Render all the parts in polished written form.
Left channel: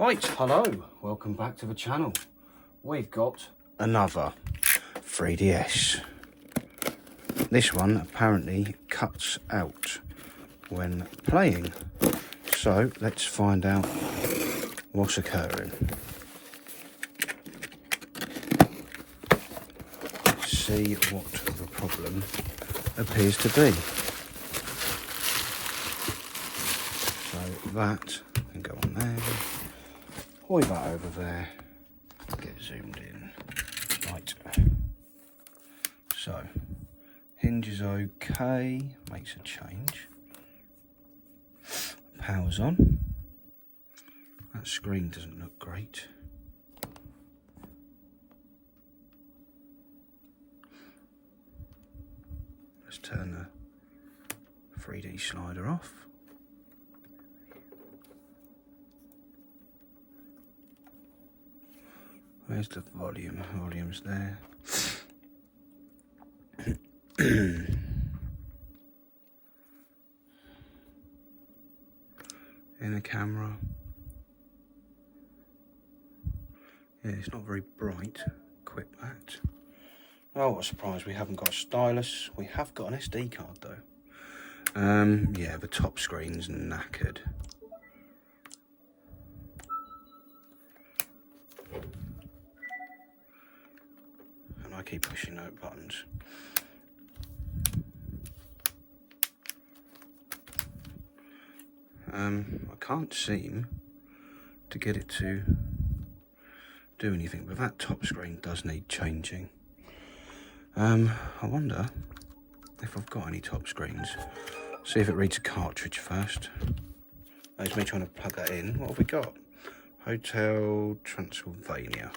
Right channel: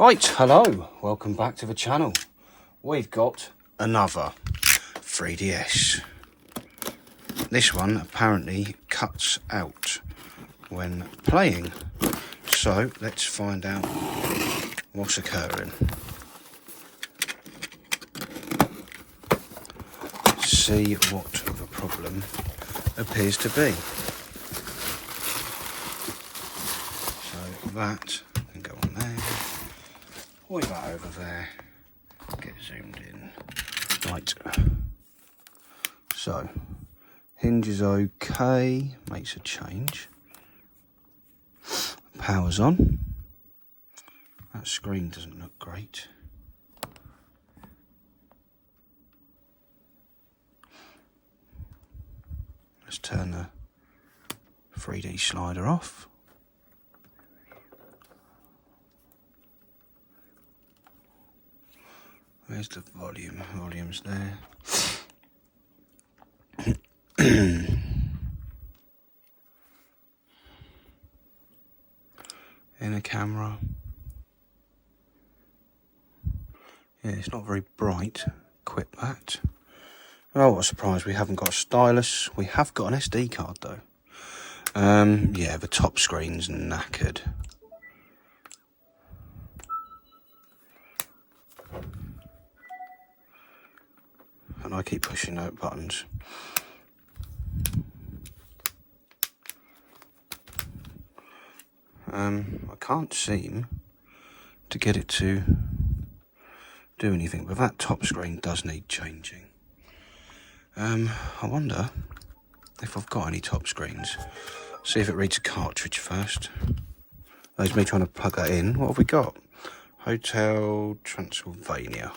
Right, hello, welcome back to the channel. We've got another 3DS. This one apparently cuts out when playing. So let's find out what's occurring. See what the problem appears to be. So that can go on there. Point that over there. Get zoomed in. Right. So, hinge is okay. Makes a change. Power's on. That screen doesn't look great. Let's turn the 3D slider off. Where's the volume? Volume's there. Inner camera. Yeah, it's not very bright. Quit that. Oh, what a surprise, we haven't got a stylus. We have got an SD card though. Yeah, the top screen's knackered. And I keep pushing out buttons. I can't seem to get it to do anything, but that top screen does need changing. I wonder if I've got any top screens. See if it reads a cartridge first. There's me trying to plug that in. What have we got? Hotel Transylvania.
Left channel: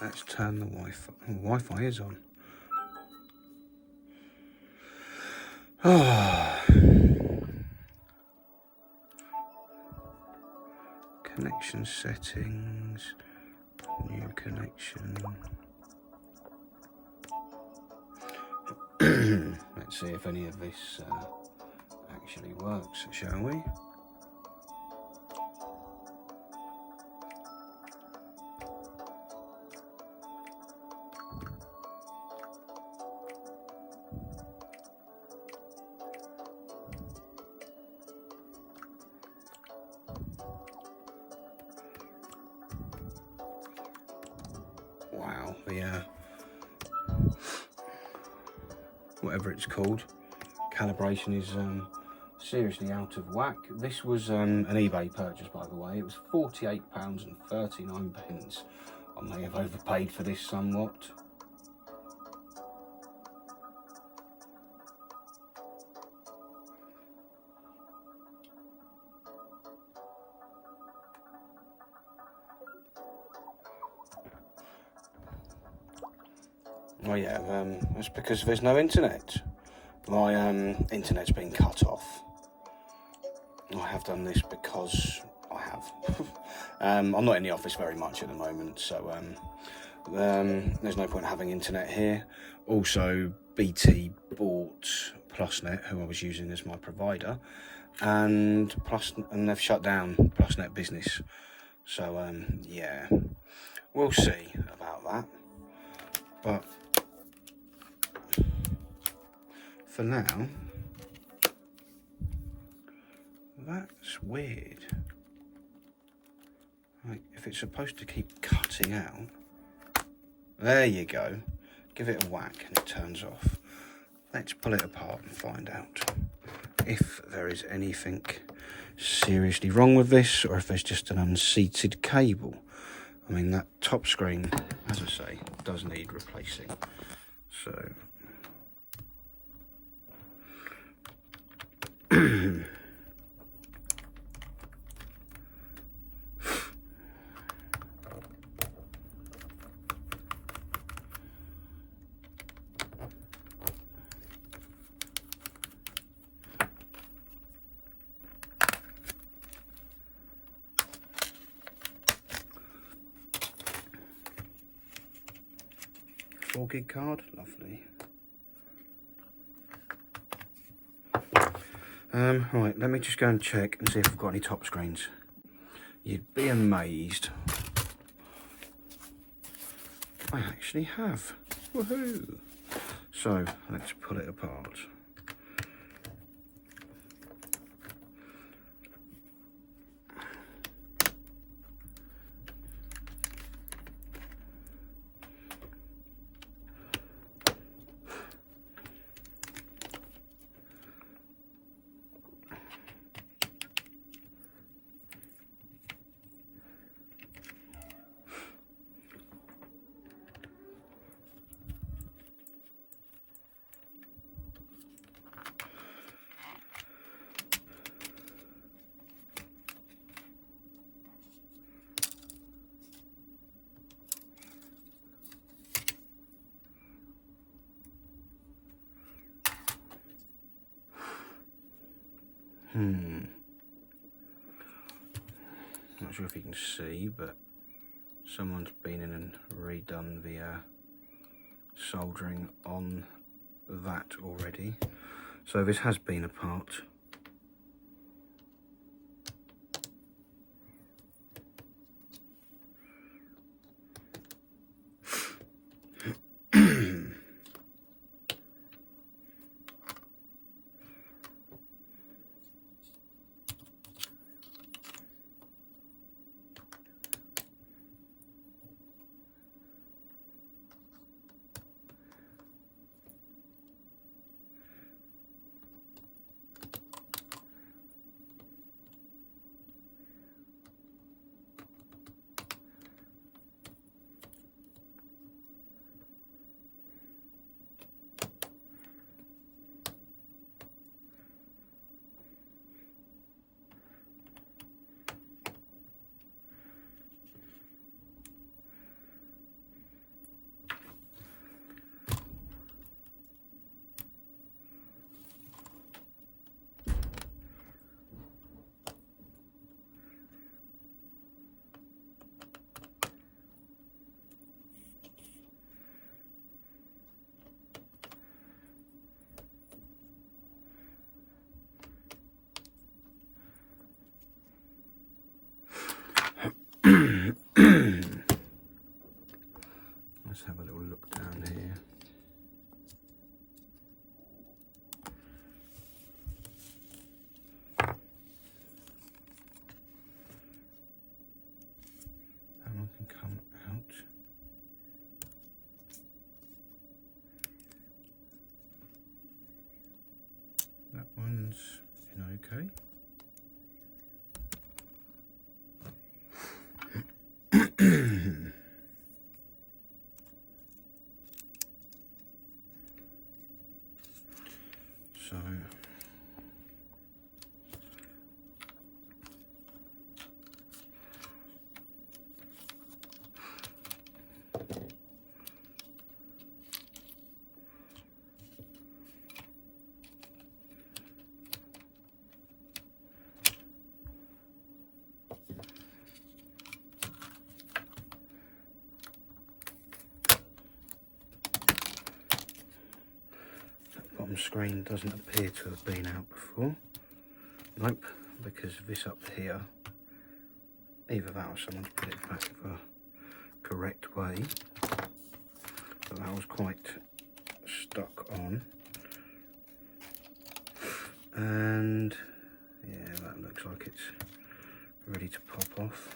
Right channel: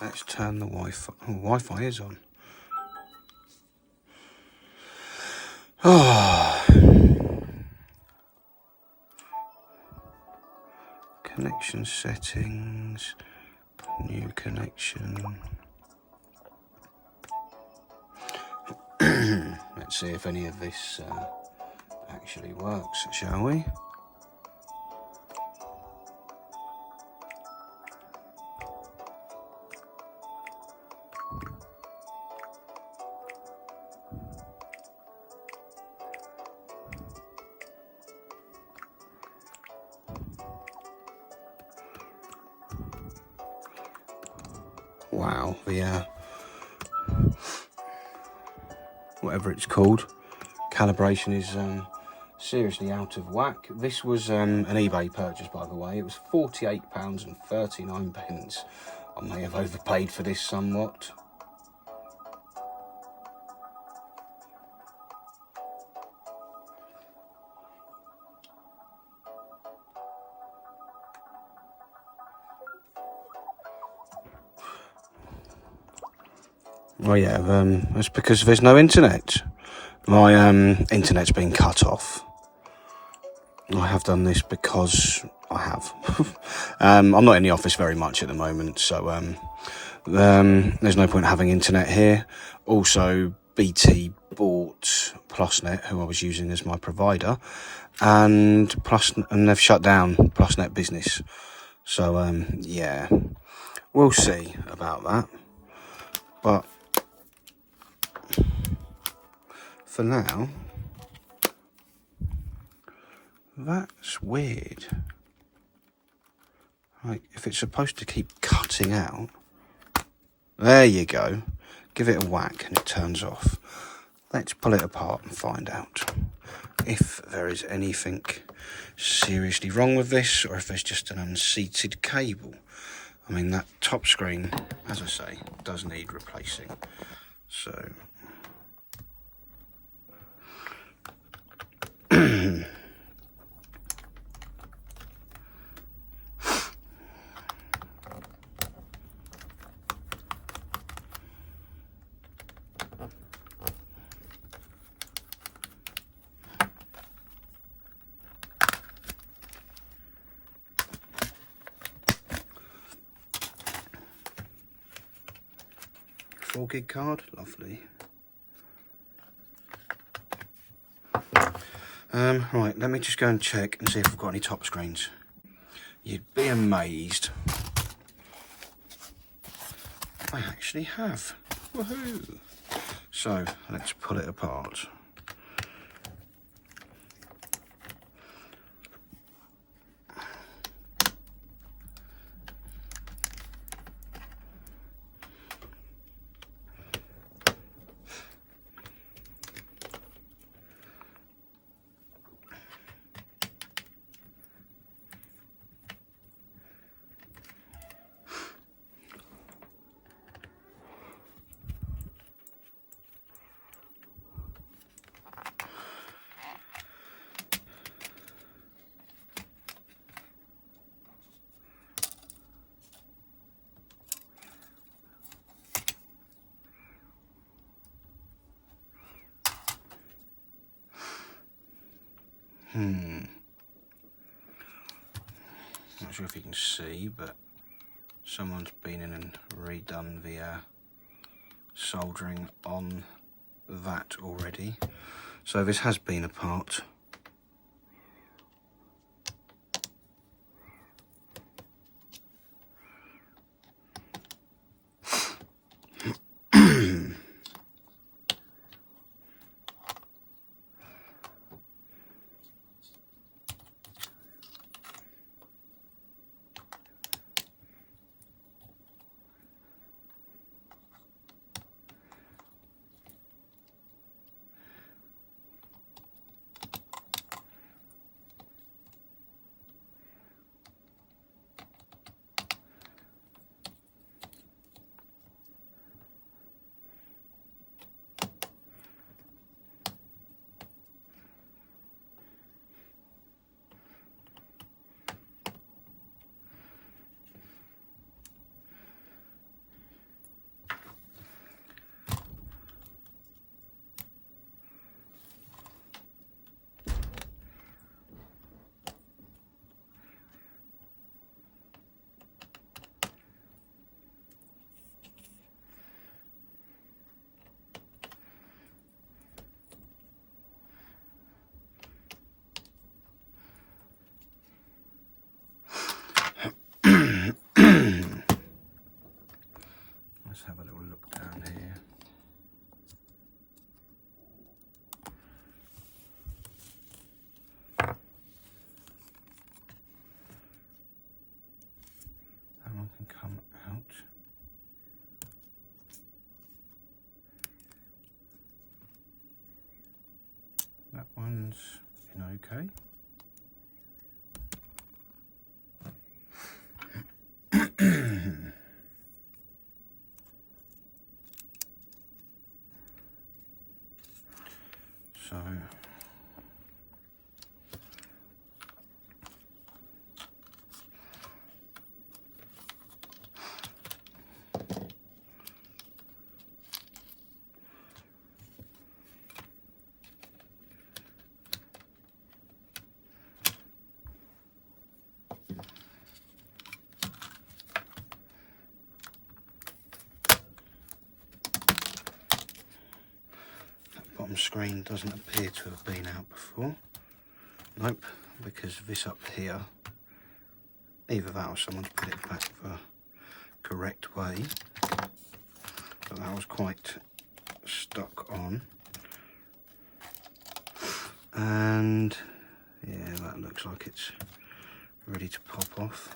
Let's turn the Wi-Fi. Oh, Wi-Fi is on. Oh. Connection settings. New connection. Let's see if any of this actually works, shall we? Wow, the whatever it's called, calibration is seriously out of whack. This was an eBay purchase, by the way. It was £48.39. I may have overpaid for this somewhat. Oh yeah, it's because there's no internet. My internet's been cut off. I have done this because I have. I'm not in the office very much at the moment, so there's no point having internet here. Also, BT bought PlusNet, who I was using as my provider, and they've shut down PlusNet Business. So yeah, we'll see about that. But for now, that's weird. Like, if it's supposed to keep cutting out, there you go. Give it a whack and it turns off. Let's pull it apart and find out if there is anything seriously wrong with this, or if there's just an unseated cable. I mean, that top screen, as I say, does need replacing. So 4 gig card, lovely. Right, let me just go and check and see if I've got any top screens. You'd be amazed. I actually have. Woohoo! So, let's pull it apart. Not sure if you can see, but someone's been in and redone the soldering on that already. So this has been apart. Let's have a little look down here. That one can come out. That one's in okay. So bottom screen doesn't appear to have been out before. Nope, because this up here, either that or someone's put it back the correct way, but that was quite stuck on. And yeah, that looks like it's ready to pop off.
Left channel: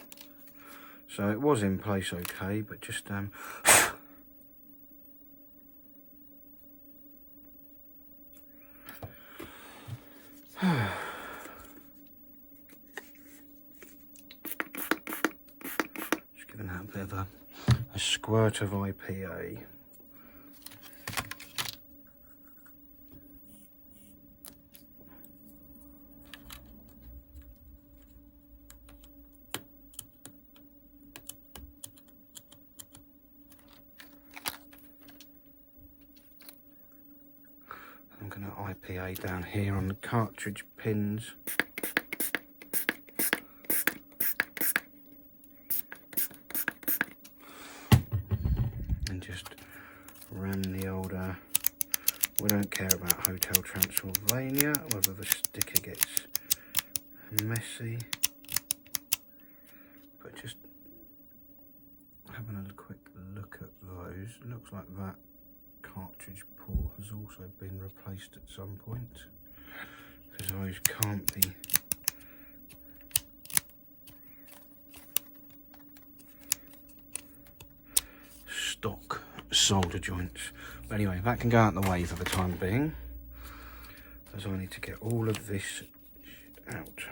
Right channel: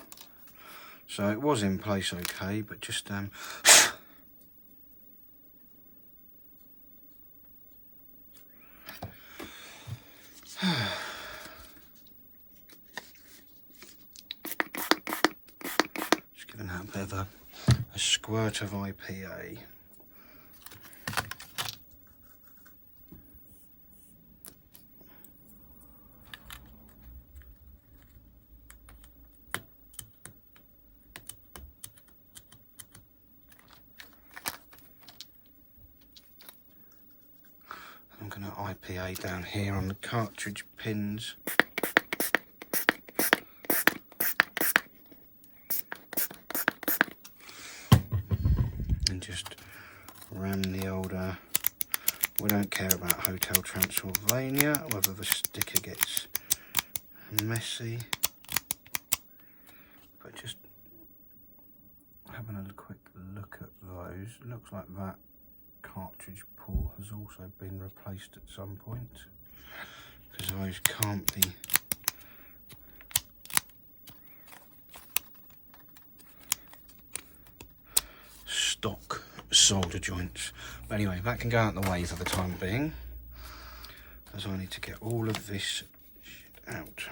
So it was in place okay, but just just giving that a bit of a squirt of IPA. I'm going to IPA down here on the cartridge pins. And just ram the older. We don't care about Hotel Transylvania, whether the sticker gets messy. But just having a quick look at those, it looks like that cartridge port has also been replaced at some point, because those can't be stock solder joints. But anyway, that can go out the way for the time being, as I need to get all of this shit out.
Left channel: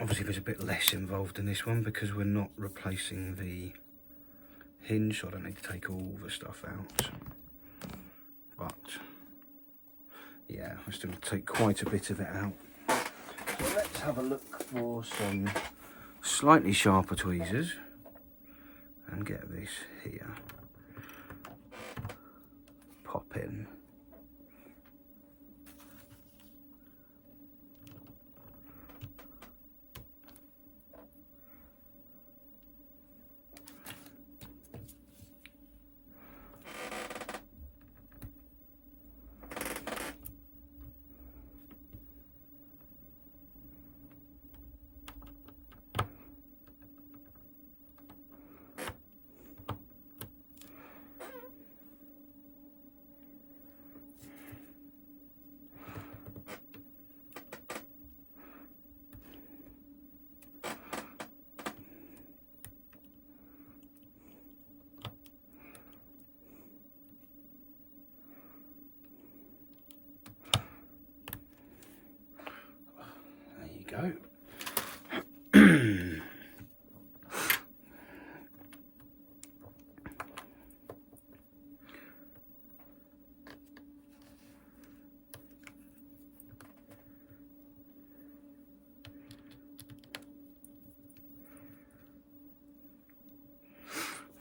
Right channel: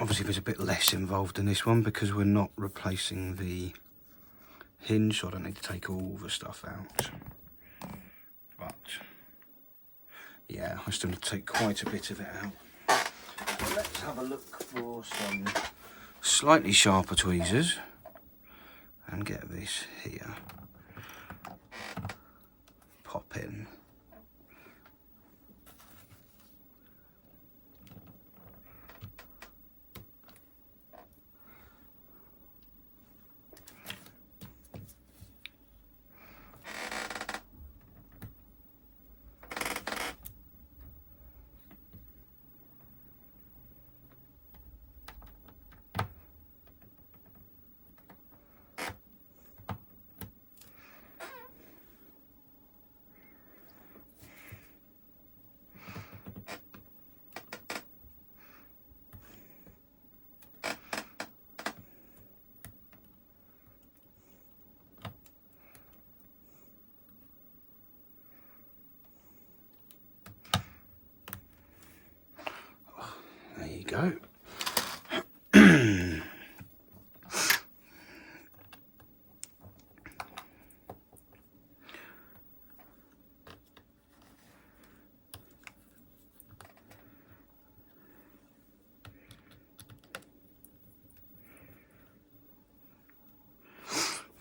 Obviously there's a bit less involved in this one because we're not replacing the hinge, so I don't need to take all the stuff out. But yeah, I still need to take quite a bit of it out. So let's have a look for some slightly sharper tweezers and get this here. Pop in. Go.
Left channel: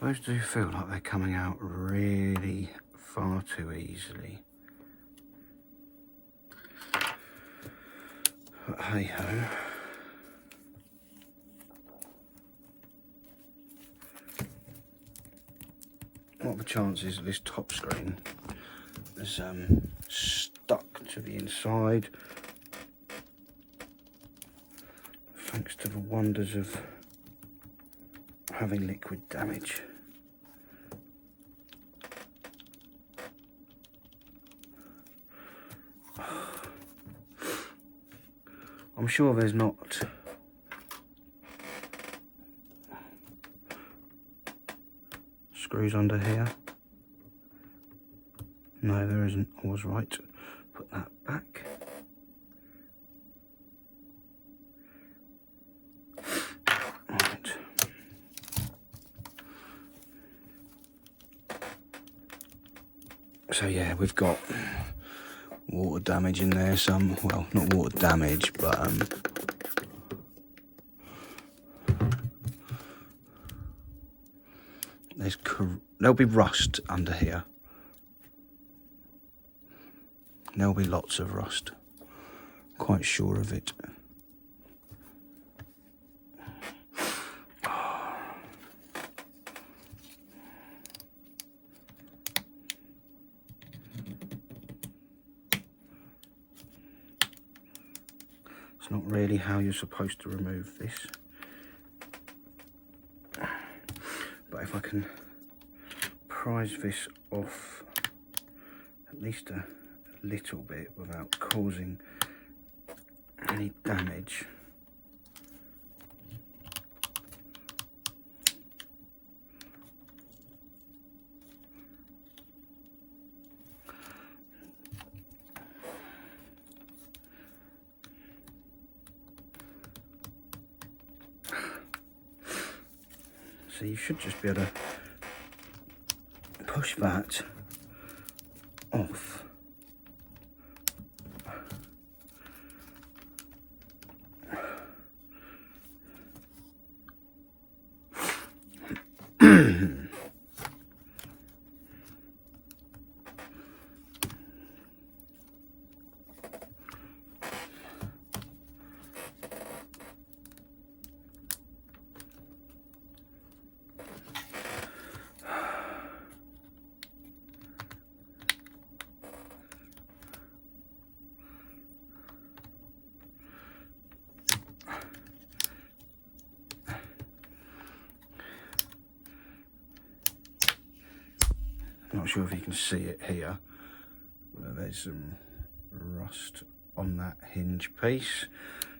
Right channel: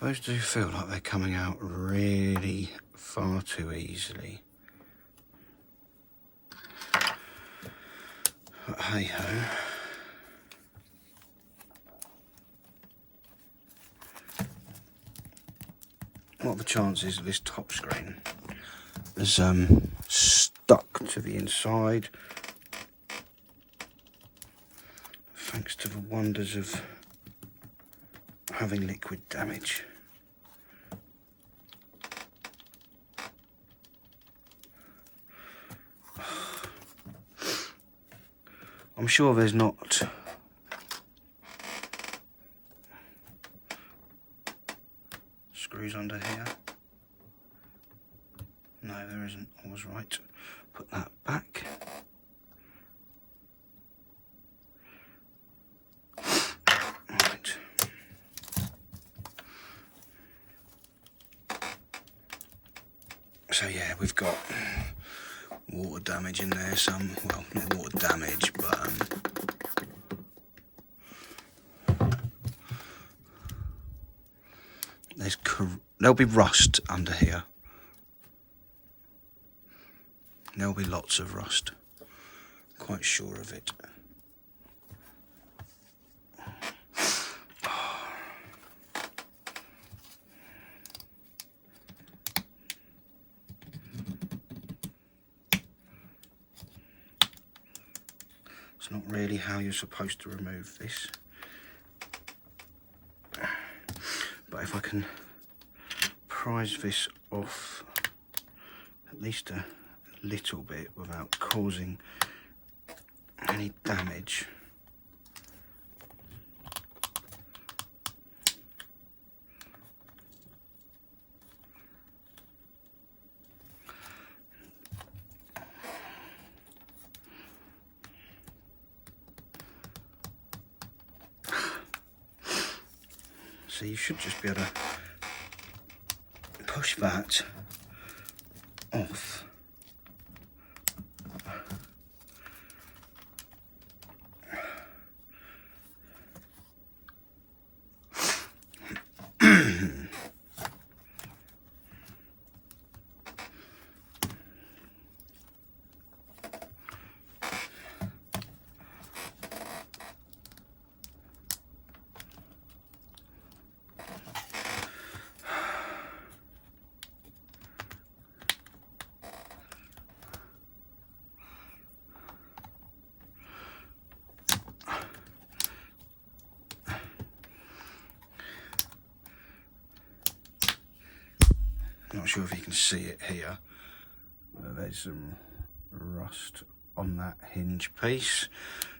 Those do feel like they're coming out really far too easily. But hey ho. What are the chances that this top screen is stuck to the inside, thanks to the wonders of having liquid damage? I'm sure there's not screws under here. No, there isn't. I was right. Put that back. Right. So yeah, we've got water damage in there, some, well, not water damage, but there'll be rust under here. There'll be lots of rust, quite sure of it. It's not really how you're supposed to remove this. But if I can prise this off at least a little bit without causing any damage. So you should just be able to push that off. Not sure if you can see it here. There's some rust on that hinge piece.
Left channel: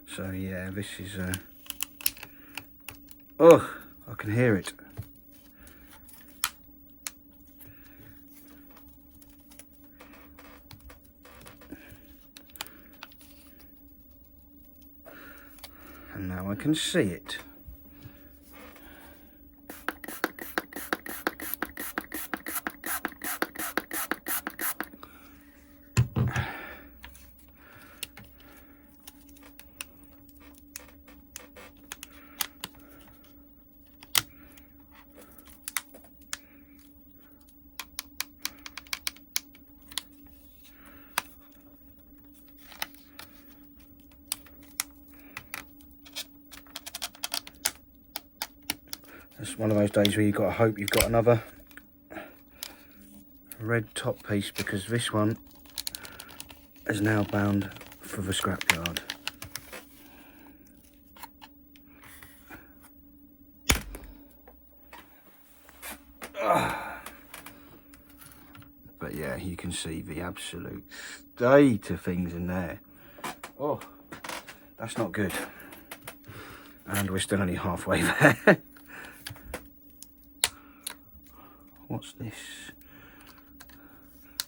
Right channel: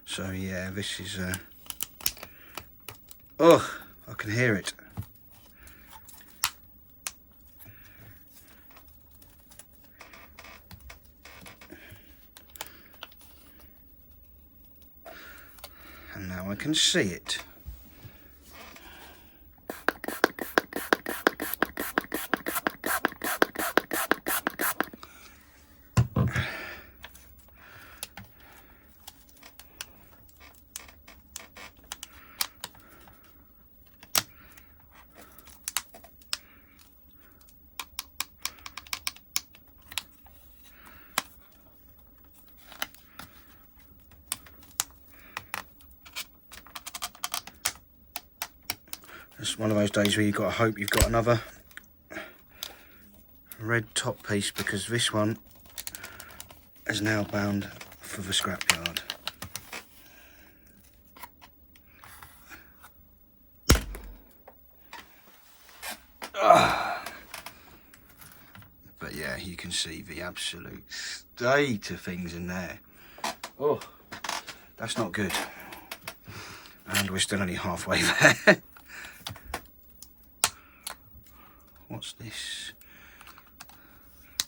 So yeah, this is oh, I can hear it. And now I can see it. It's one of those days where you've got to hope you've got another red top piece, because this one is now bound for the scrapyard. But yeah, you can see the absolute state of things in there. Oh, that's not good. And we're still only halfway there. What's this?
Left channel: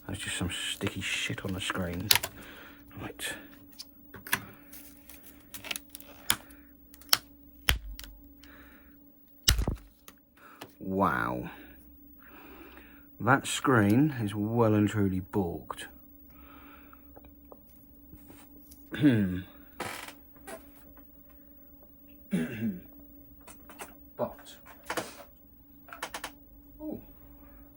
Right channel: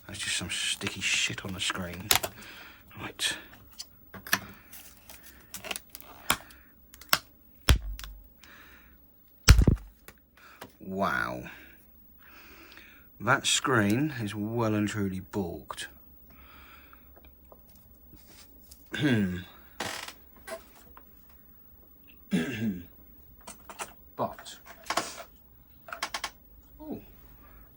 That's just some sticky shit on the screen. Right. Wow. That screen is well and truly balked. But, oh,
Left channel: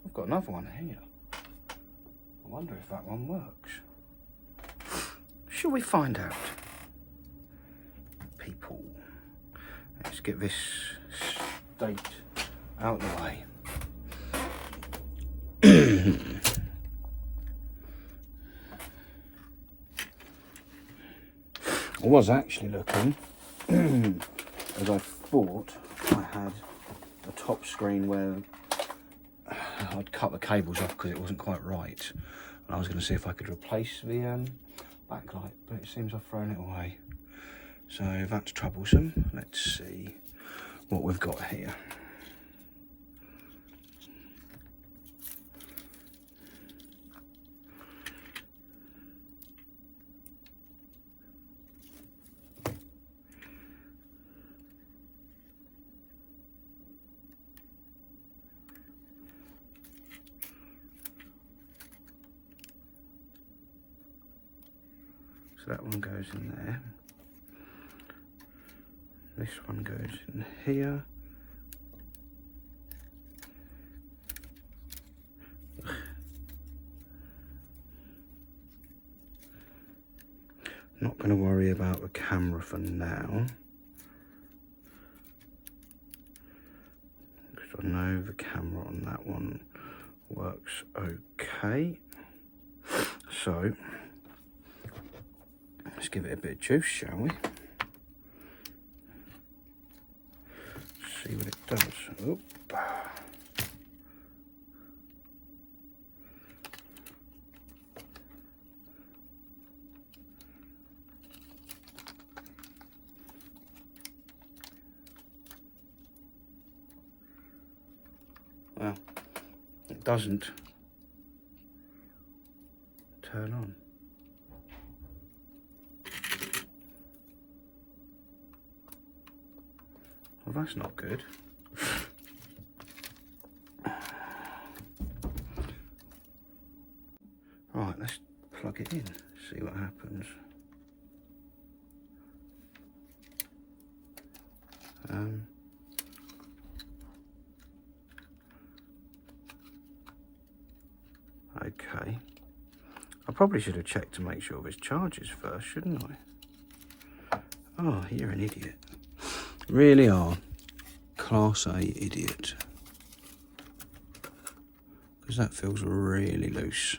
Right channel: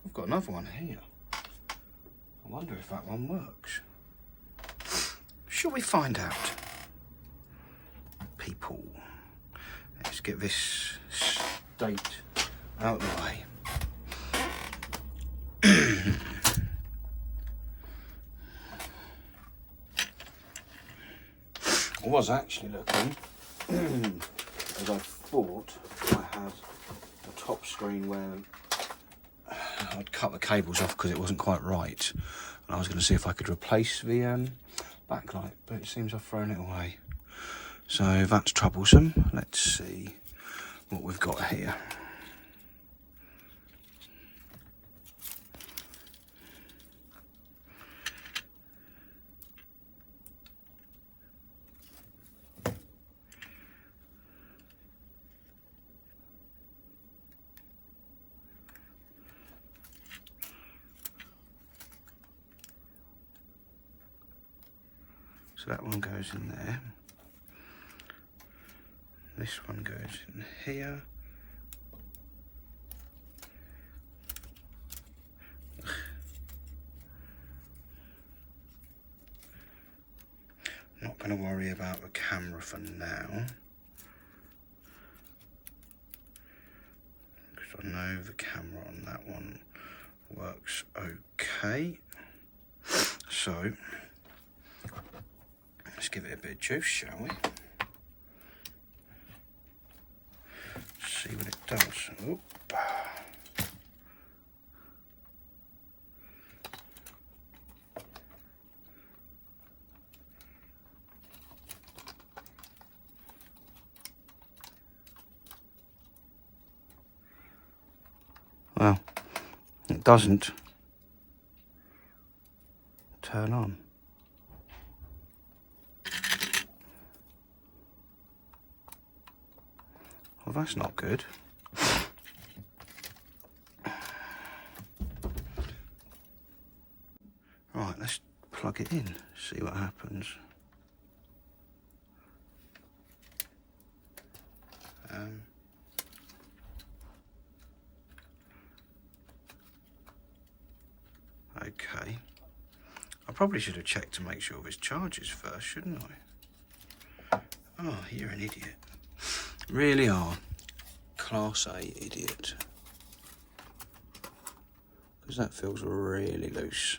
I've got another one here. I wonder if that one works. Shall we find out? People, let's get this state out of the way. I was actually looking, as I thought I had a top screen where I'd cut the cables off because it wasn't quite right, and I was going to see if I could replace the backlight, but it seems I've thrown it away. So that's troublesome. Let's see what we've got here. So that one goes in there. This one goes in here. Not going to worry about the camera for now, because I know the camera on that one works okay. So let's give it a bit of juice, shall we? See what it does. Oop. Well, it doesn't turn on. Well, that's not good. Right, let's plug it in, see what happens. probably should have checked to make sure this charges first, shouldn't I? Oh, you're an idiot. Really are. Class A idiot. Because that feels really loose.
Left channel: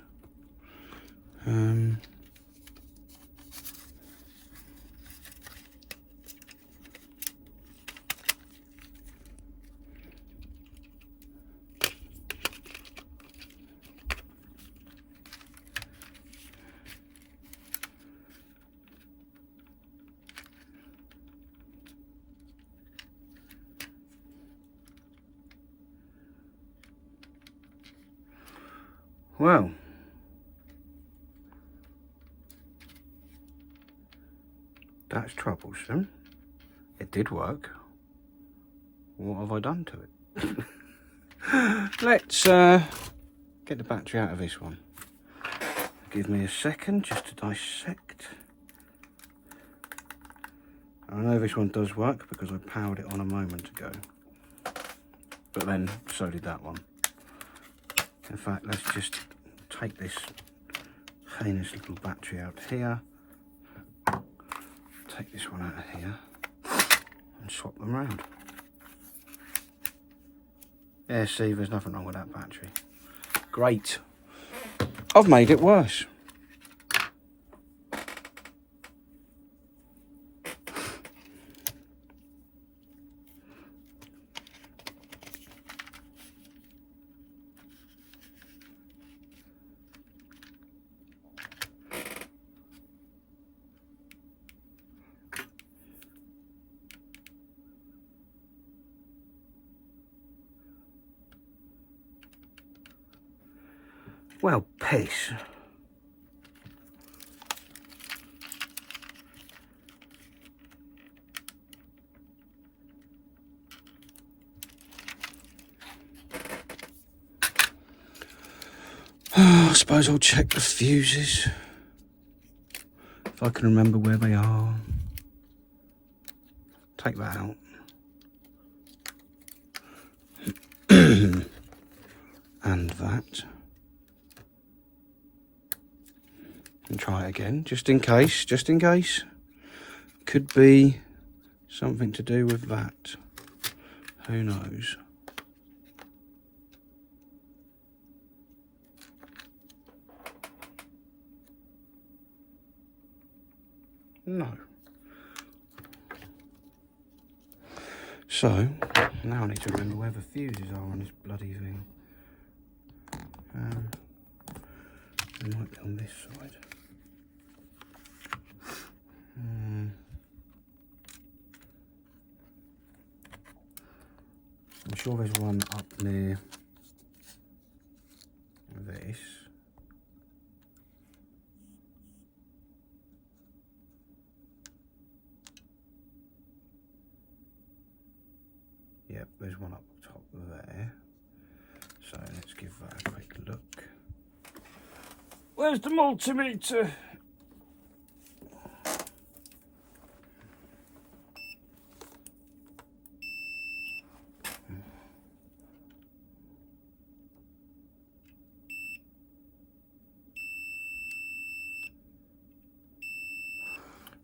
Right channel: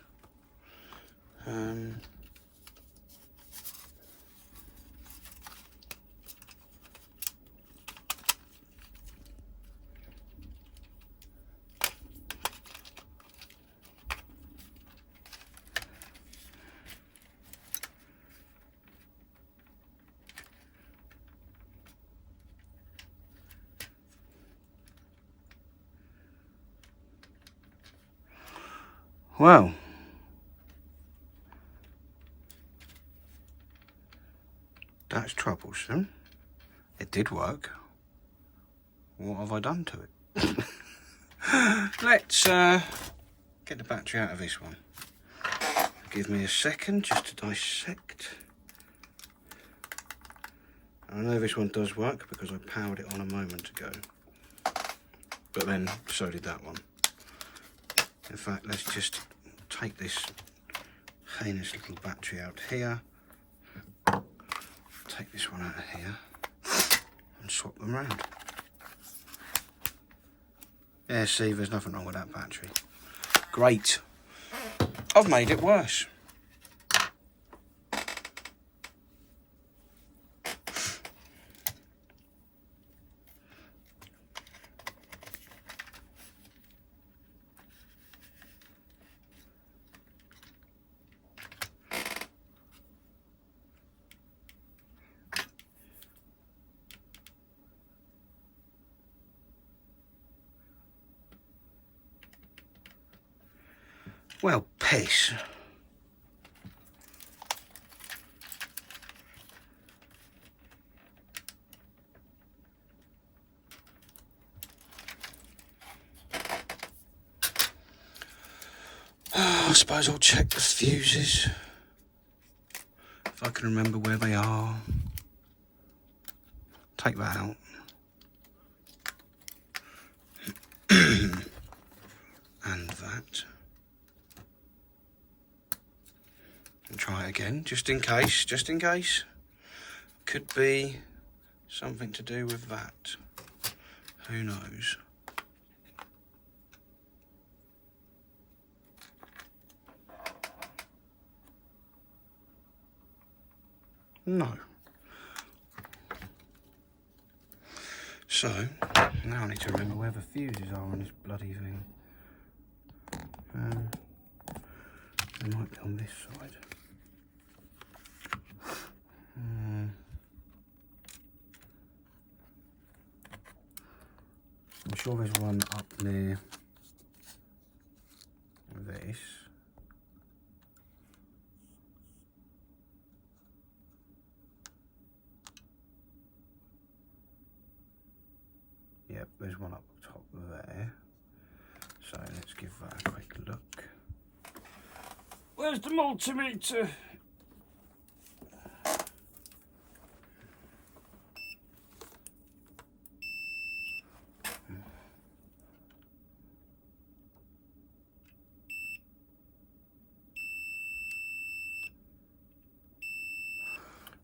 Well, that's troublesome. It did work. What have I done to it? Let's get the battery out of this one. Give me a second just to dissect. I know this one does work because I powered it on a moment ago. But then, so did that one. In fact, let's just take this heinous little battery out here. Take this one out of here. And swap them around. Yeah, see, there's nothing wrong with that battery. Great. I've made it worse. Well, piss. I suppose I'll check the fuses. If I can remember where they are. Take that out. And that. And try it again, just in case, Could be something to do with that. Who knows? No. So, now I need to remember where the fuses are on this bloody thing. They might be on this side. I'm sure there's one up near this. Yep, there's one up top there. So let's give that a quick look. Where's the multimeter?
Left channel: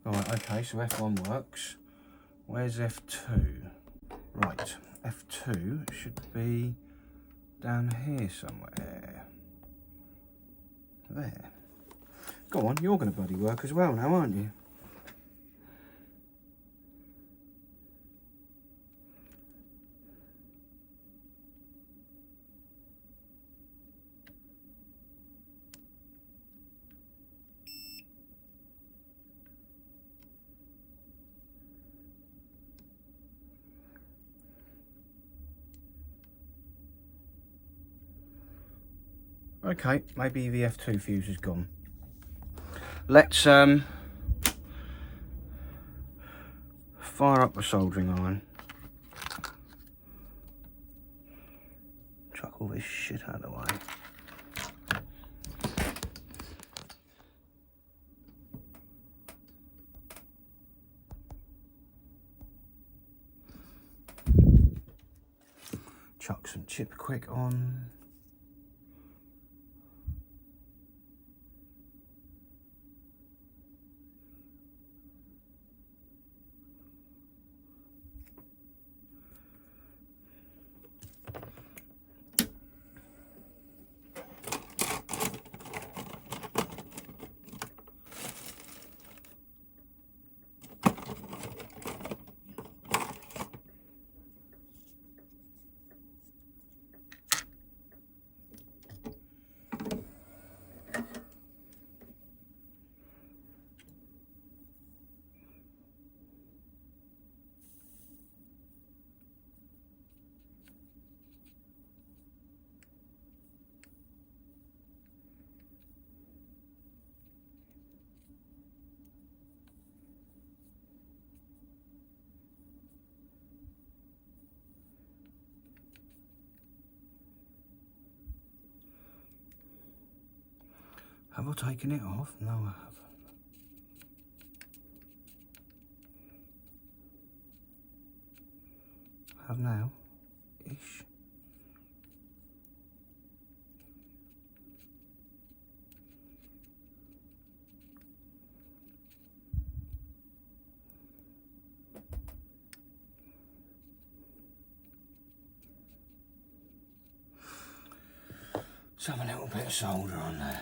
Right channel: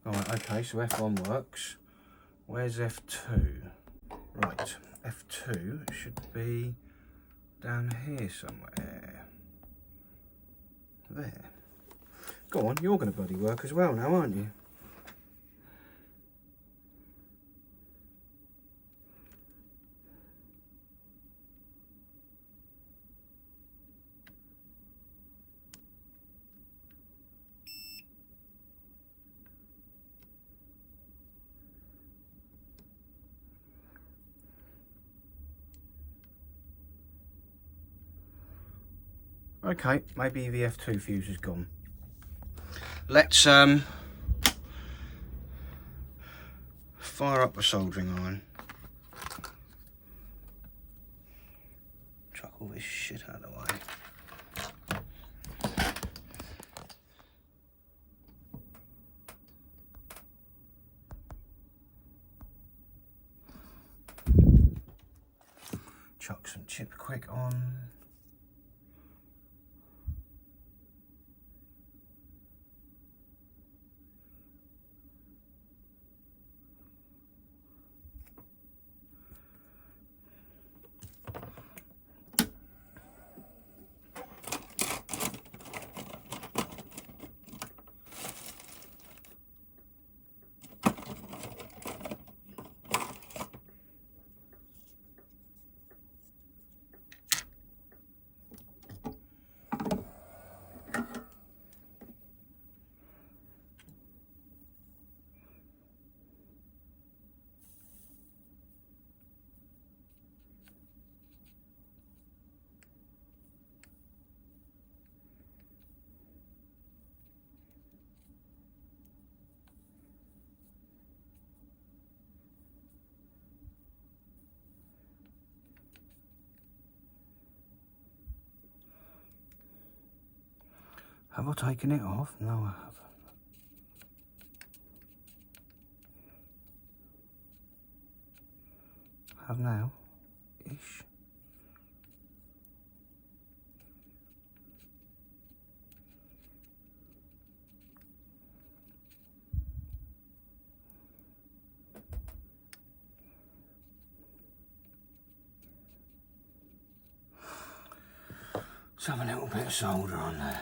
Right, okay, so F1 works. Where's F2? Right, F2 should be down here somewhere. There. Go on, you're going to bloody work as well now, aren't you? Okay, maybe the F2 fuse is gone. Let's fire up the soldering iron. Chuck all this shit out of the way. Chuck some chip quick on. Have I taken it off? No, I haven't. Have now, ish. Let's have a little bit of solder on there.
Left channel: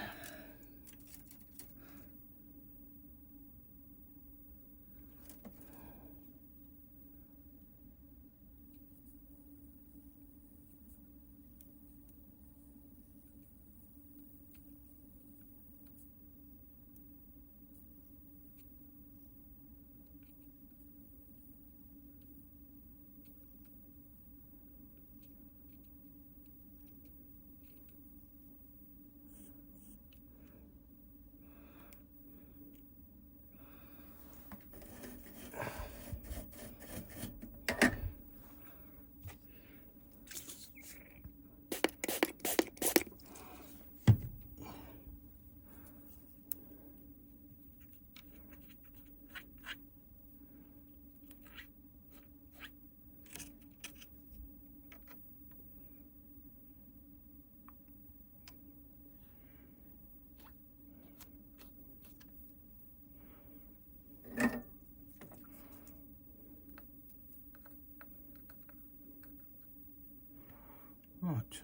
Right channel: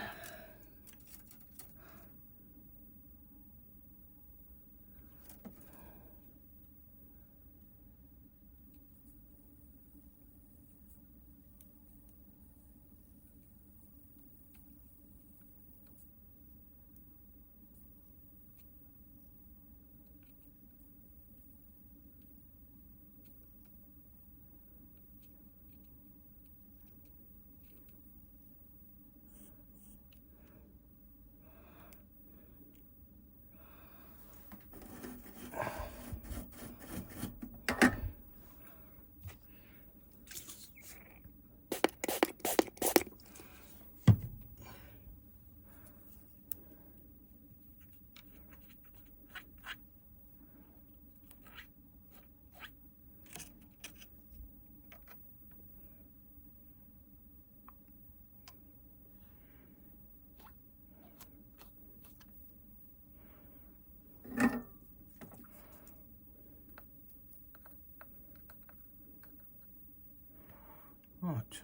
Right.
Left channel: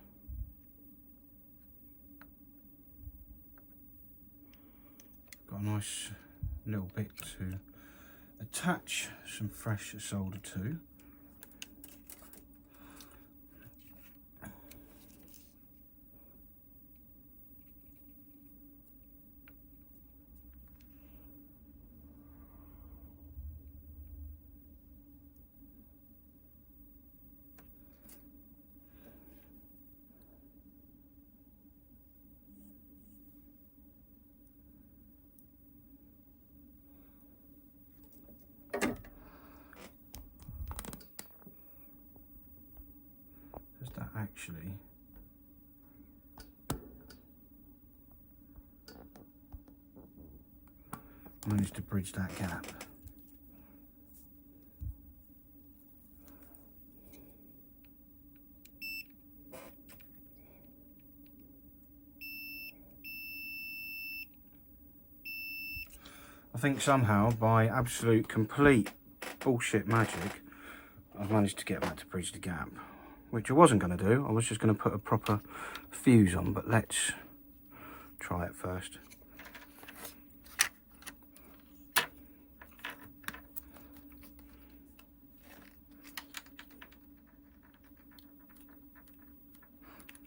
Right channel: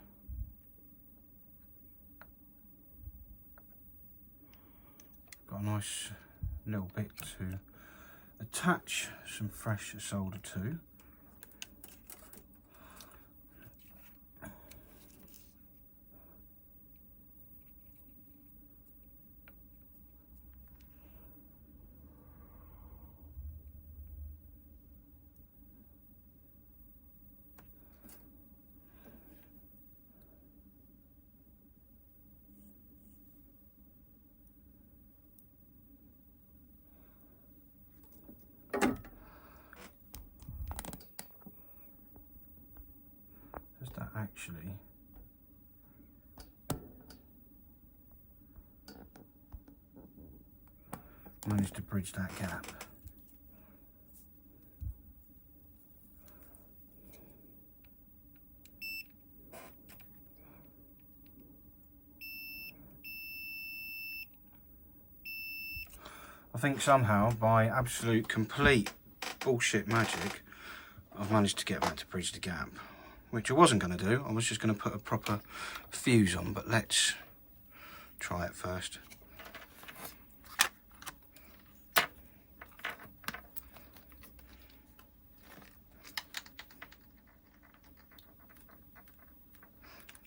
Got a nice little bit to attach some fresh solder to. Does that actually manage to bridge that gap? I think somehow, by absolute complete bullshit magic, I've managed to get that to bridge the gap, which I wasn't going to do. I was just going to put a proper fuse on, but let's try it first.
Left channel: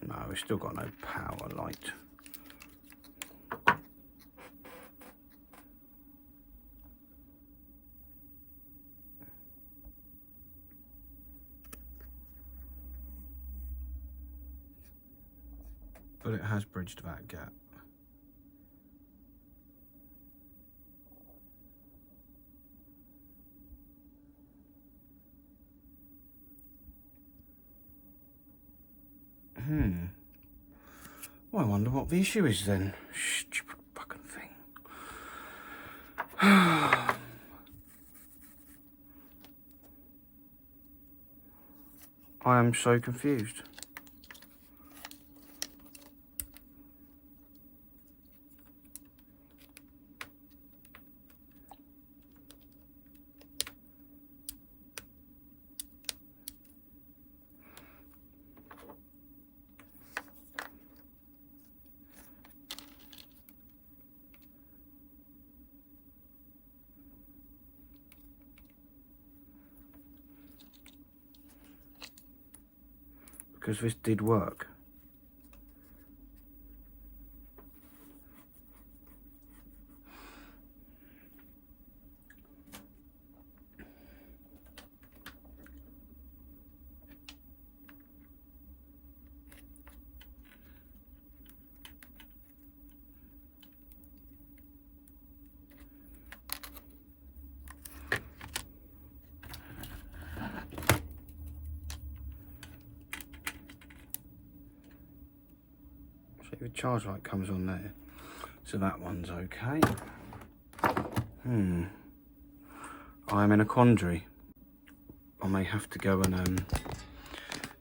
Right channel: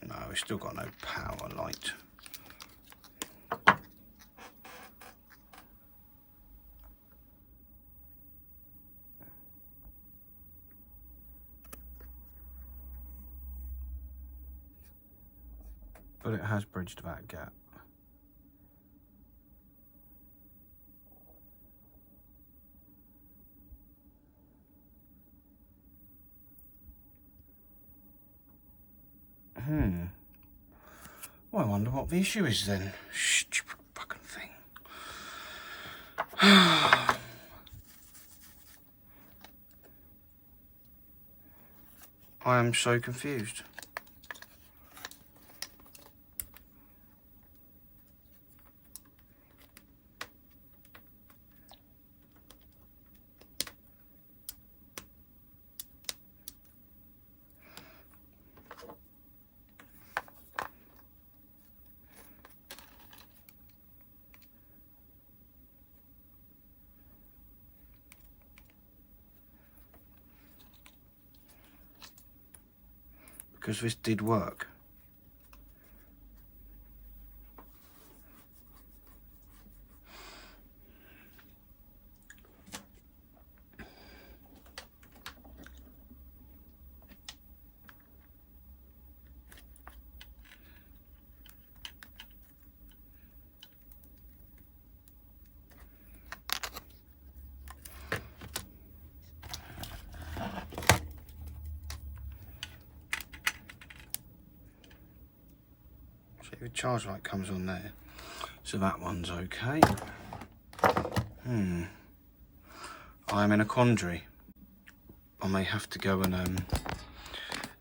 No, it's still got no power light. But it has bridged that gap. Well, I wonder what the issue is then. Stupid fucking thing. I am so confused. Because this did work. The charge light comes on there, So that one's okay. I'm in a quandary. I may have to go and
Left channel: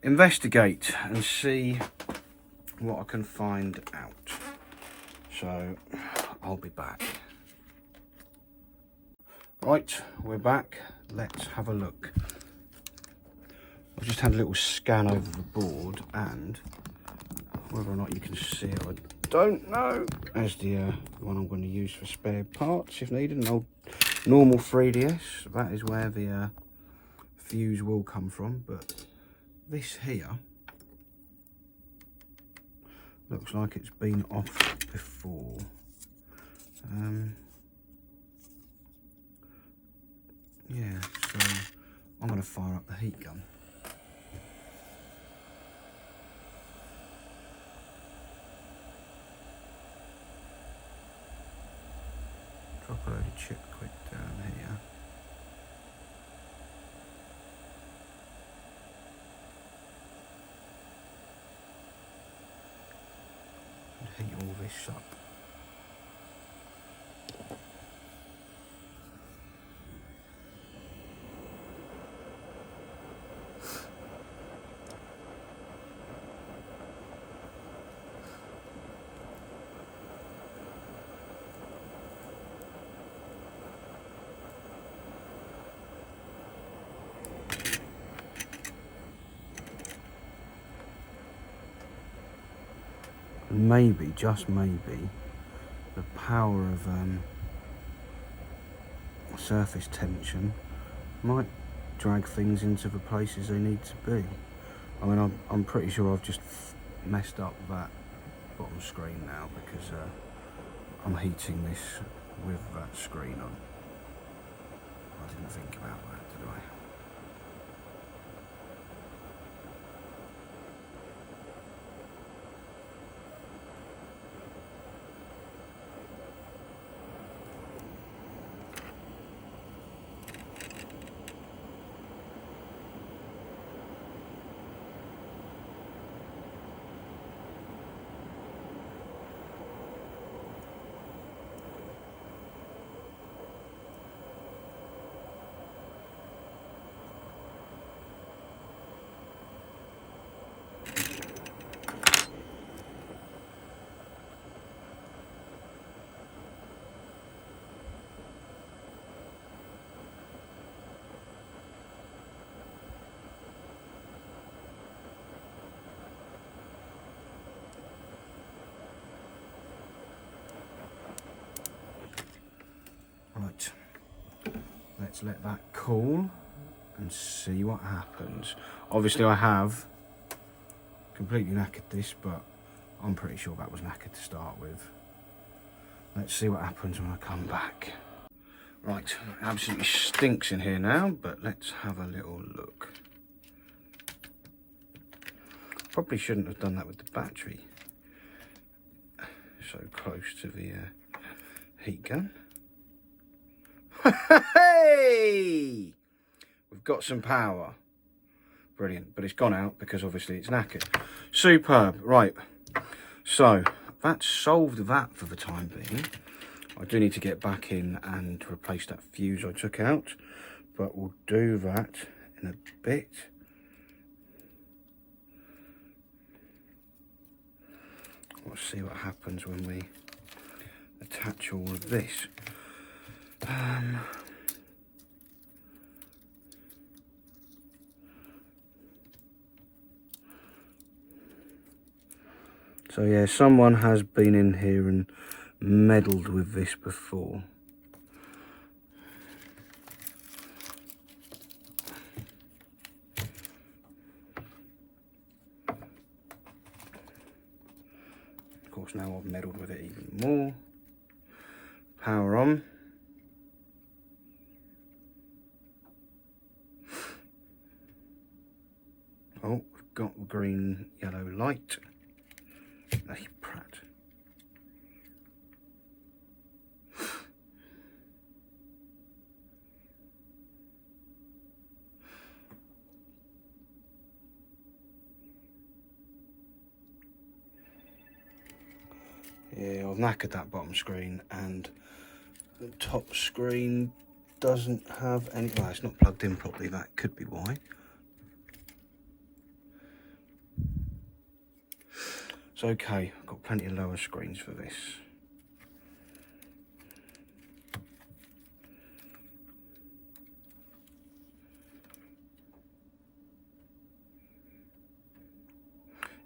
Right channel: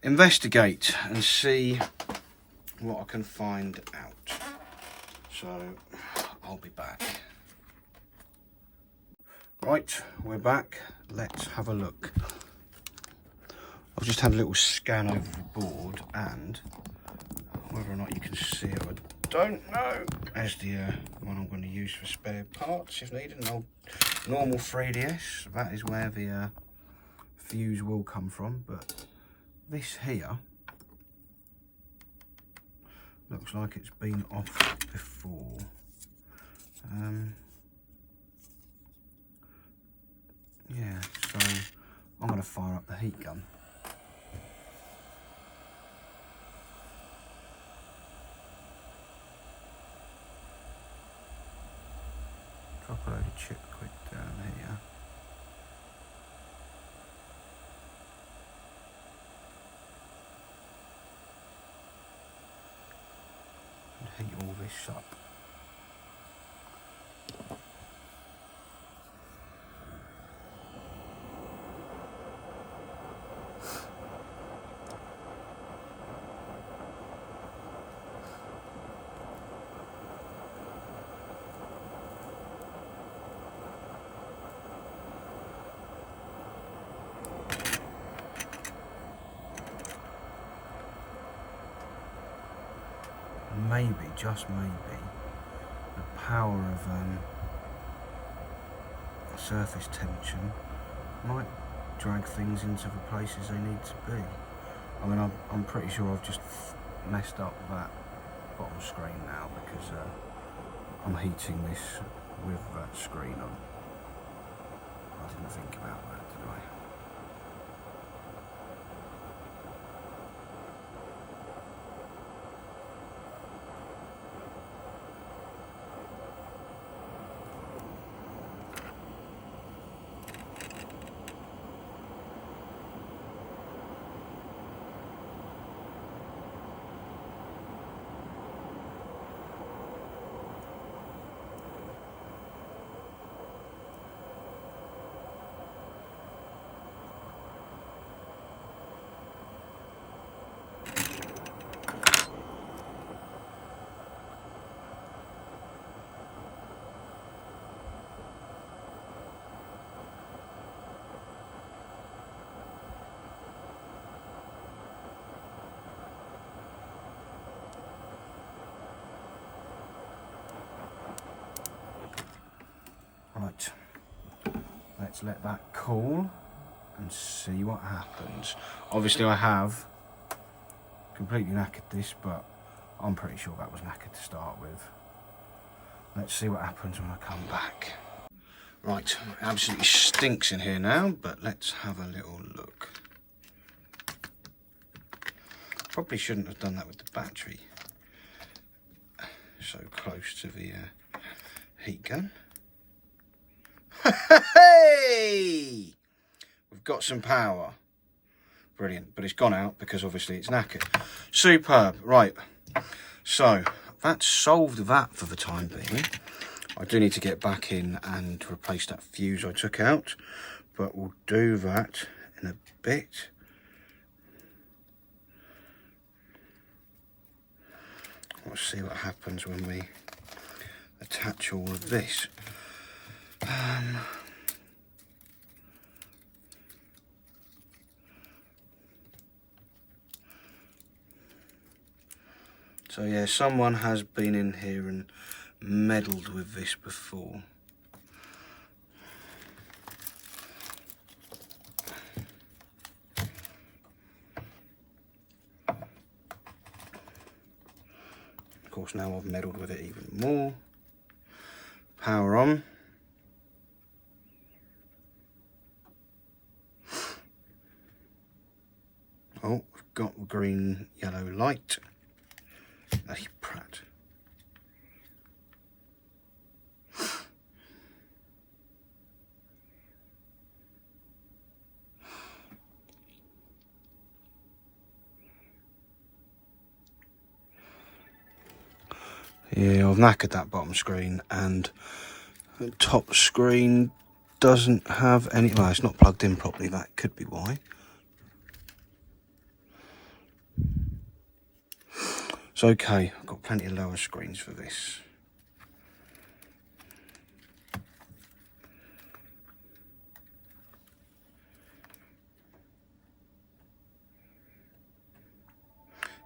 investigate and see what I can find out. So I'll be back. Right, we're back. Let's have a look. I've just had a little scan over the board, and whether or not you can see it, I don't know. There's the one I'm going to use for spare parts if needed. An old normal 3DS. That is where the fuse will come from, but this here looks like it's been off before. Yeah, so I'm going to fire up the heat gun. Drop a load of chip quick down here. And heat all this up. Maybe, just maybe, the power of surface tension might drag things into the places they need to be. I mean, I'm pretty sure I've just messed up that bottom screen now because I'm heating this with that screen on. I didn't think about that, did I? Right, let's let that cool and see what happens. Obviously I have completely knackered this, but I'm pretty sure that was knackered to start with. Let's see what happens when I come back. Right, it absolutely stinks in here now, but let's have a little look. Probably shouldn't have done that with the battery so close to the heat gun. Hey! We've got some power. Brilliant, but it's gone out because obviously it's knackered. Superb. Right, so that solved that for the time being. I do need to get back in and replace that fuse I took out, but we'll do that in a bit. Let's see what happens when we attach all of this. So yeah, someone has been in here and meddled with this before. Of course, now I've meddled with it even more. Power on. Oh, we've got green, yellow light. Hey, Pratt. Yeah, I've knackered that bottom screen, and the top screen doesn't have any, well, it's not plugged in properly, that could be why. It's okay, I've got plenty of lower screens for this.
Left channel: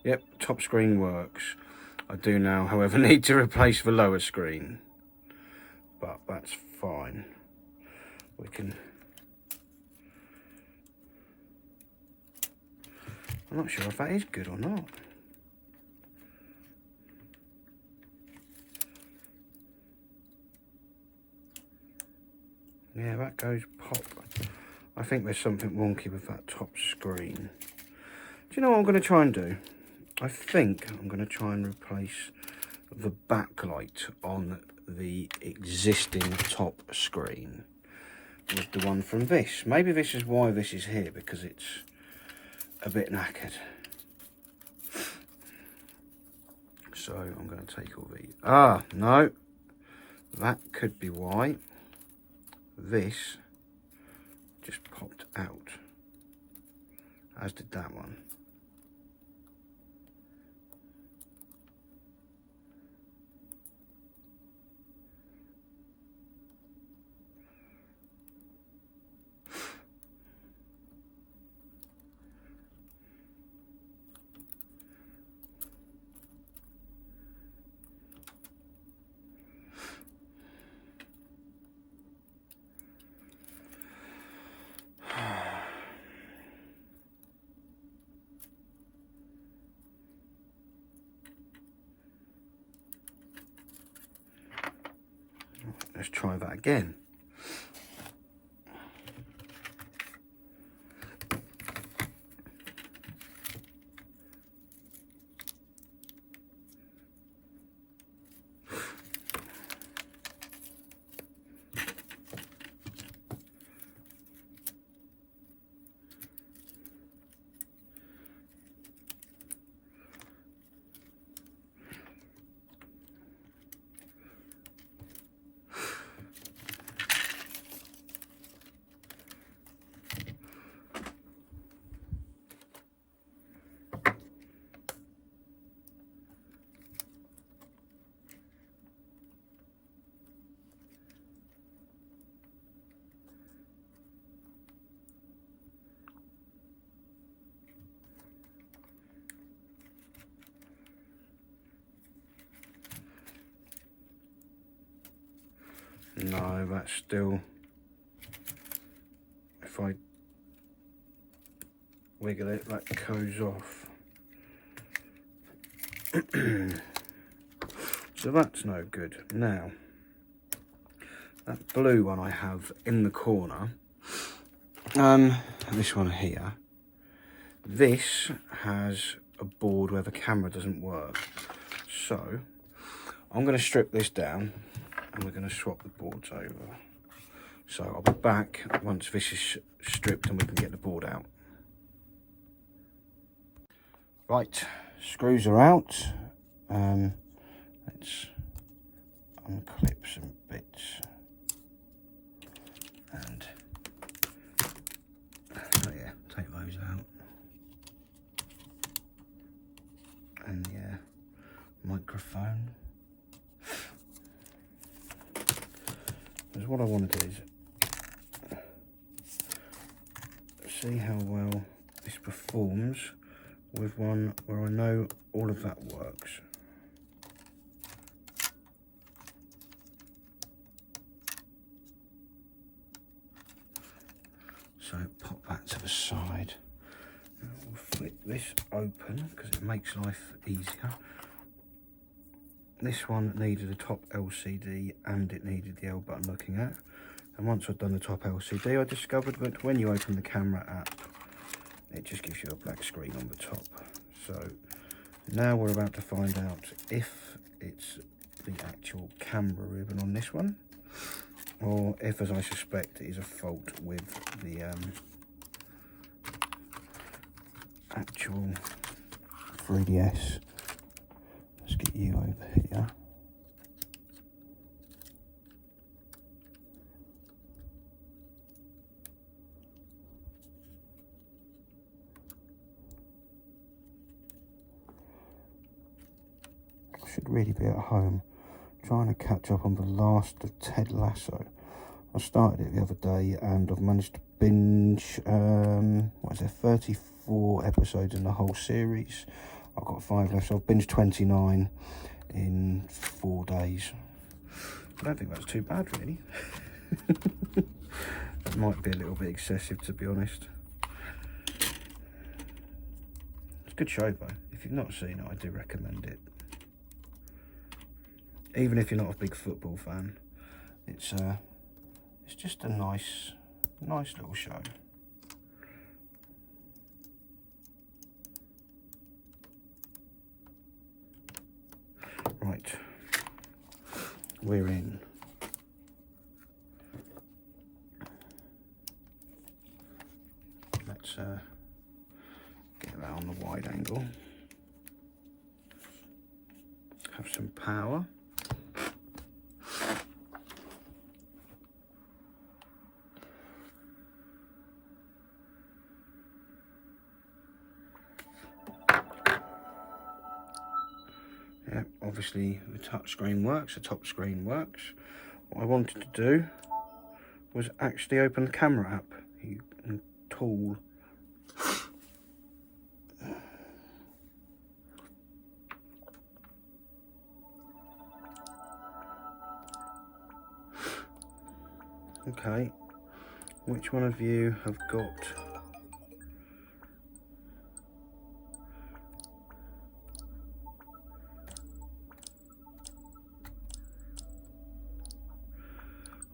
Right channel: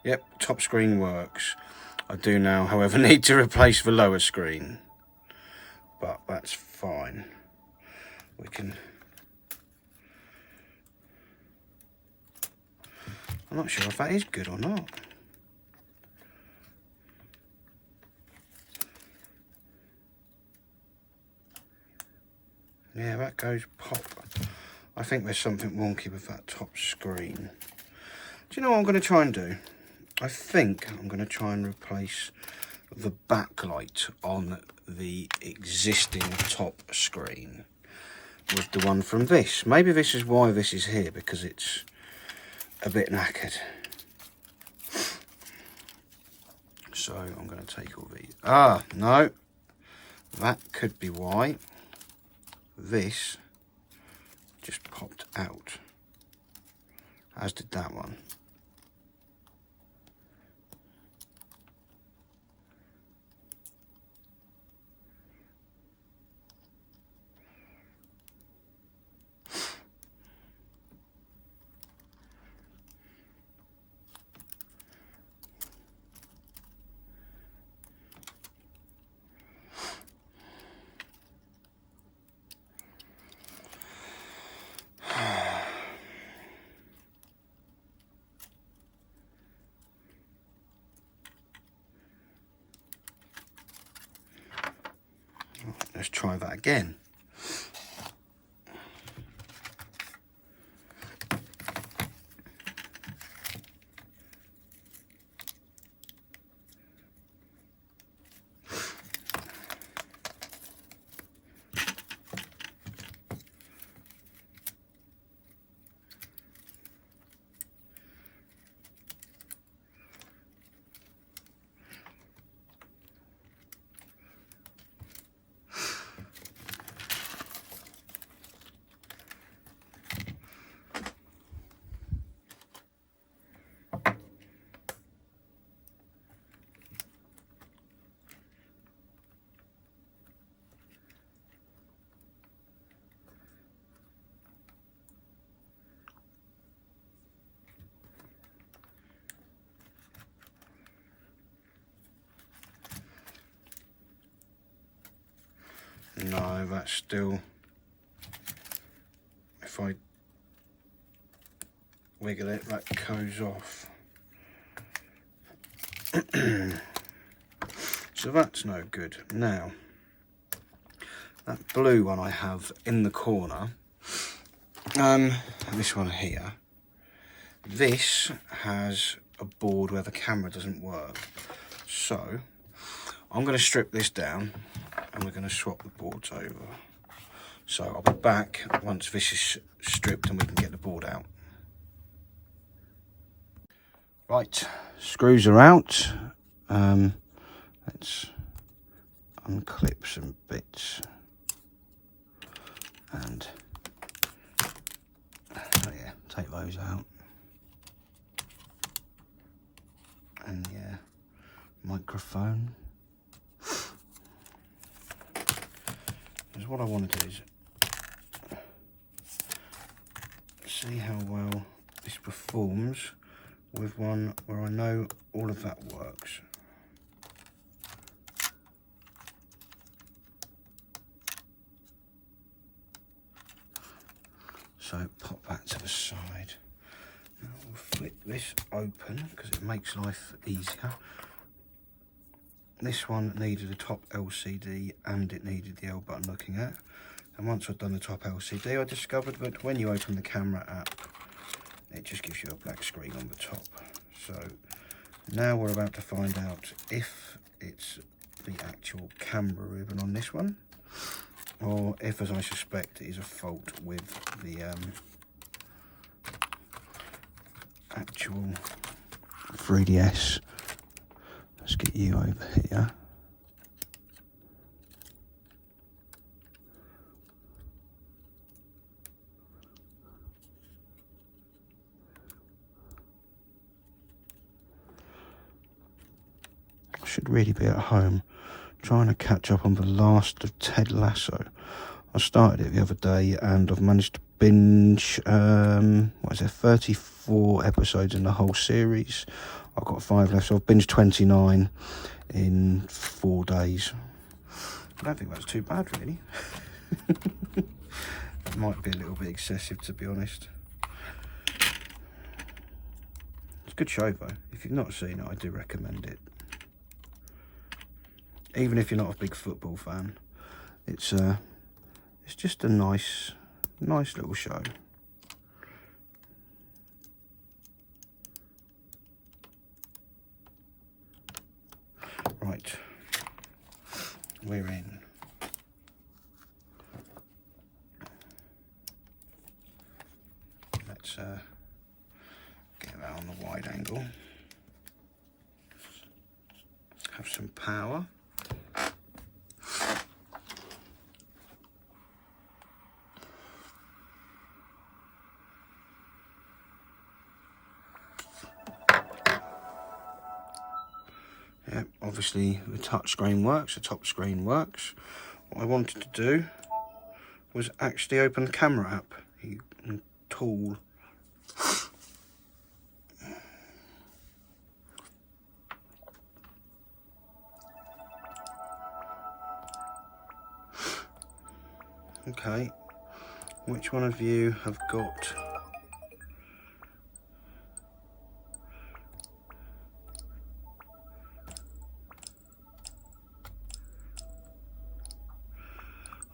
Yep, top screen works. I do now, however, need to replace the lower screen, but that's fine. We can... I'm not sure if that is good or not. Yeah, that goes pop. I think there's something wonky with that top screen. Do you know what I'm going to try and do? I think I'm going to try and replace the backlight on the existing top screen with the one from this. Maybe this is why this is here, because it's a bit knackered. So I'm going to take all these. Ah, no. That could be why this just popped out, as did that one. Let's try that again. No, that's still, if I wiggle it, that goes off. So that's no good. Now, that blue one I have in the corner, this one here, this has a board where the camera doesn't work. So I'm going to strip this down and we're going to swap the boards over. So I'll be back once this is stripped and we can get the board out. Right, screws are out. Let's unclip some bits and oh yeah, take those out. And yeah, microphone. Because what I want to do is see how well this performs with one where I know all of that works. So pop that to the side. Now we'll flip this open because it makes life easier. This one needed a top LCD and it needed the L button looking at. And once I'd done the top LCD, I discovered that when you open the camera app, it just gives you a black screen on the top. So now we're about to find out if it's the actual camera ribbon on this one, or if, as I suspect, it is a fault with the actual 3DS. Let's get you over here. should really be at home trying to catch up on the last of Ted Lasso. I started it the other day and I've managed to binge, 34 episodes in the whole series. I've got 5 left, so I've binged 29 in 4 days. I don't think that's too bad, really. It might be a little bit excessive, to be honest. It's a good show, though. If you've not seen it, I do recommend it. Even if you're not a big football fan, it's just a nice little show. Right, we're in. Let's get that on the wide angle. Have some power. Yep, obviously the touch screen works, the top screen works. What I wanted to do was actually open the camera app. Tool. Okay, which one of you have got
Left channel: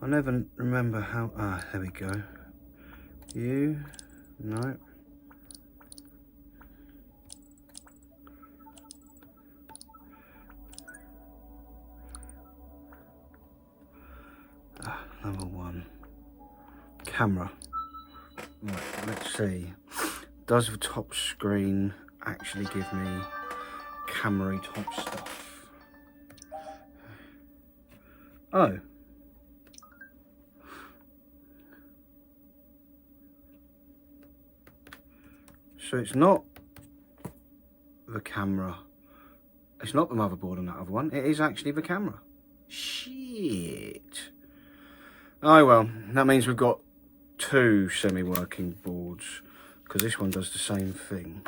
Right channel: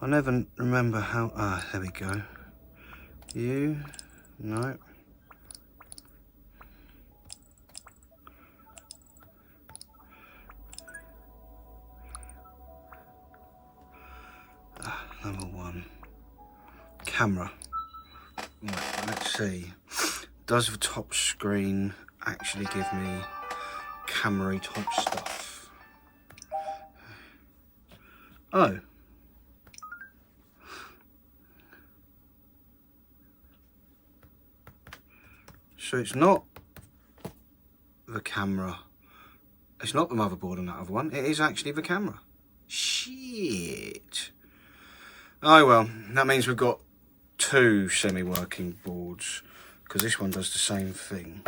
I never remember how, there we go. You, no. Number 1. Camera. Right, let's see. Does the top screen actually give me camera type stuff? Oh. So it's not the camera, it's not the motherboard on that other one, it is actually the camera. Shit. Oh well, that means we've got 2 semi-working boards, because this one does the same thing.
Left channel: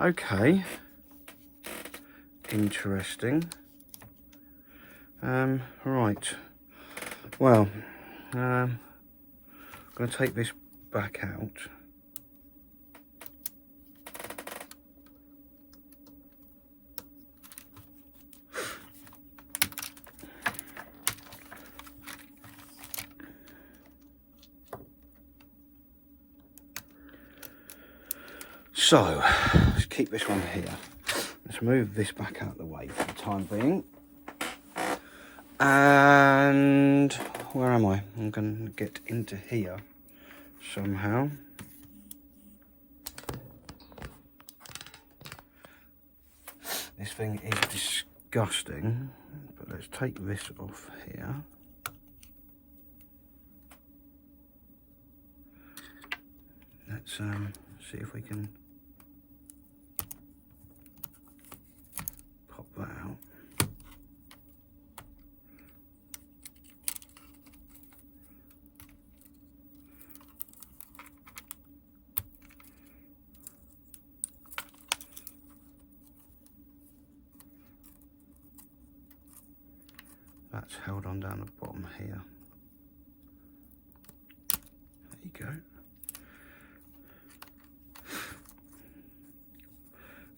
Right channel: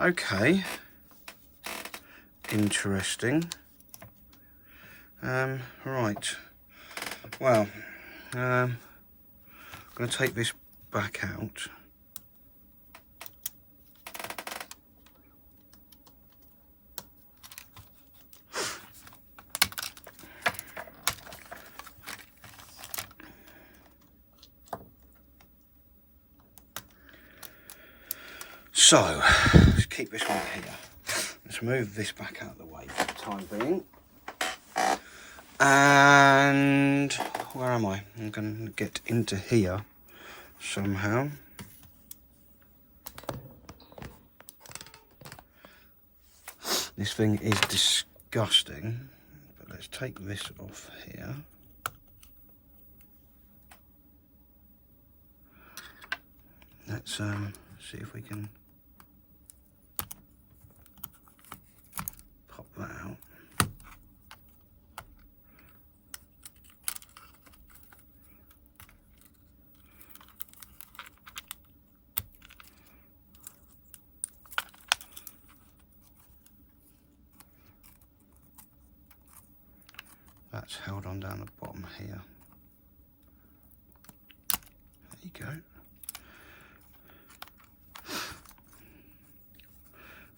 Okay. Interesting. Right. Well, I'm going to take this back out. So, let's keep this one here. Let's move this back out of the way for the time being. And where am I? I'm going to get into here somehow. This thing is disgusting, but let's take this off here. Let's see if we can pop that out. That's held on down the bottom here. There you go.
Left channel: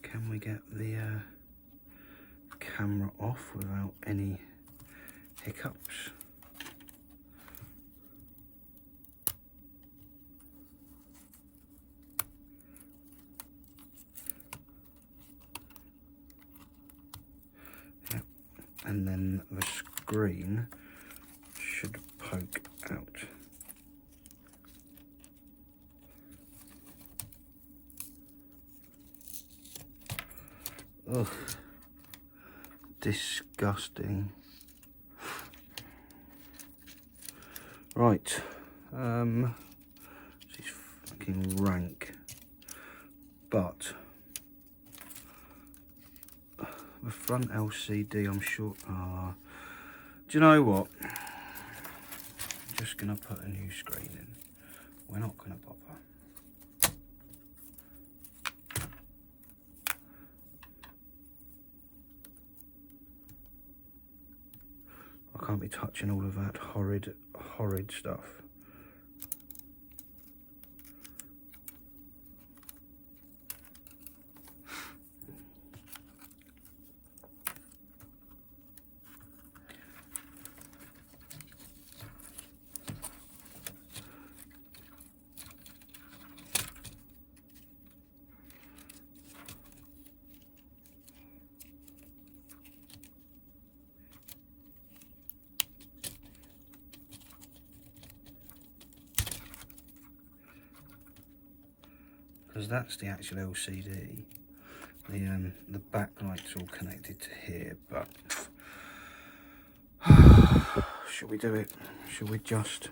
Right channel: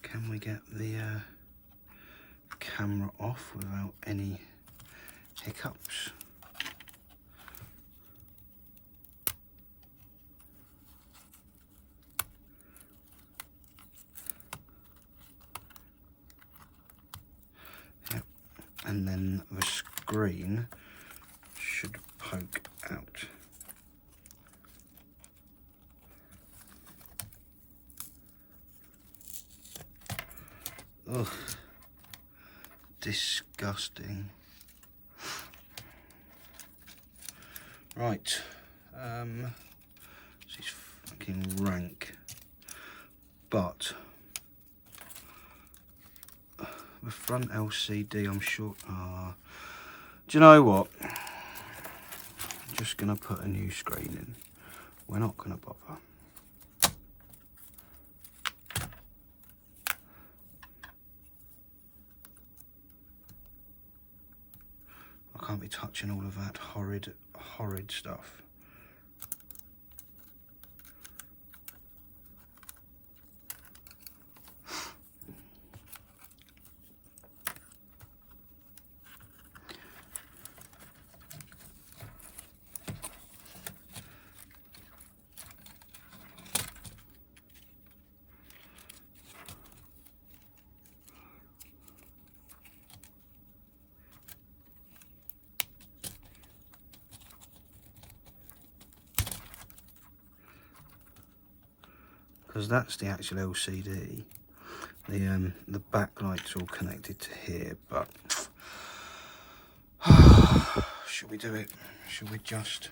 Can we get the camera off without any hiccups? Yep. And then the screen should poke out. Ugh, disgusting. Right, this is fucking rank, but the front LCD, I'm sure. Do you know what? I'm just going to put a new screen in. We're not going to bother. I can't be touching all of that horrid stuff. Because that's the actual LCD. The backlight's all connected to here, but should we do it? Should we just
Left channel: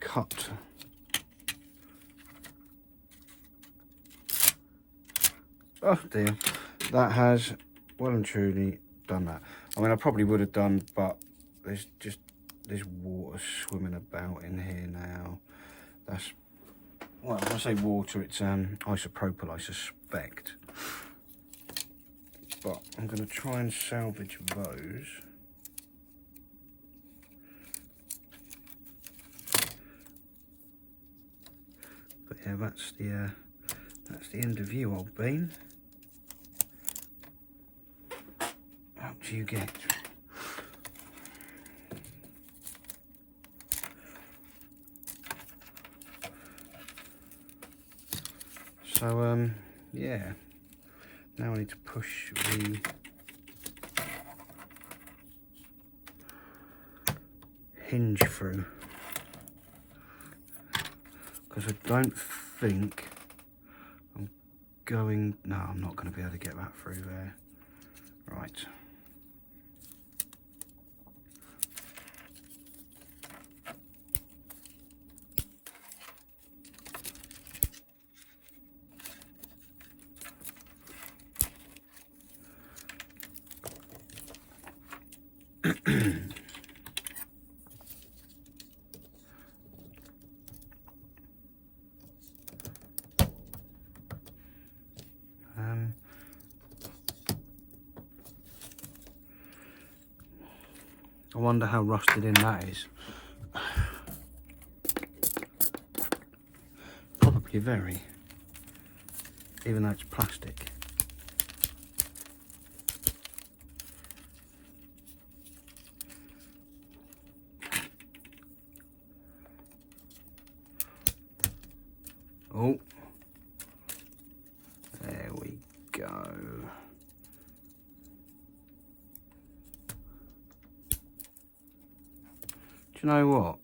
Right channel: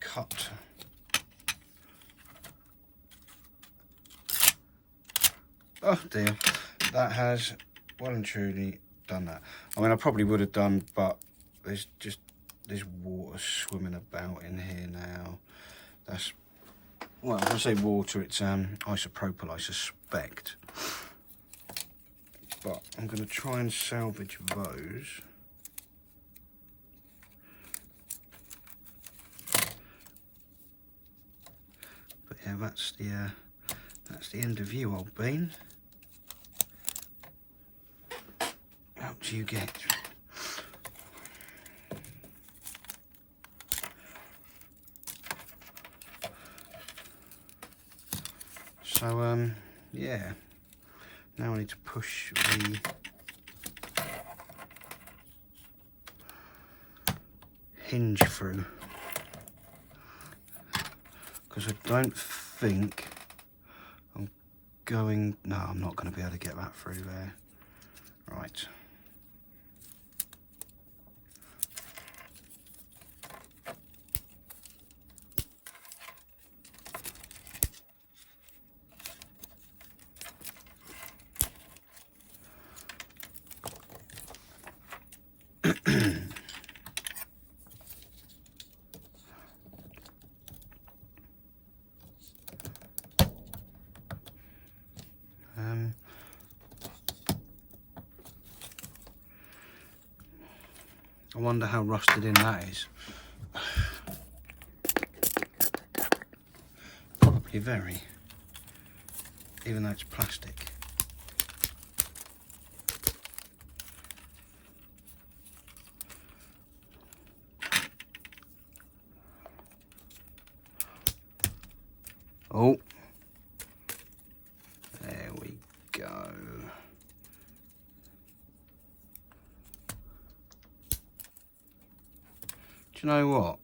cut? Oh dear, that has well and truly done that. I mean, I probably would have done, but there's water swimming about in here now. That's, well, when I say water, it's isopropyl, I suspect. But I'm going to try and salvage those. But yeah, that's the end of you, old bean. Out you get. So yeah, now I need to push the hinge through, because I don't think I'm going, no, I'm not going to be able to get that through there. Right. I wonder how rusted in that is. Probably very, even though it's plastic. Oh, there we go. Do you know what?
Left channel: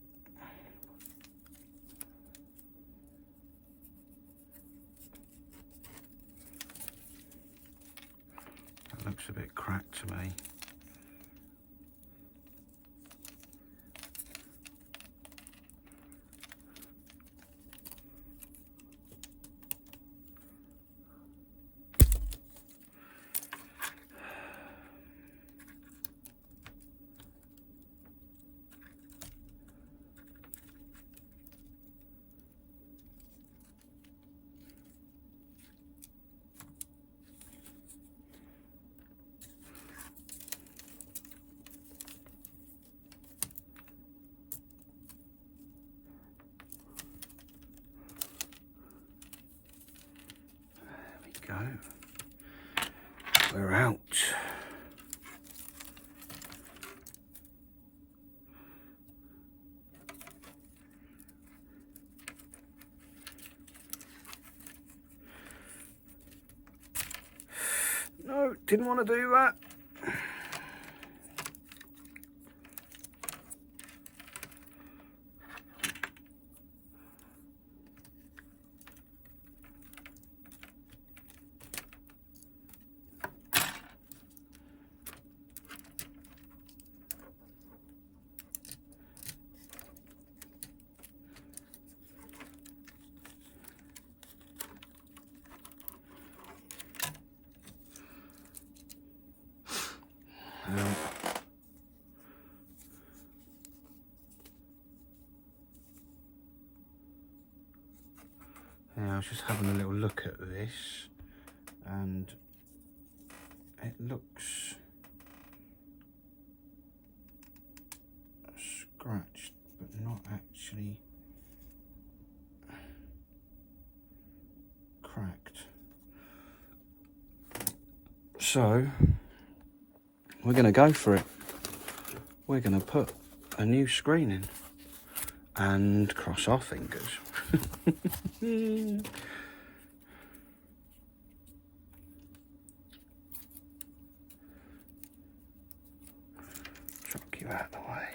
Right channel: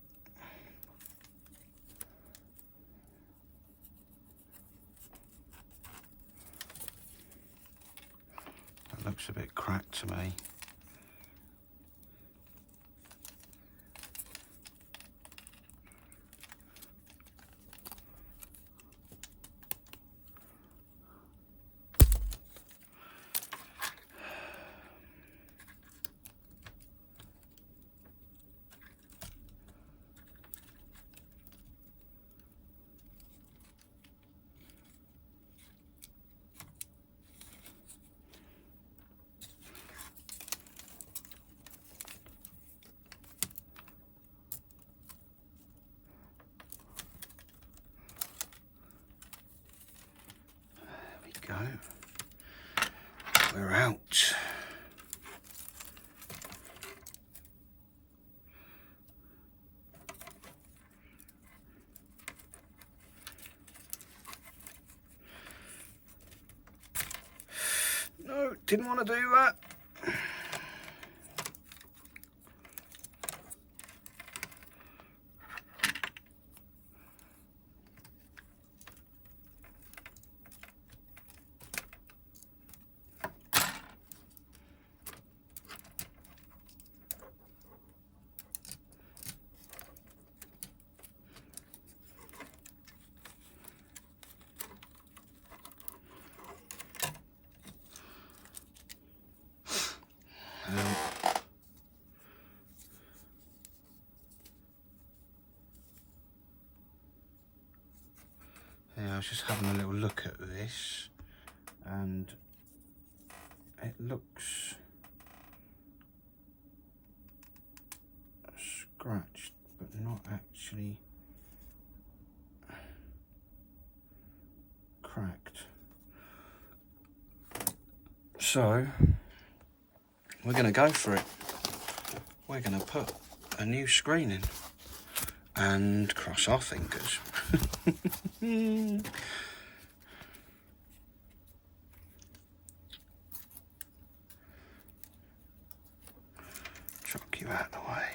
That looks a bit cracked to me. Go. We're out. No, didn't want to do that. was just having a little look at this, and it looks scratched, but not actually cracked. So we're going to go for it. We're going to put a new screen in and cross our fingers. Chuck you out of the way.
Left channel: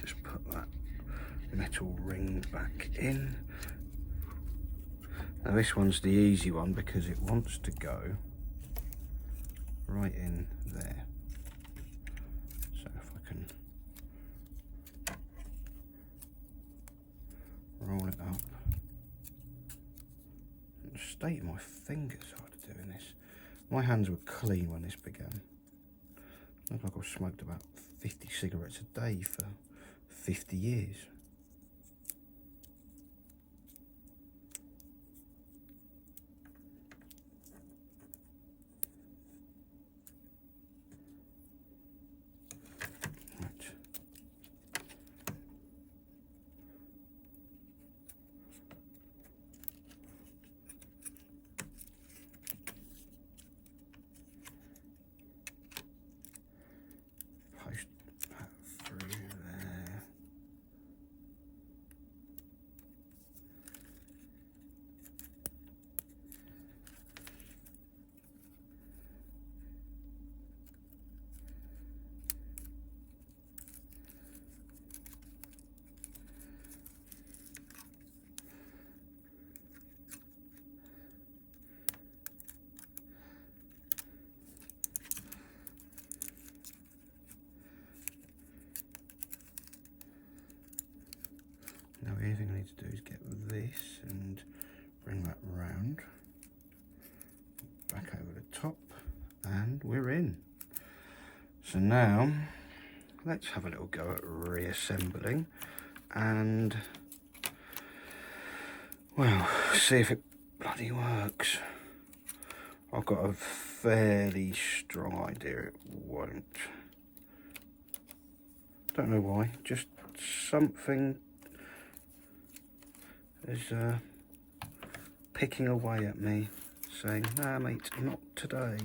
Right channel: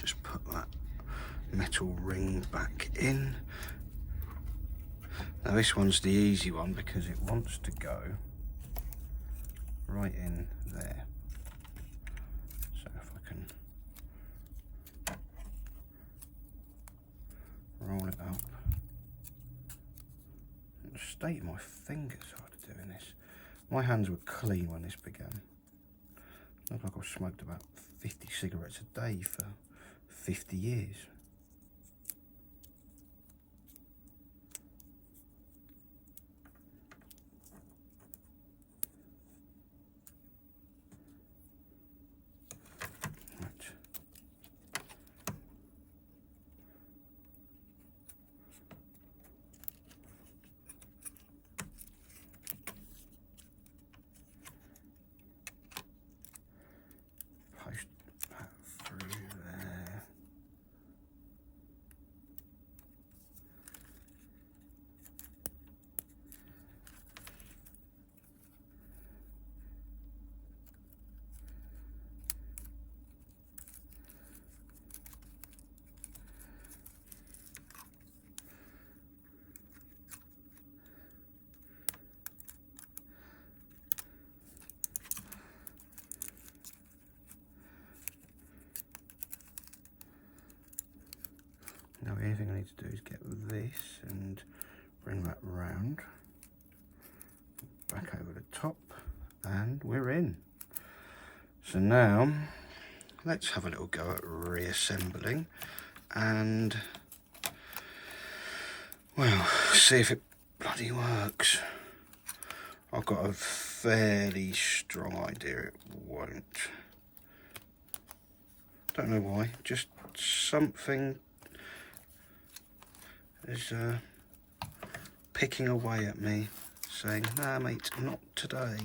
Just put that metal ring back in. Now this one's the easy one because it wants to go right in there. So if I can roll it up. The state of my fingers after doing this. My hands were clean when this began. Looked like I've smoked about 50 cigarettes a day for 50 years. Post that through there. Now the only thing I need to do is get this and bring that round, back over the top, and we're in. So now let's have a little go at reassembling and, well, see if it bloody works. I've got a fairly strong idea it won't. Don't know why, just something is picking away at me, saying, nah mate, not today.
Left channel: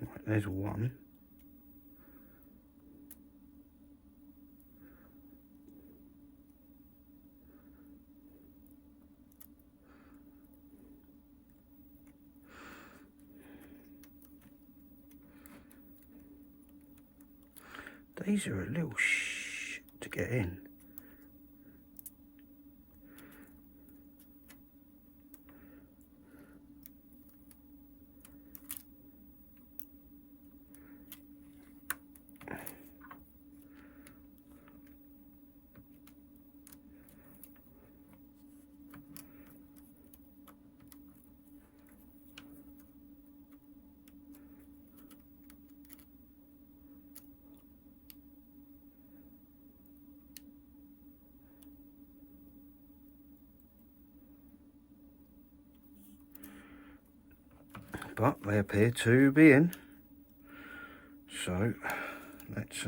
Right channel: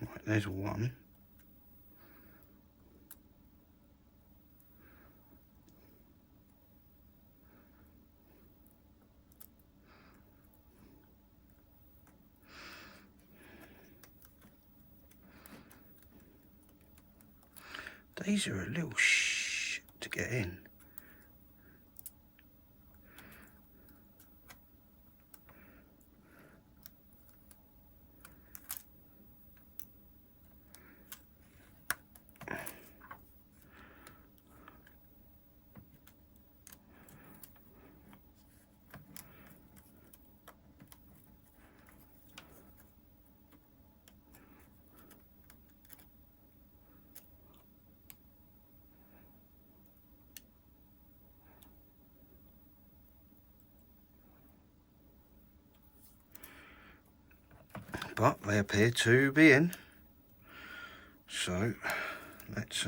Right, there's one. These are a little shit to get in. but they appear to be in. So let's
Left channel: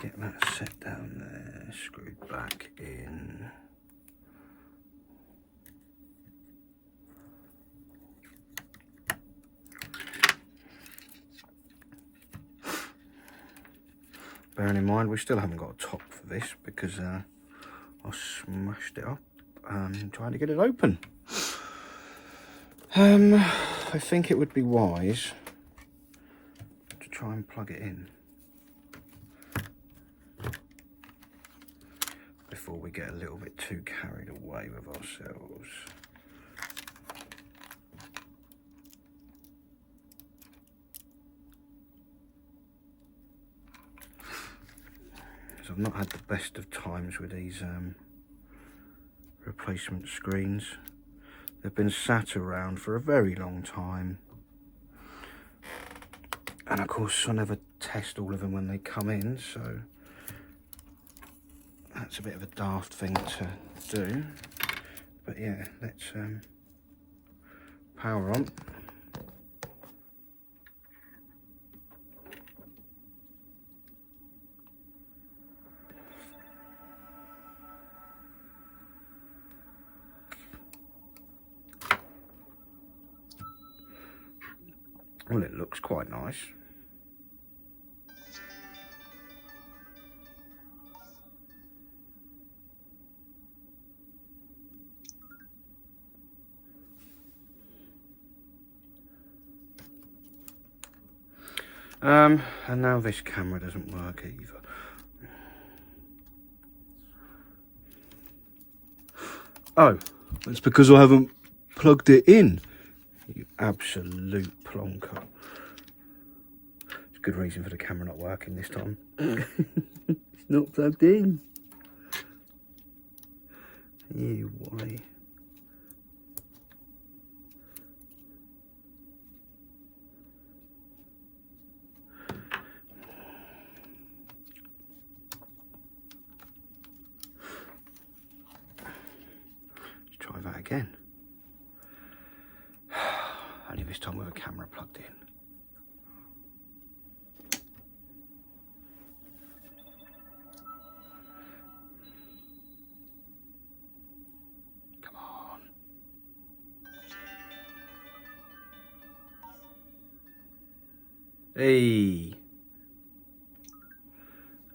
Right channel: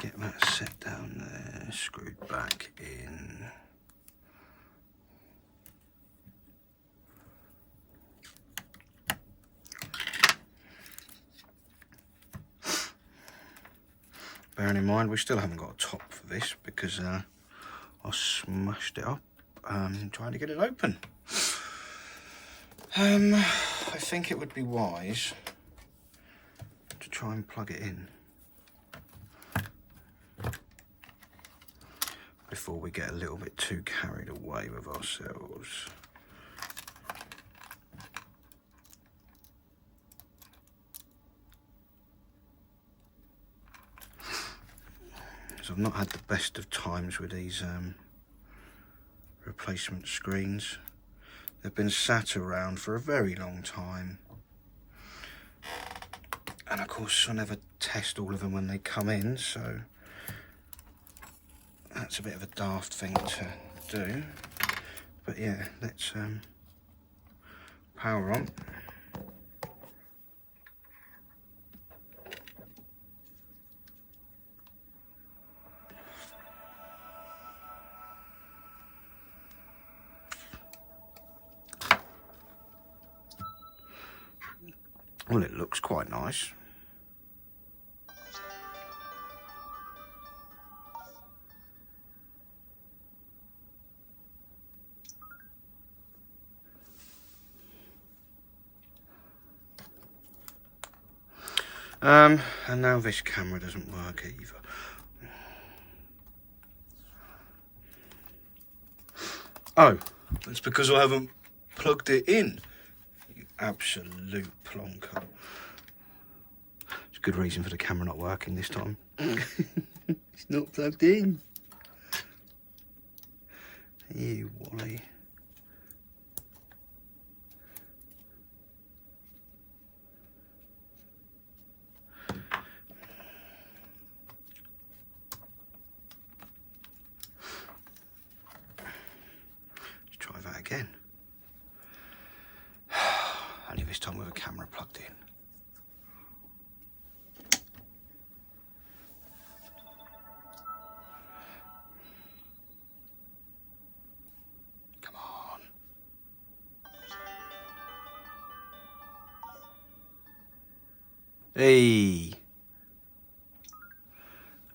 get that set down there, screwed back in. Bearing in mind we still haven't got a top for this because I smashed it up trying to get it open. I think it would be wise to try and plug it in before we get a little bit too carried away with ourselves. So I've not had the best of times with these replacement screens. They've been sat around for a very long time. And of course I never test all of them when they come in, so that's a bit of a daft thing to do. But yeah, let's power on. Well, it looks quite nice. And now this camera doesn't work either. Oh, that's because I haven't plugged it in. You absolute plonker. It's a good reason for the camera not working this time. It's not plugged in. You Wally. Let's try that again. Only this time with a camera plugged in. Come on. Hey.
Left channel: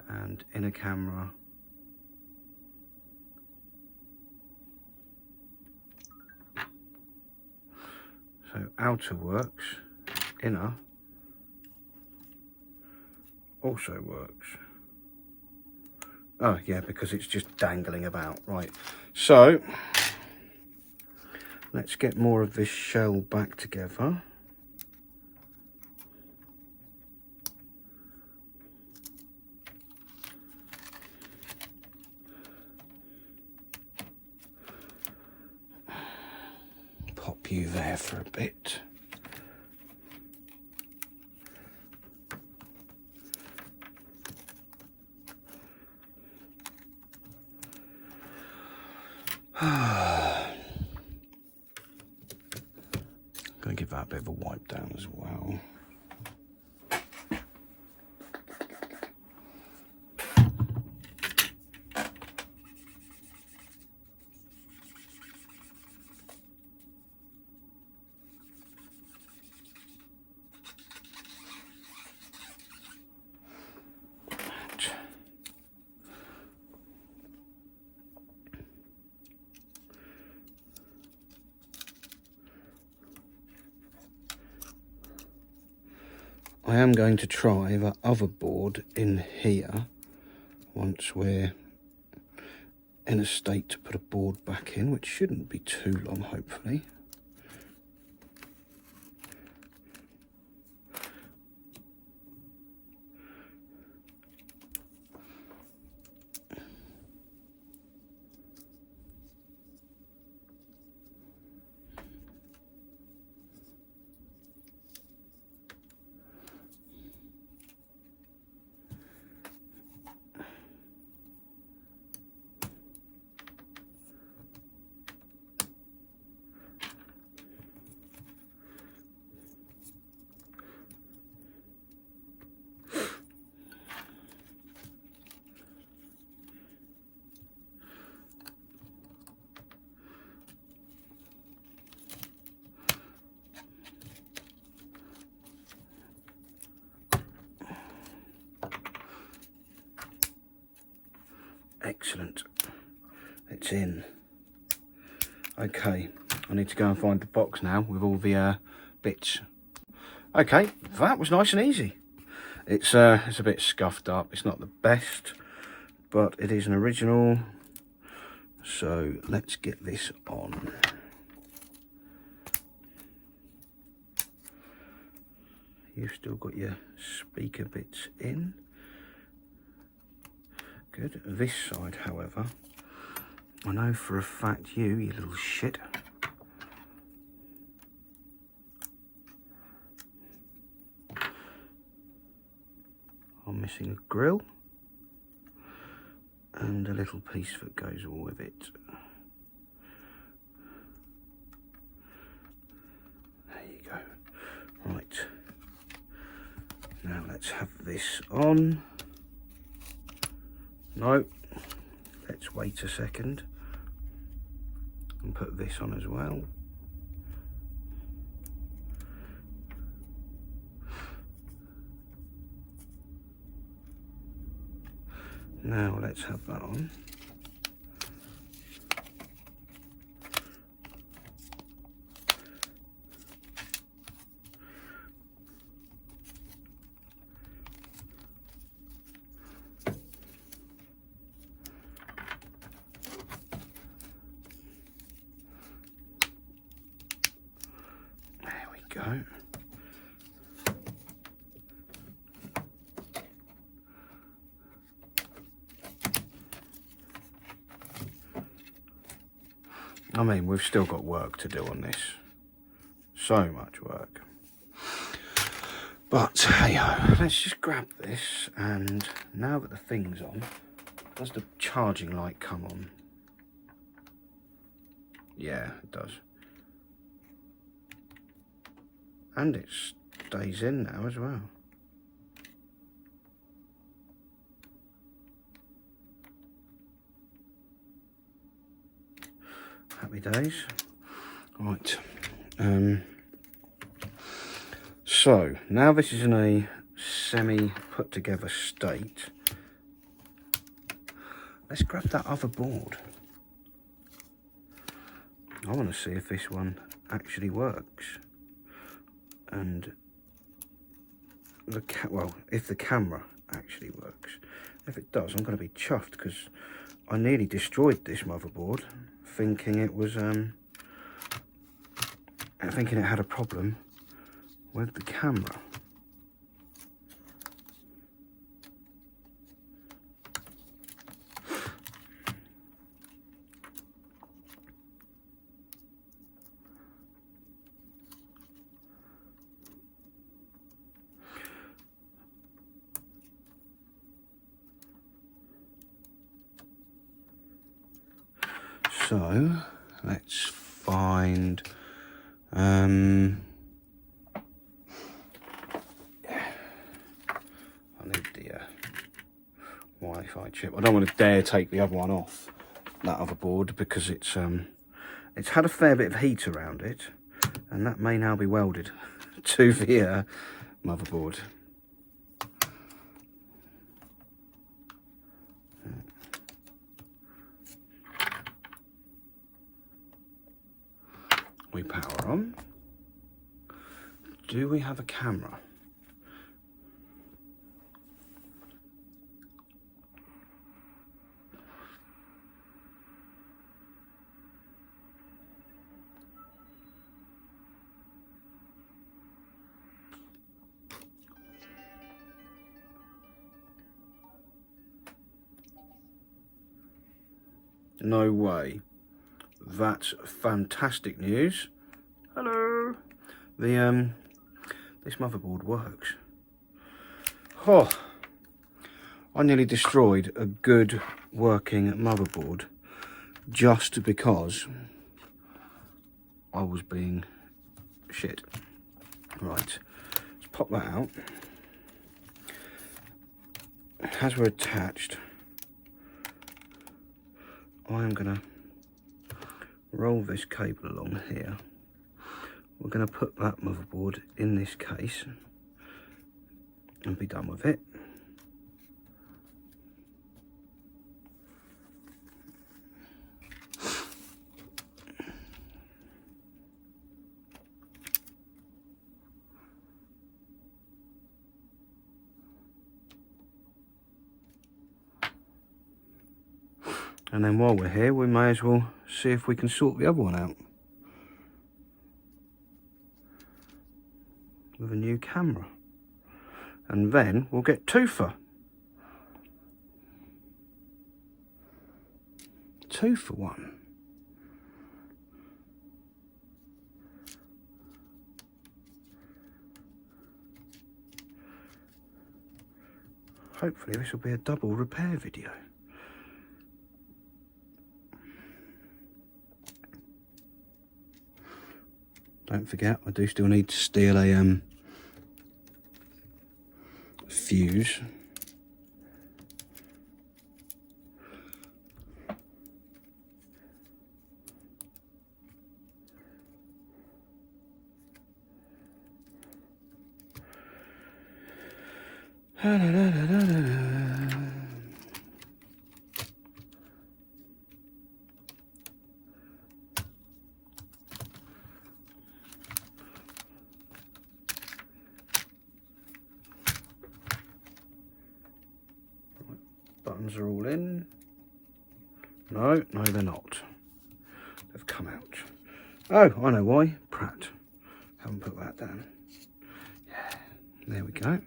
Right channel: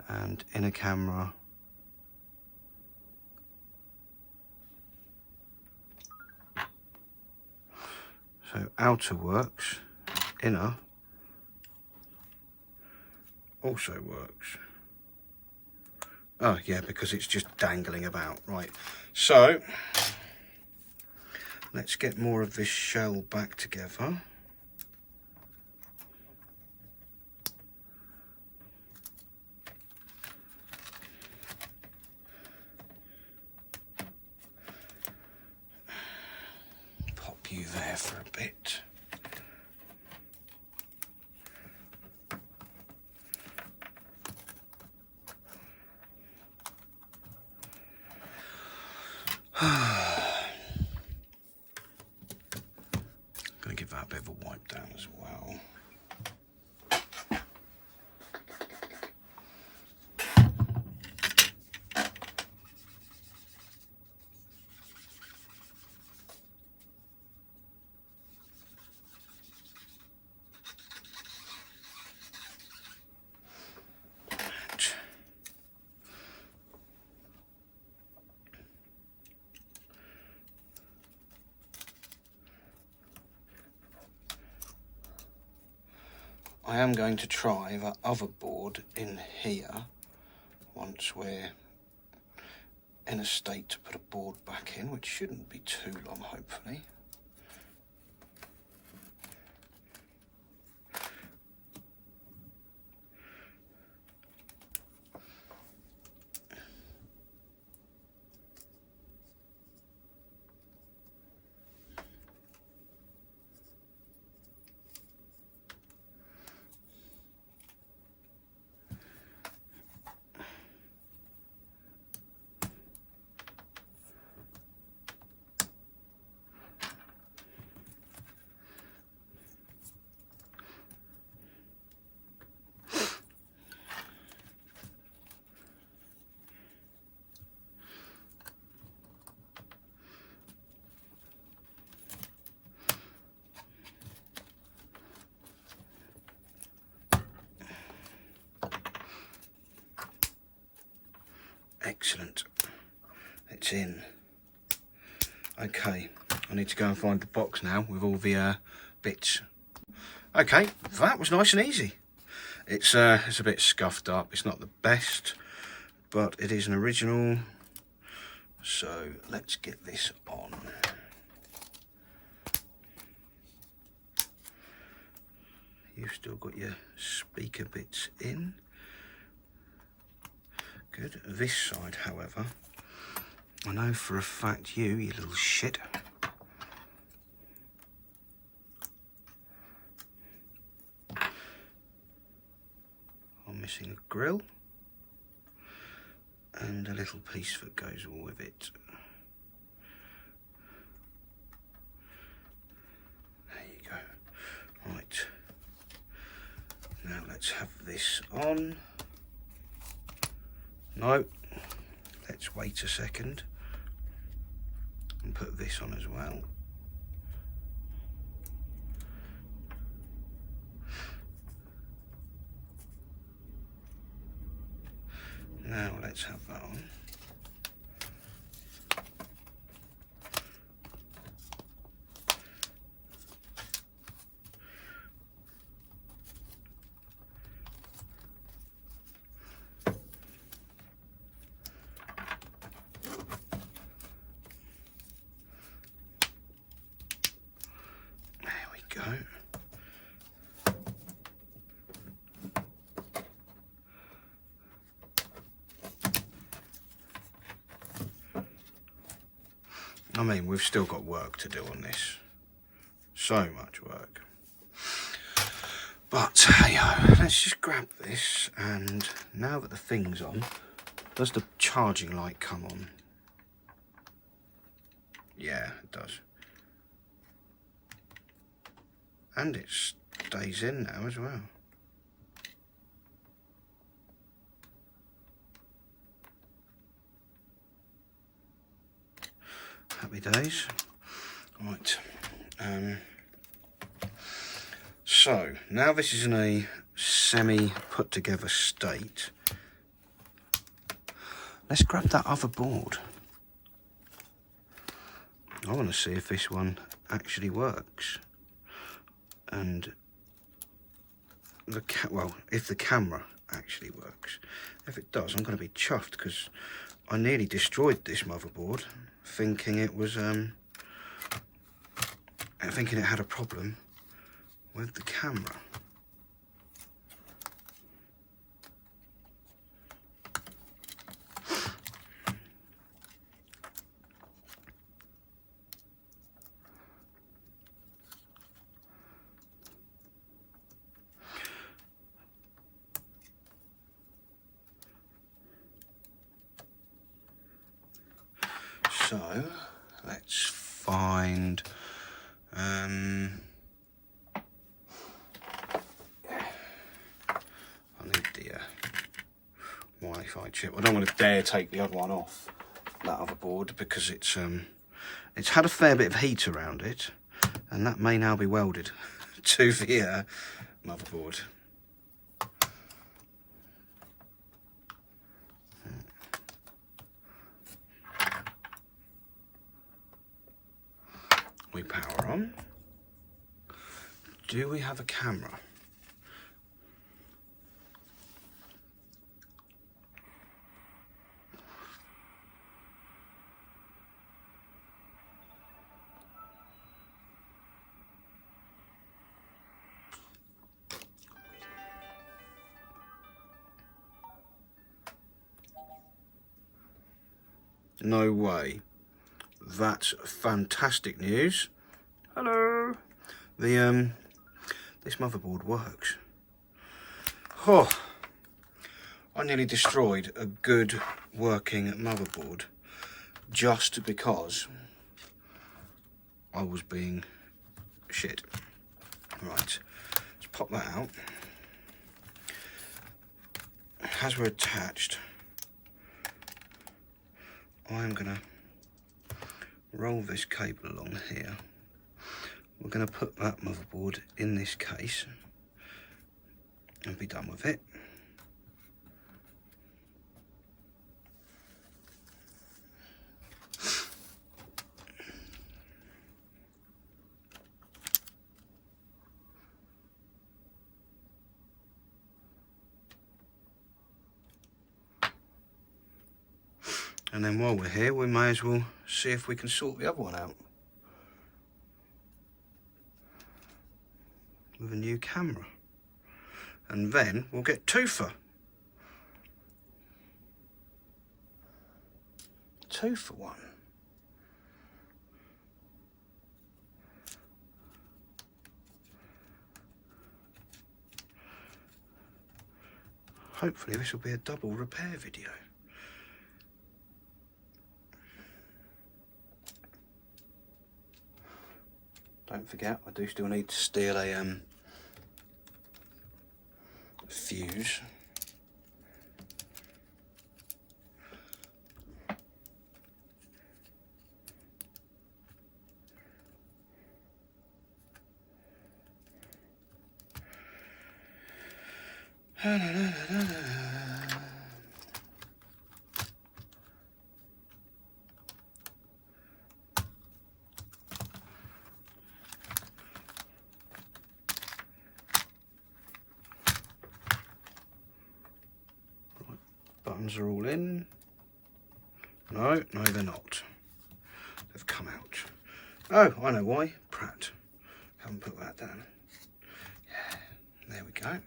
And inner camera. So outer works, inner also works. Oh yeah, because it's just dangling about, right. So let's get more of this shell back together. Pop you there for a bit. Gonna give that a bit of a wipe down as well. I am going to try the other board in here once we're in a state to put a board back in, which shouldn't be too long, hopefully. Excellent. It's in. Okay, I need to go and find the box now with all the bits. Okay, that was nice and easy. It's a bit scuffed up. It's not the best, but it is an original. So let's get this on. You've still got your speaker bits in. Good. This side, however, I know for a fact you little shit, I'm missing a grill and a little piece that goes with it. There you go. Right. Now let's have this on. No, let's wait a second and put this on as well. Now let's have that on. There we go. I mean, we've still got work to do on this. So much work. But, hey-ho, let's just grab this, and now that the thing's on, does the charging light come on? Yeah, it does. And it stays in now as well. Happy days. Right. So now this is in a semi put together state. Let's grab that other board. I want to see if this one actually works. And if the camera actually works. If it does, I'm going to be chuffed, because I nearly destroyed this motherboard thinking it was thinking it had a problem with the camera. So let's find I need the Wi-Fi chip. I don't want to dare take the other one off that other board, because it's had a fair bit of heat around it, and that may now be welded to the motherboard. We power on. Do we have a camera? No way. That's fantastic news. Hello. This motherboard works. Oh, I nearly destroyed a good working motherboard just because I was being shit. Right, let's pop that out. As we're attached, I am gonna roll this cable along here. We're going to put that motherboard in this case and be done with it. And then while we're here, we may as well see if we can sort the other one out with a new camera. And then we'll get two for 1. Hopefully this will be a double repair video. Don't forget, I do still need to steal a fuse. Buttons are all in. No, they're not. They've come out. Oh, I know why. Pratt. Haven't put that down. Yeah, there we go.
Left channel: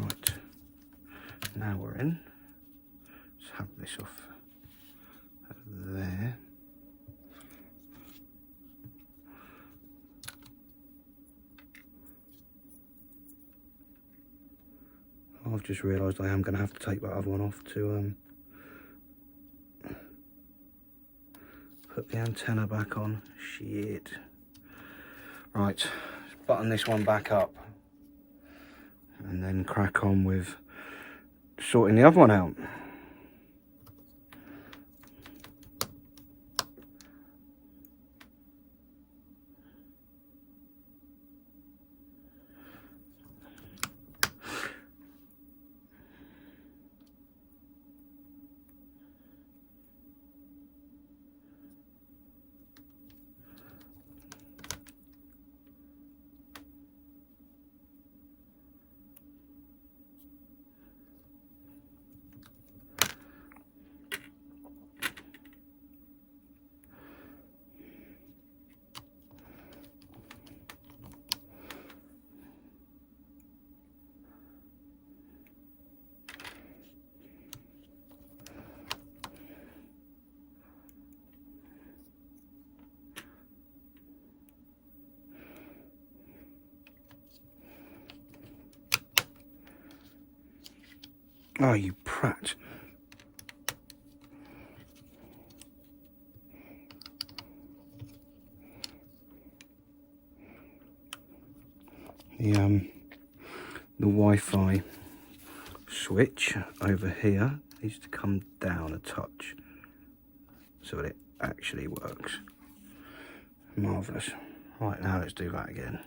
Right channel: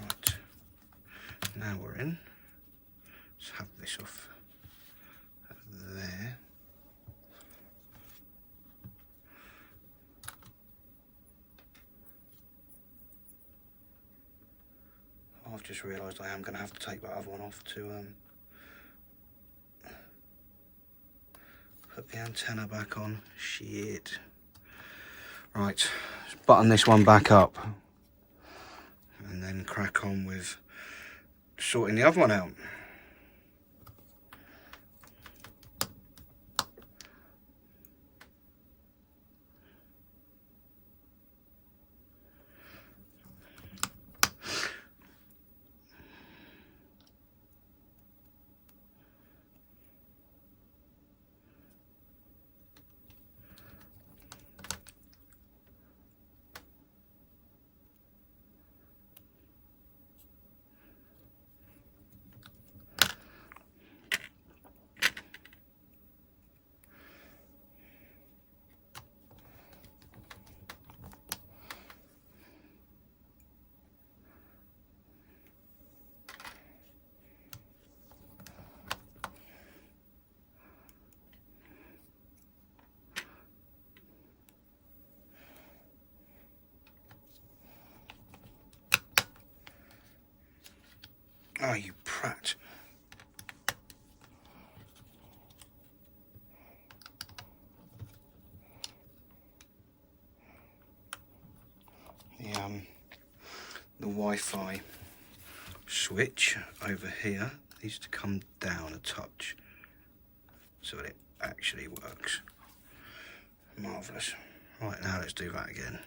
Right. Now we're in. Let's have this off there. I've just realised I am going to have to take that other one off to put the antenna back on. Shit. Right, let's button this one back up and then crack on with sorting the other one out. Oh, you prat. The Wi-Fi switch over here needs to come down a touch so that it actually works. Marvellous. Right, now let's do that again.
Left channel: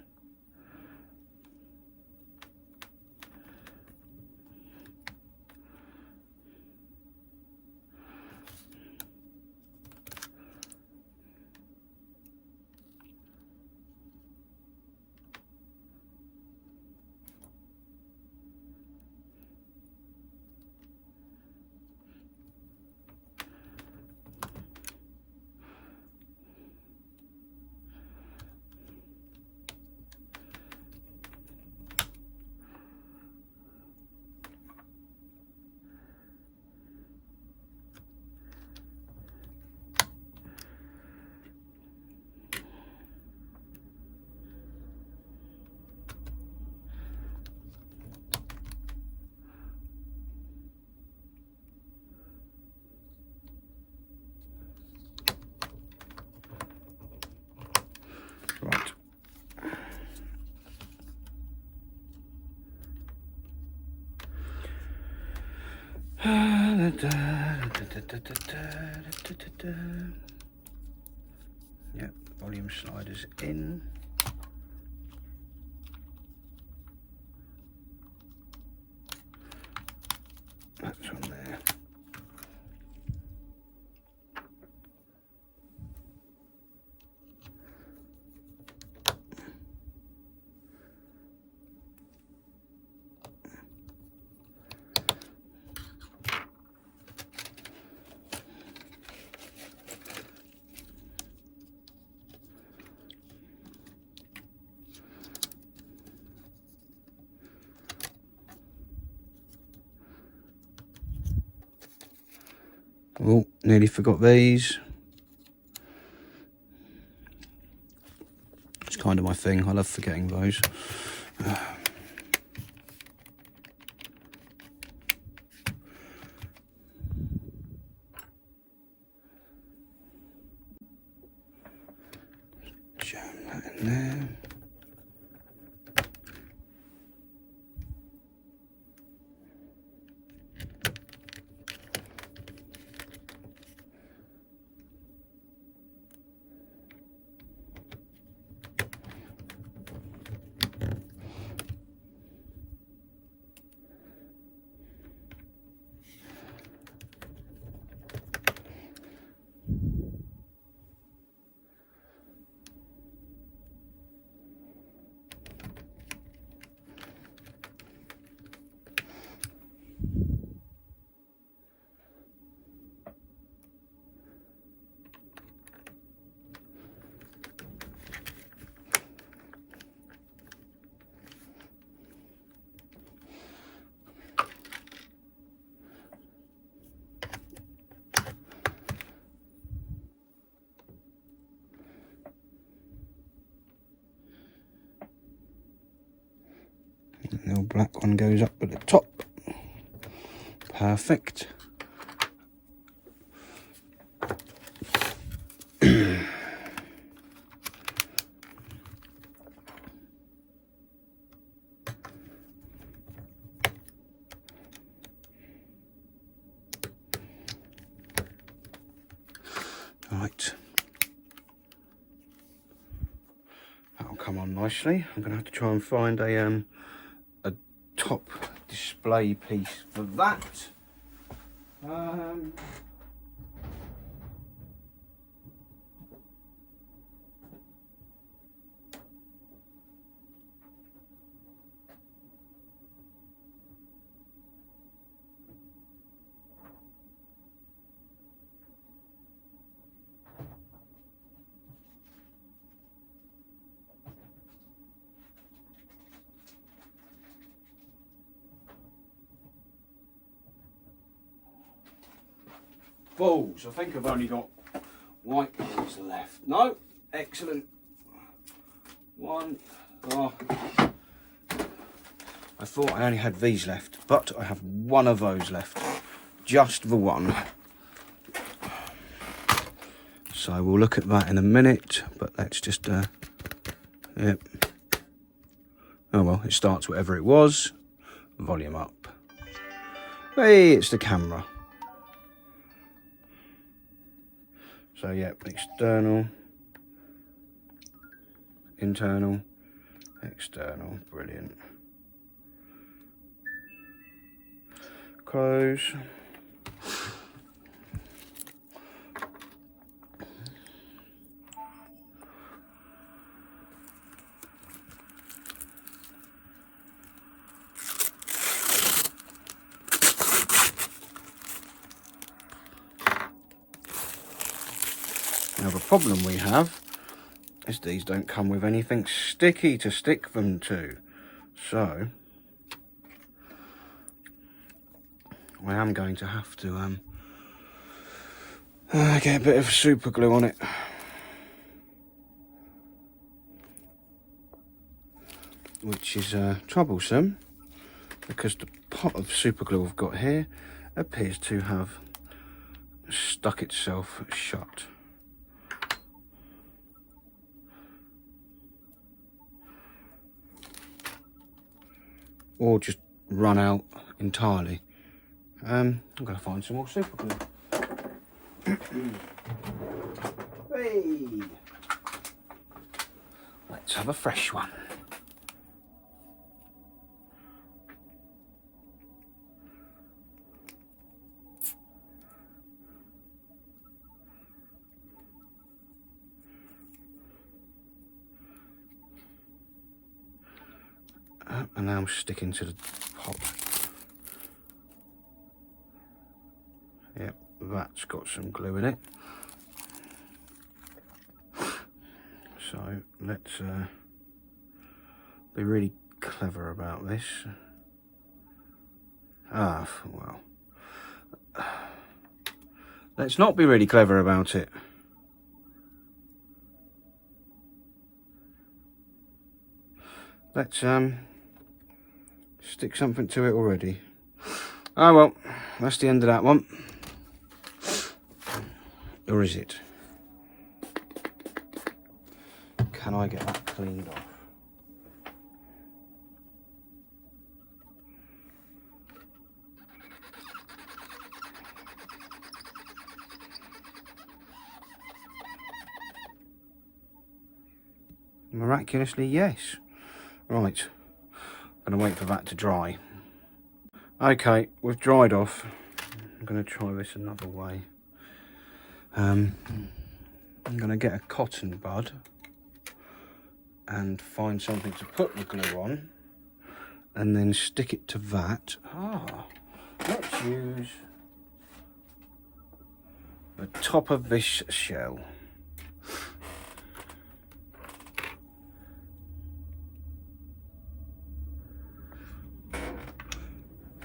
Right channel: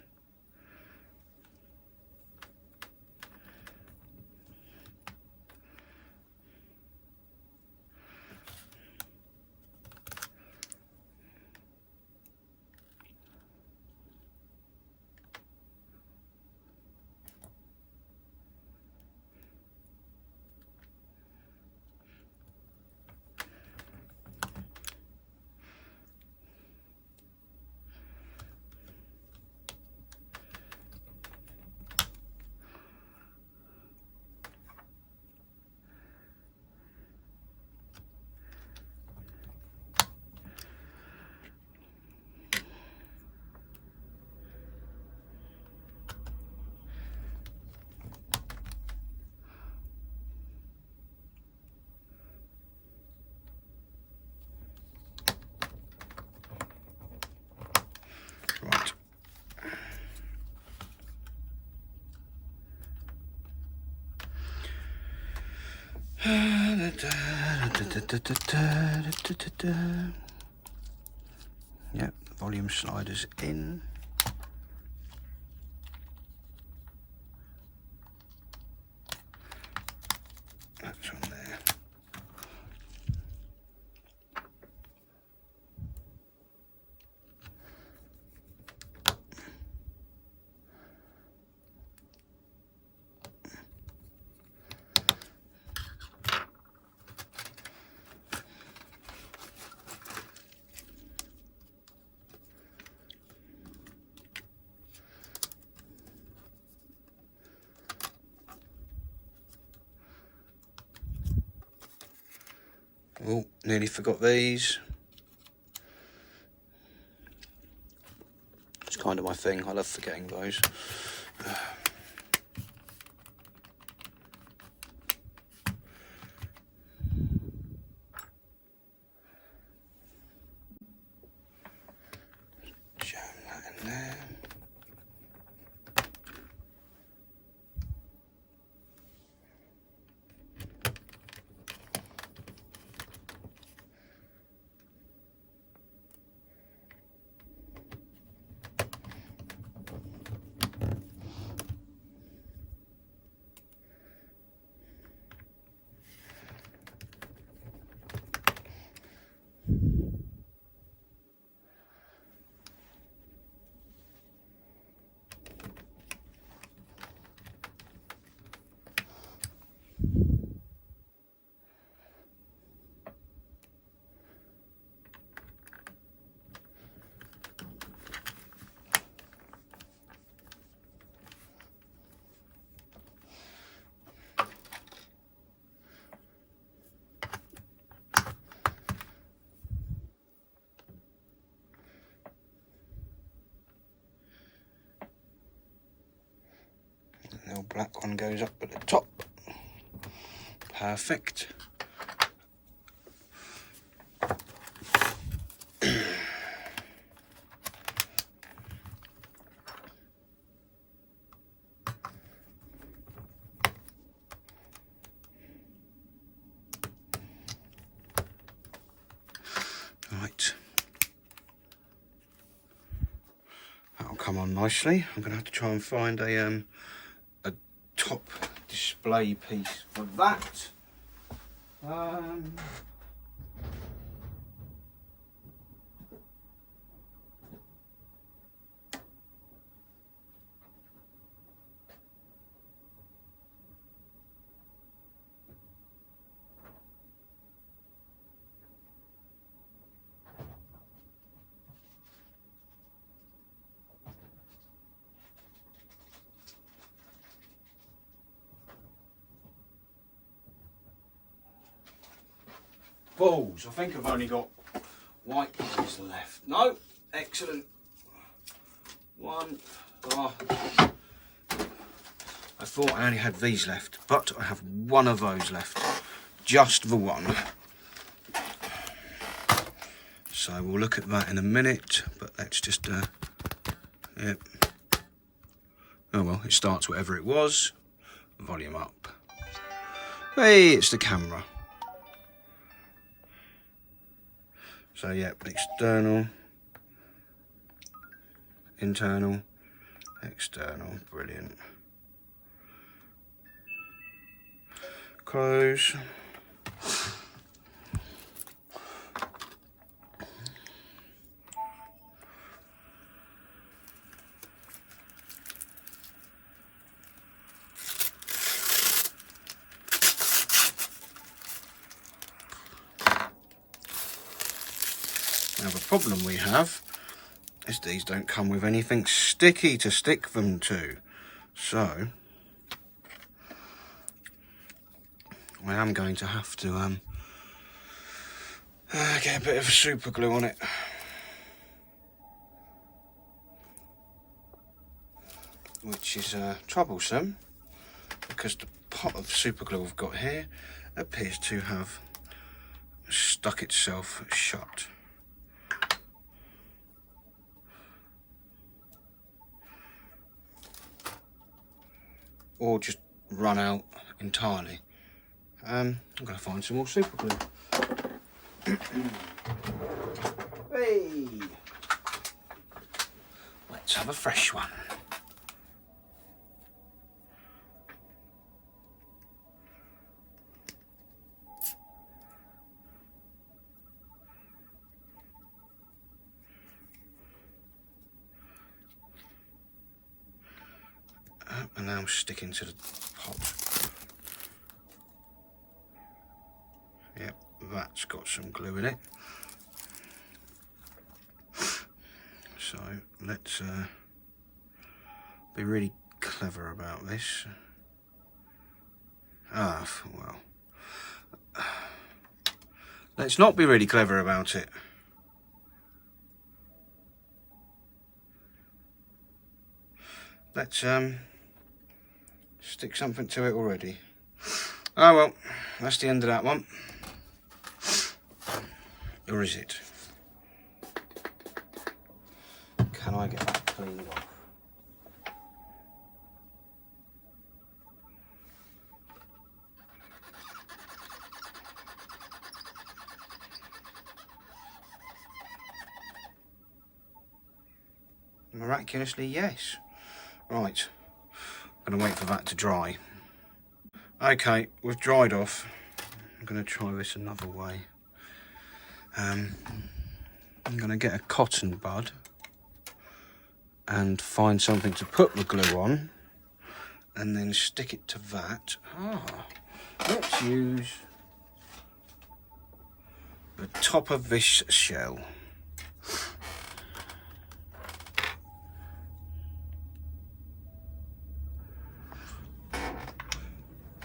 Right. Yep, volume sliders in. That's from there. Oh, nearly forgot these. It's kind of my thing. I love forgetting those. Jam that in there. The little black one goes up at the top. Perfect. Right. That'll come on nicely. I'm gonna have to try and find a top display piece for that. Balls, I think I've only got white ones left. No, excellent. One. Oh. I thought I only had these left, but I have one of those left. Just the one. So we'll look at that in a minute, but let's just, yep. Oh well, it starts whatever it was. Volume up. Hey, it's the camera. So yeah, external, internal, external, brilliant. Close. Now the problem we have is these don't come with anything sticky to stick them to. So I am going to have to get a bit of super glue on it. Which is troublesome because the pot of super glue I've got here appears to have stuck itself shut. Or just run out entirely. I'm going to find some more super glue. Hey! Let's have a fresh one. And now I'm sticking to the pot. Yep, that's got some glue in it. So let's be really clever about this. Well, Let's not be really clever about it. Let's stick something to it already. Oh well, that's the end of that one. Or is it? Can I get that cleaned off? Miraculously, yes. Right, I'm gonna wait for that to dry. Okay, we've dried off. I'm gonna try this another way. I'm gonna get a cotton bud and find something to put the glue on and then stick it to that. Let's use the top of this shell.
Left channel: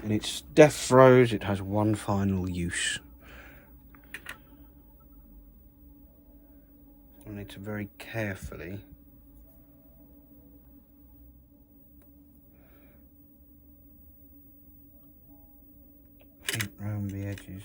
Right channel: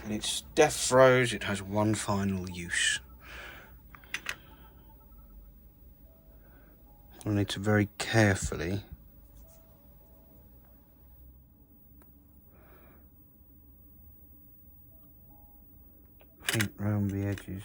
And it's death throes, it has one final use. I need to very carefully paint round the edges.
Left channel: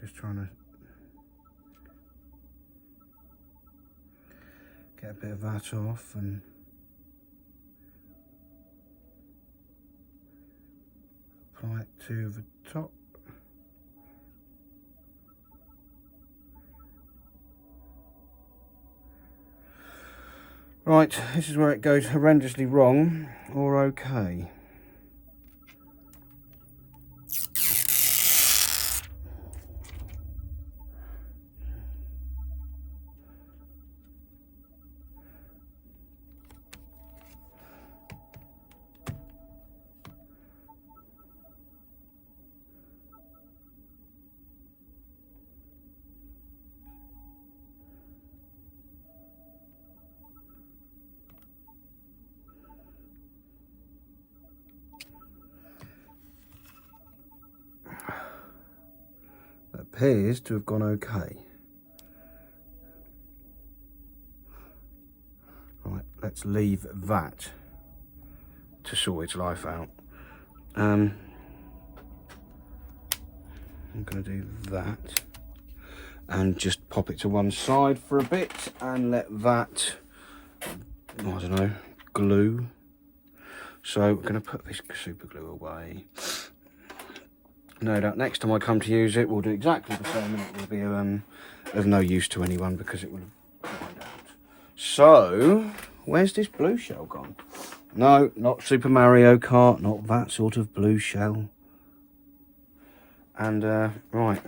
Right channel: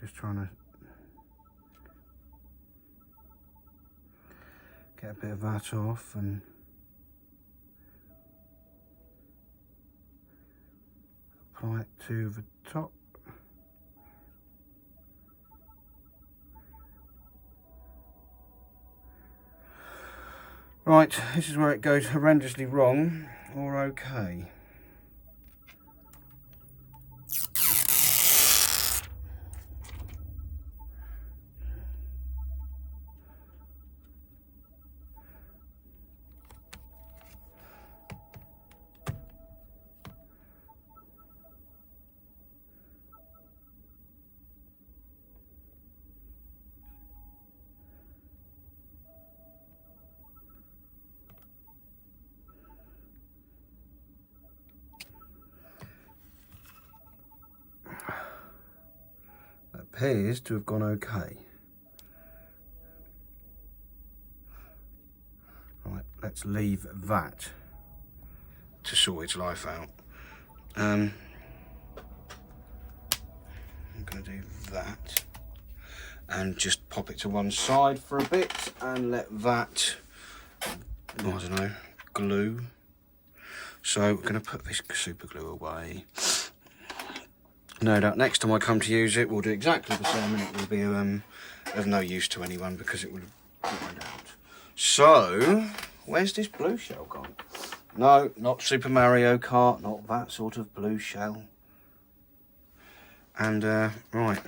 Just trying to get a bit of that off and apply it to the top. Right, this is where it goes horrendously wrong or okay. Appears to have gone okay. Right, let's leave that to sort its life out. I'm going to do that and just pop it to one side for a bit and let that, I don't know, glue. So we're going to put this super glue away. No doubt next time I come to use it, we'll do exactly the same, and it will be there's no use to anyone because it will have dried out. So, where's this blue shell gone? No, not Super Mario Kart, not that sort of blue shell. And right,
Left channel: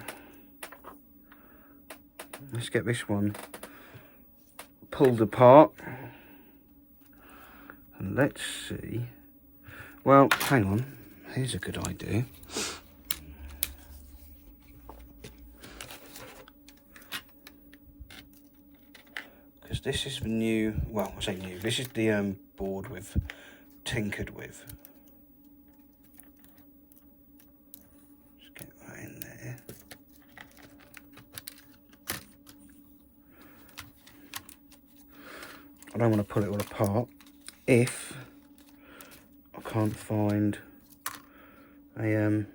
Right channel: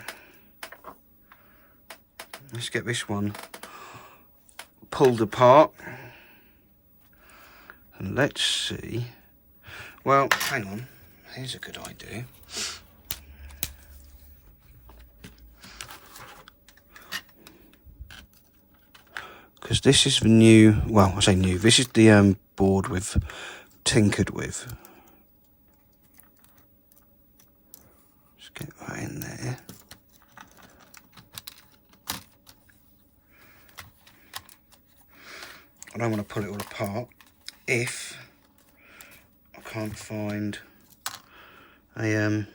let's get this one pulled apart, and let's see. Well, hang on, here's a good idea. because this is the new, well, I say new, this is the board we've tinkered with. Just get that in there. I don't want to pull it all apart if I can't find a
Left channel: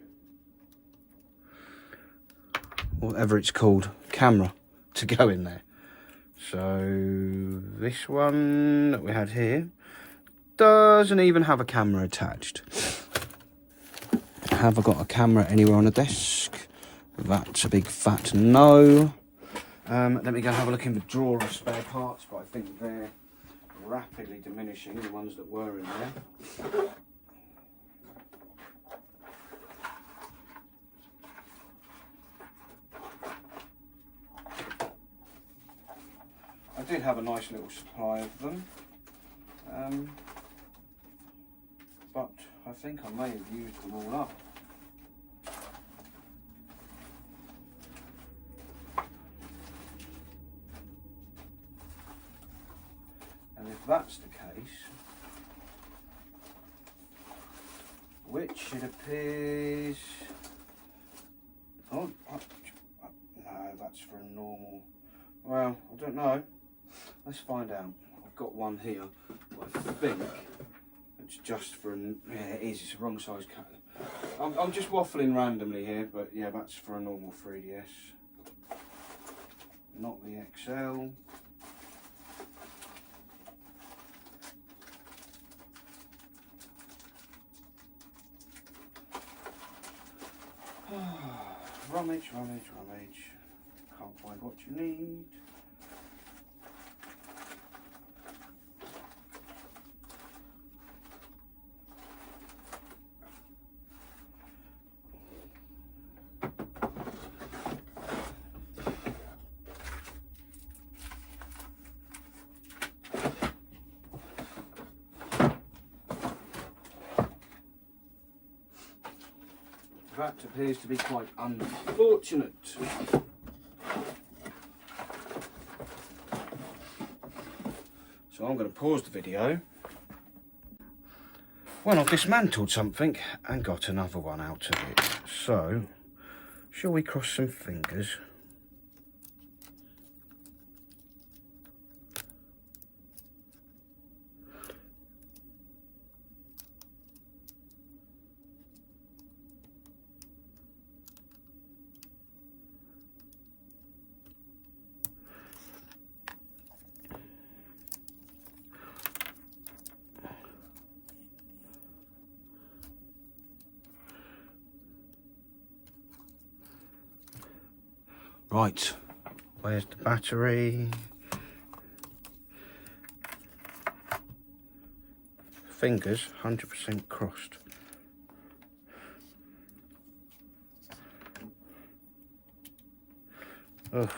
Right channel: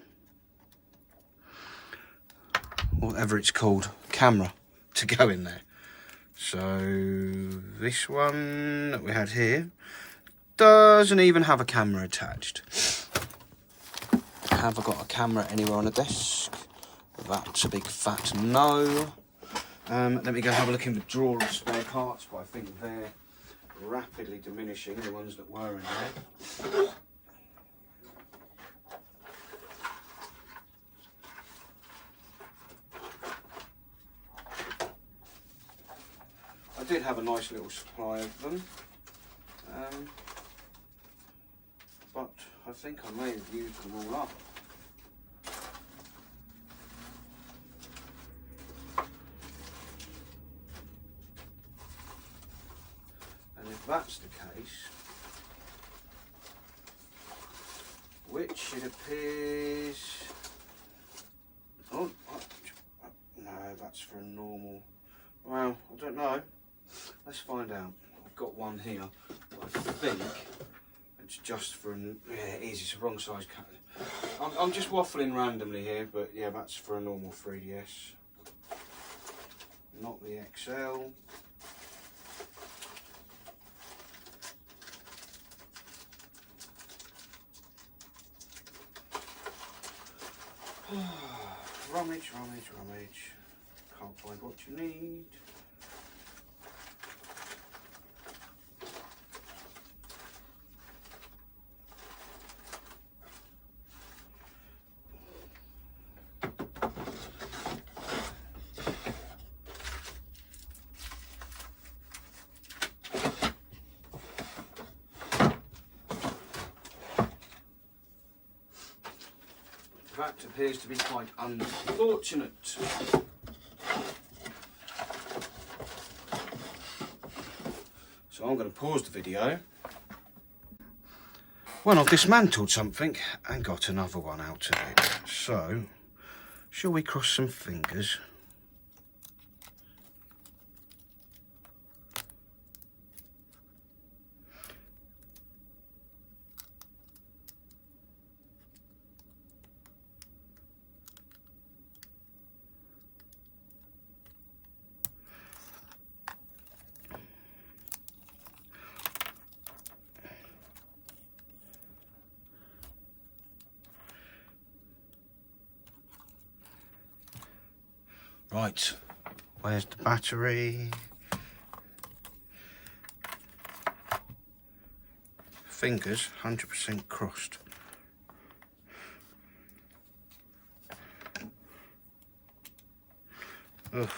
whatever it's called, camera to go in there. So this one that we had here doesn't even have a camera attached. Have I got a camera anywhere on the desk? That's a big fat no. Let me go have a look in the drawer of spare parts, but I think they're rapidly diminishing, the ones that were in there. I did have a nice little supply of them, but I think I may have used them all up. And if that's the case, which it appears, no, that's for a normal, well, I don't know. Let's find out. I've got one here. I think it's just for an, yeah, it is. It's a wrong size cut. I'm just waffling randomly here, but yeah, that's for a normal 3DS, not the XL. Rummage, rummage, rummage. Can't find what you need. That appears to be quite unfortunate. So I'm going to pause the video. Well, I've dismantled something and got another one out of it. So, shall we cross some fingers? Right, where's the battery? Fingers 100% crossed. Ugh.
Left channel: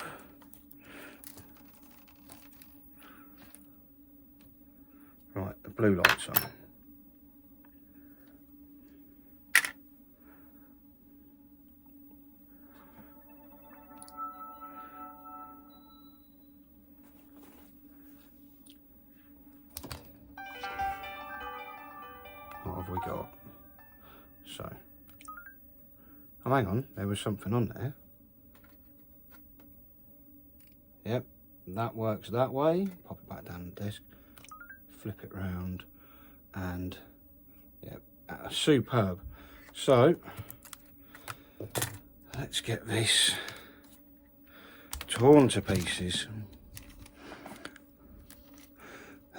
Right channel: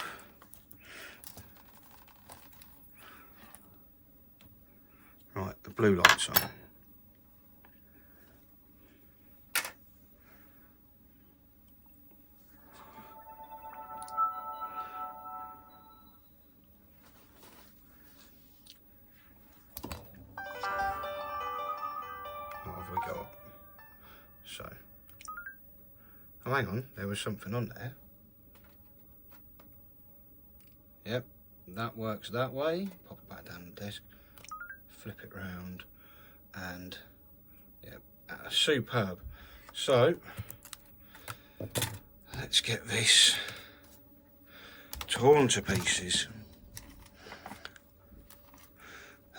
Right, the blue light's on. What have we got? So, oh, hang on, there was something on there. Yep, that works that way. Pop it back down the desk, flip it round, and yep, superb. So, let's get this torn to pieces,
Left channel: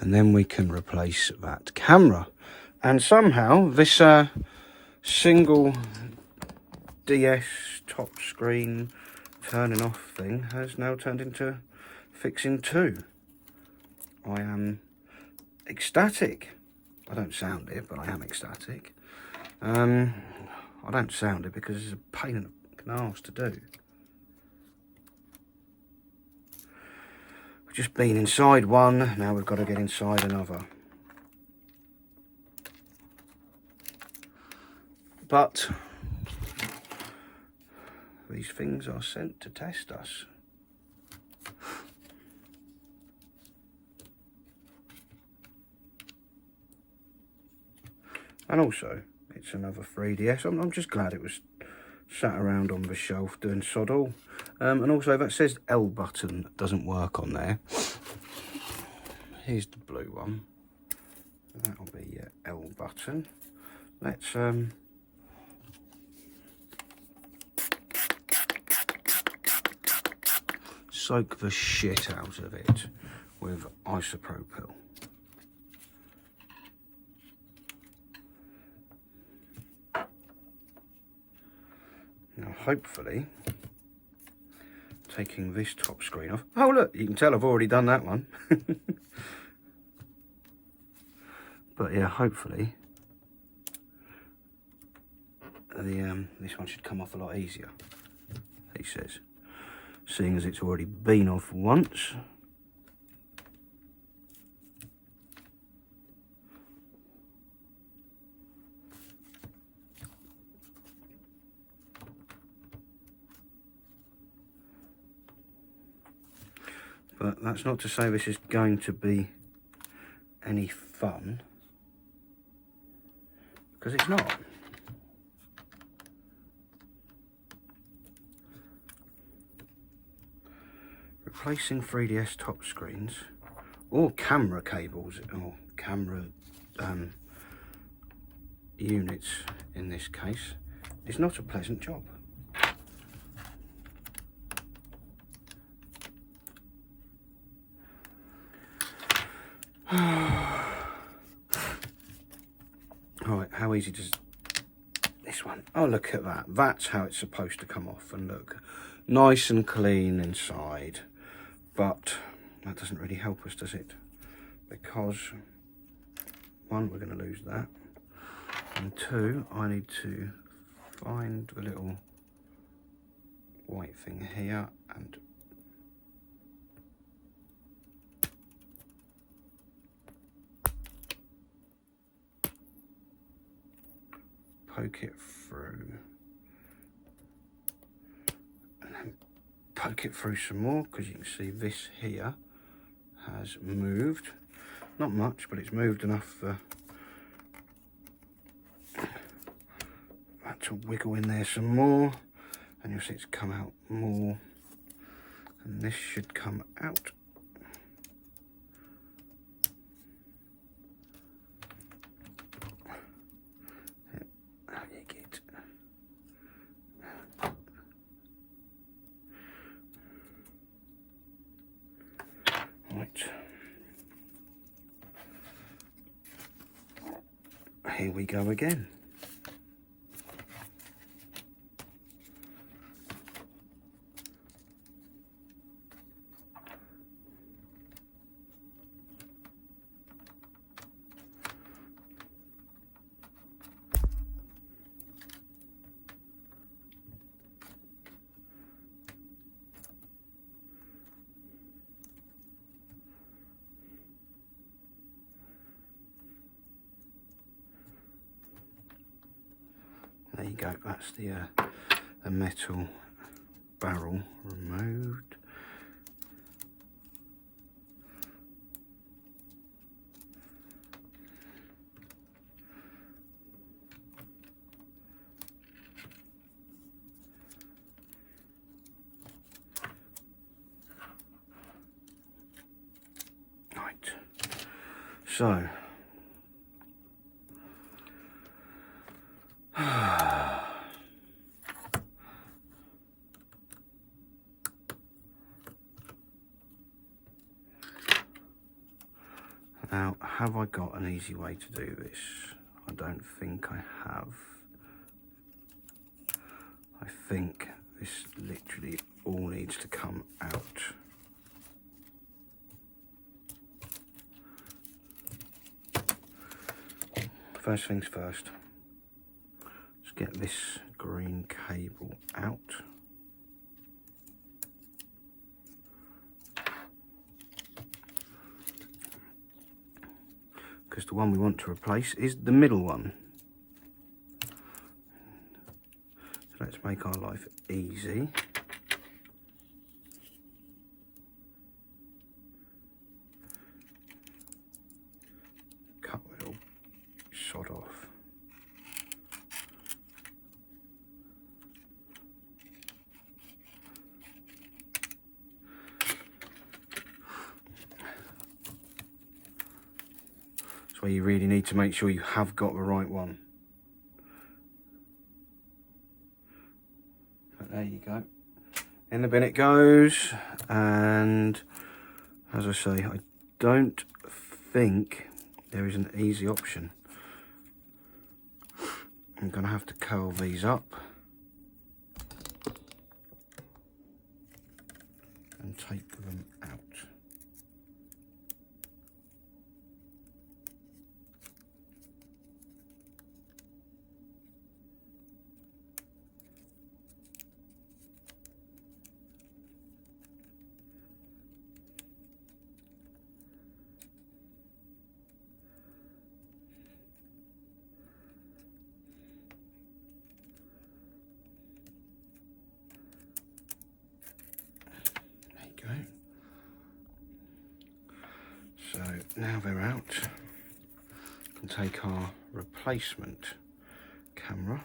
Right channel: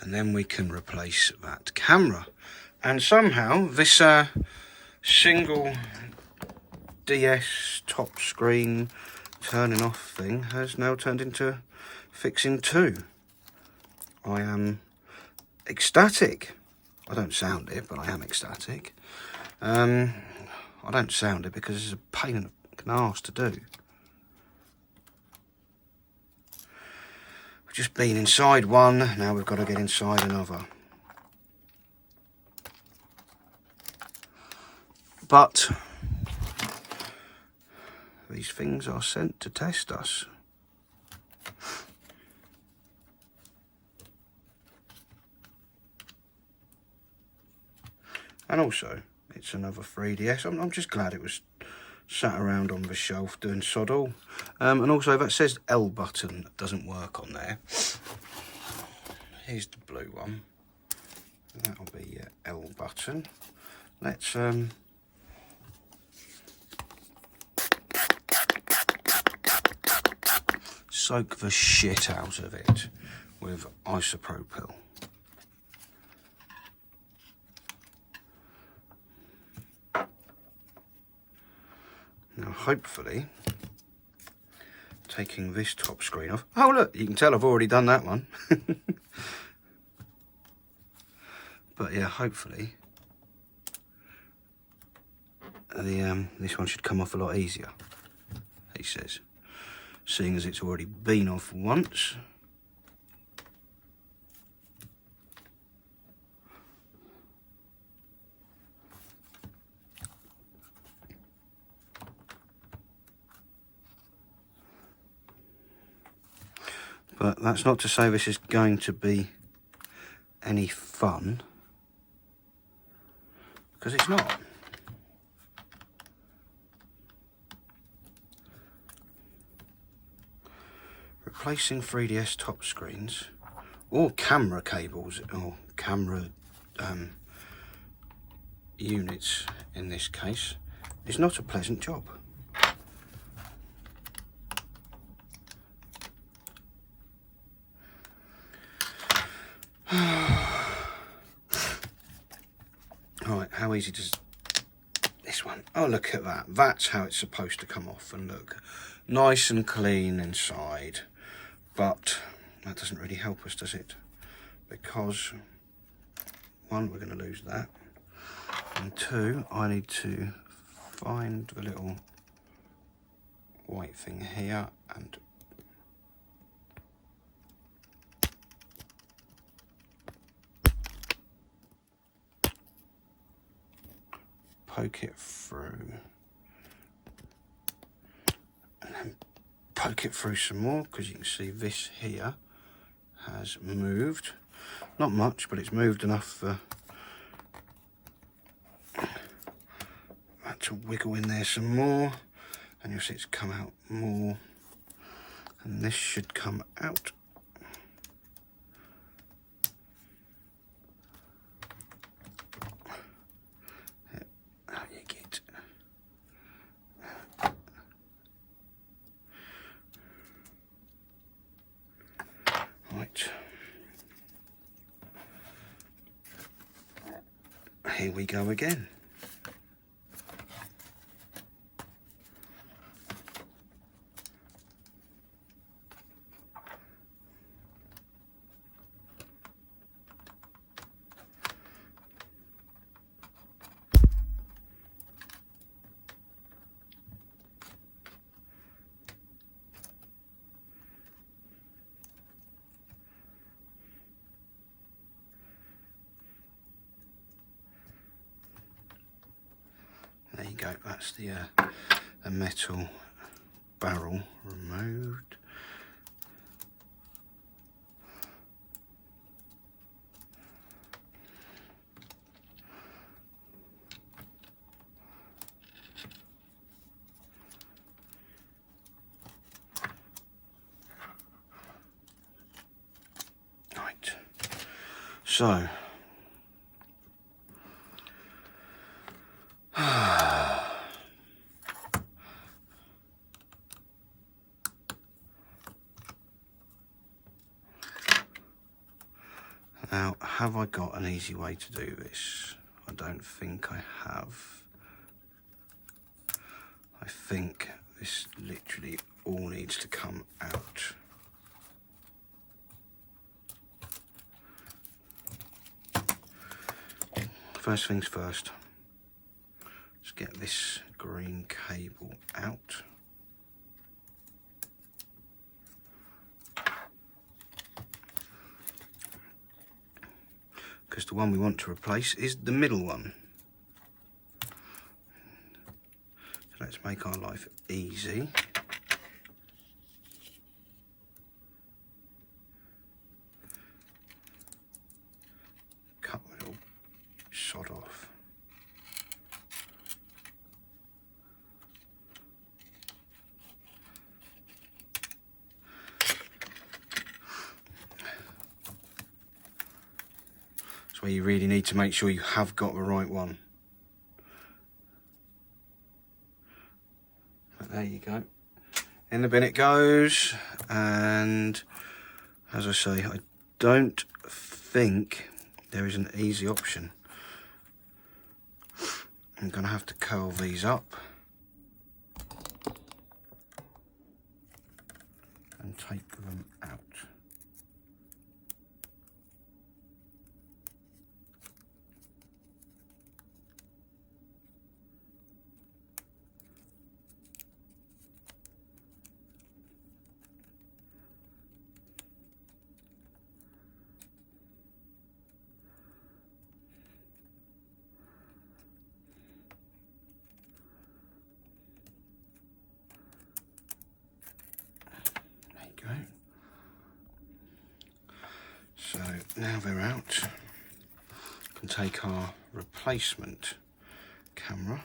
and then we can replace that camera. And somehow this single DS top screen turning off thing has now turned into fixing two. I am ecstatic. I don't sound it, but I am ecstatic. I don't sound it because it's a pain in the arse to do. We've just been inside one, now we've got to get inside another. But these things are sent to test us. And also, it's another 3DS. I'm just glad it was sat around on the shelf doing sod all. And also, that says L button doesn't work on there. Here's the blue one. That'll be your L button. Let's soak the shit out of it with isopropyl. Now hopefully, taking this top screen off. Oh look, you can tell I've already done that one. But yeah, hopefully this one should come off a lot easier, he says, seeing as it's already been off once. But that's not to say this is going to be any fun, because it's not. Replacing 3DS top screens or camera cables or camera units in this case is not a pleasant job. Alright, how easy does this one? Oh, look at that. That's how it's supposed to come off, and look, nice and clean inside. But that doesn't really help us, does it? Because, one, we're going to lose that. And two, I need to find the little white thing here and poke it through. And then poke it through some more, because you can see this here has moved. Not much, but it's moved enough for that to wiggle in there some more, and you'll see it's come out more, and this should come out. How you get. Right. Here we go again. There you go, that's the metal barrel removed. Right, so now, have I got an easy way to do this? I don't think I have. I think this literally all needs to come out. First things first, let's get this green cable out. Because the one we want to replace is the middle one. So let's make our life easy. Cut the little sod off. where you really need to make sure you have got the right one. But there you go. In the bin it goes, and as I say, I don't think there is an easy option. I'm going to have to curl these up and take them out. So now they're out, we can take our replacement camera.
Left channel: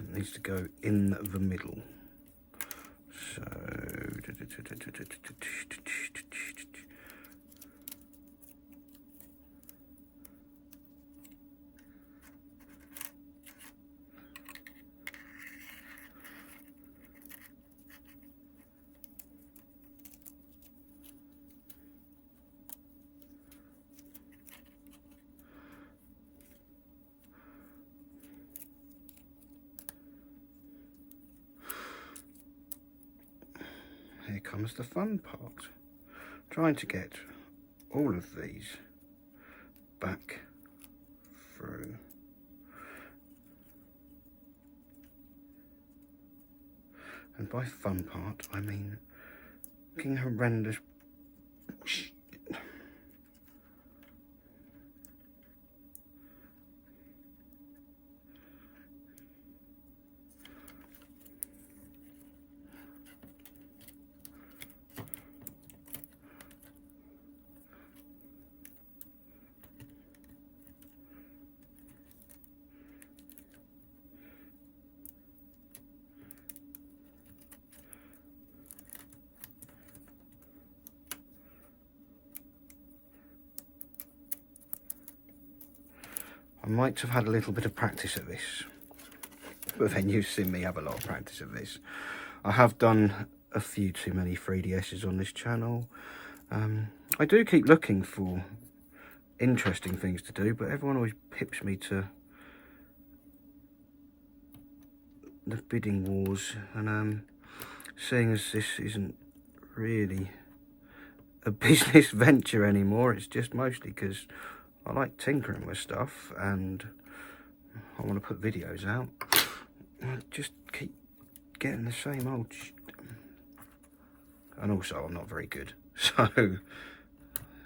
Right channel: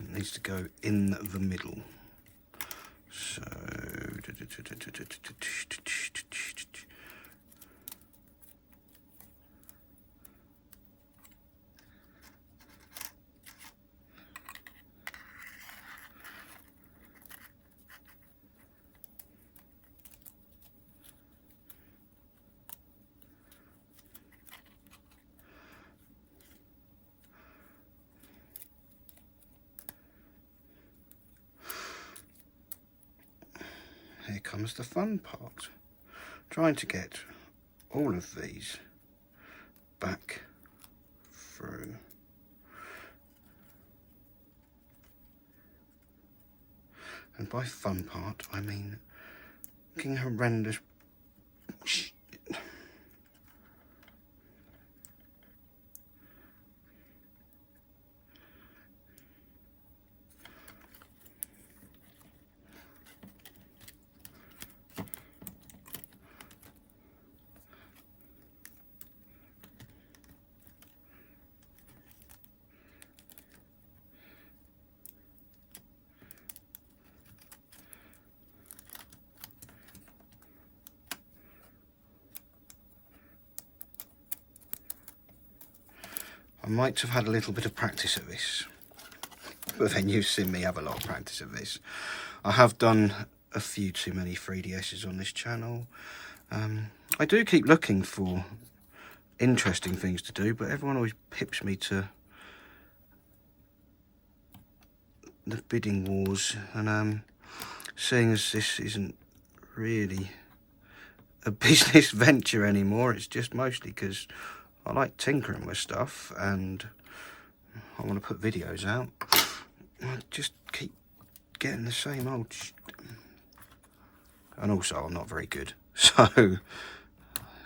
It needs to go in the middle. So here comes the fun part. Trying to get all of these back through. And by fun part, I mean fucking horrendous shit. I might have had a little bit of practice at this, but then you've seen me have a lot of practice at this. I have done a few too many 3DSs on this channel. I do keep looking for interesting things to do, but everyone always pips me to the bidding wars, and seeing as this isn't really a business venture anymore, it's just mostly because I like tinkering with stuff and I want to put videos out. I just keep getting the same old shit. And also I'm not very good. So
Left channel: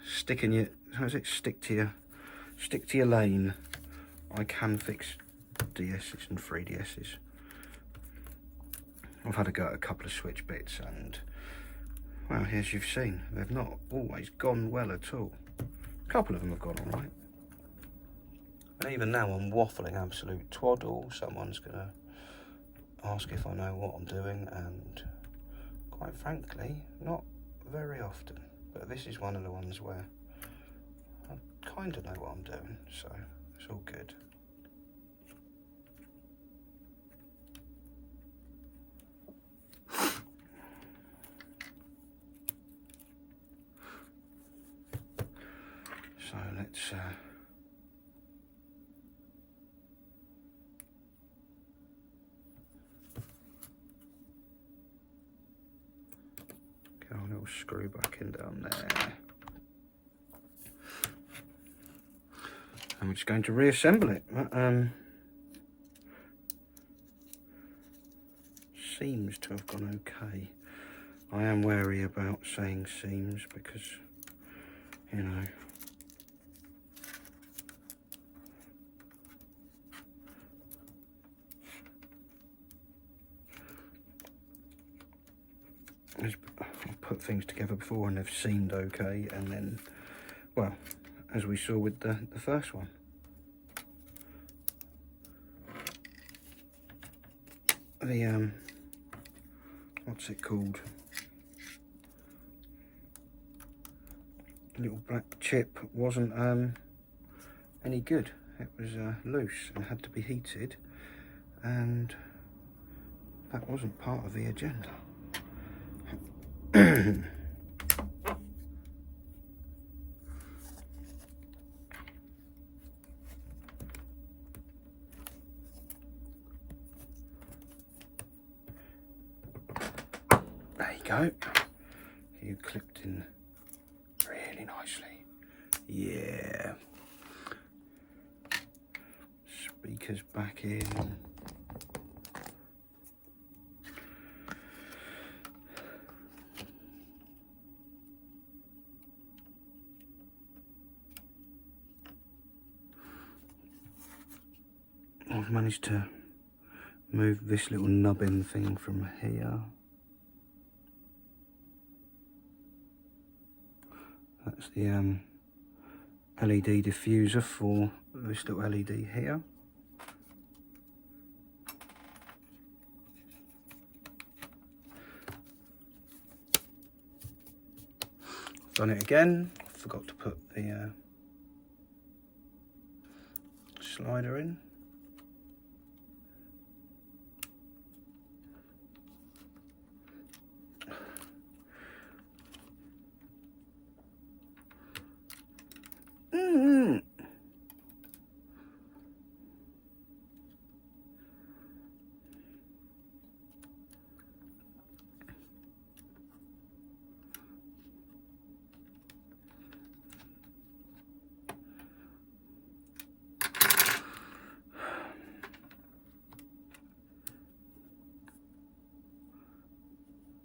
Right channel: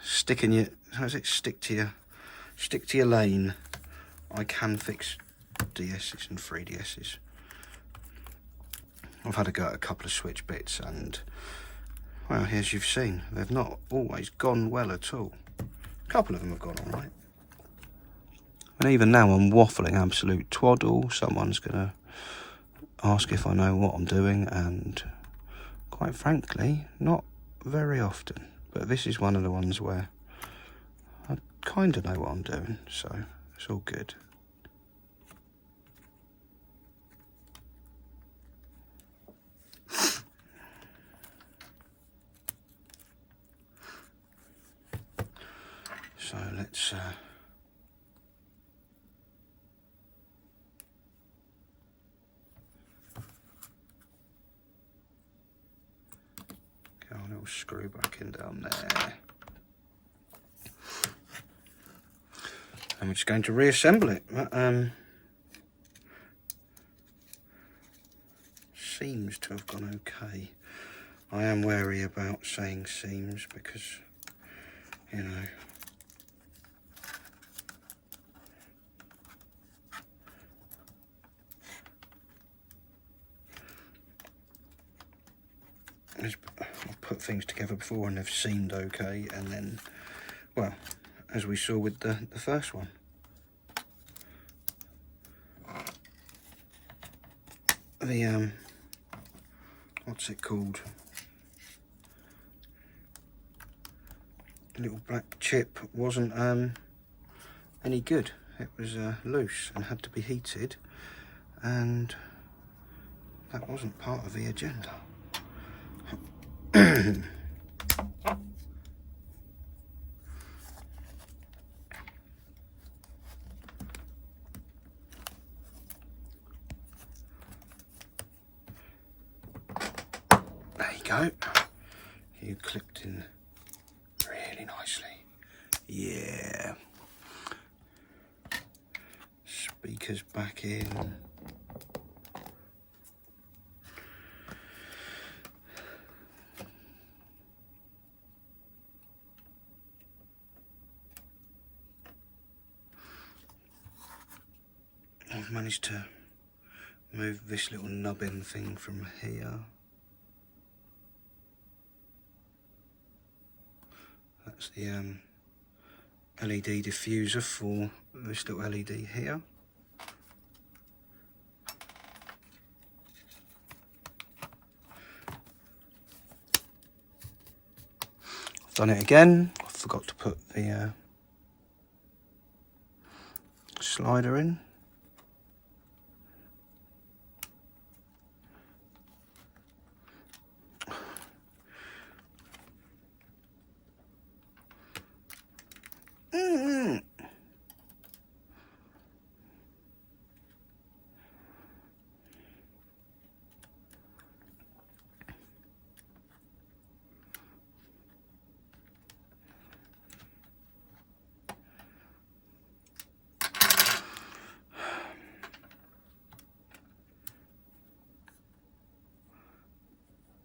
stick to your lane. I can fix DS's and 3DS's. I've had a go at a couple of switch bits and, well, as you've seen, they've not always gone well at all. A couple of them have gone all right. And even now I'm waffling absolute twaddle. Someone's going to ask if I know what I'm doing, and quite frankly, not very often. But this is one of the ones where I kind of know what I'm doing, so it's all good. So let's get our little screw back in down there. And we're just going to reassemble it. That seems to have gone okay. I am wary about saying seems because, you know, I've put things together before and they've seemed okay, and then, well, as we saw with the first one, the what's it called, little black chip wasn't any good. It was loose and had to be heated, and that wasn't part of the agenda. There you go. You clipped in really nicely. Yeah. Speakers back in. I've managed to move this little nubbin thing from here. That's the LED diffuser for this little LED here. I've done it again. I forgot to put the slider in.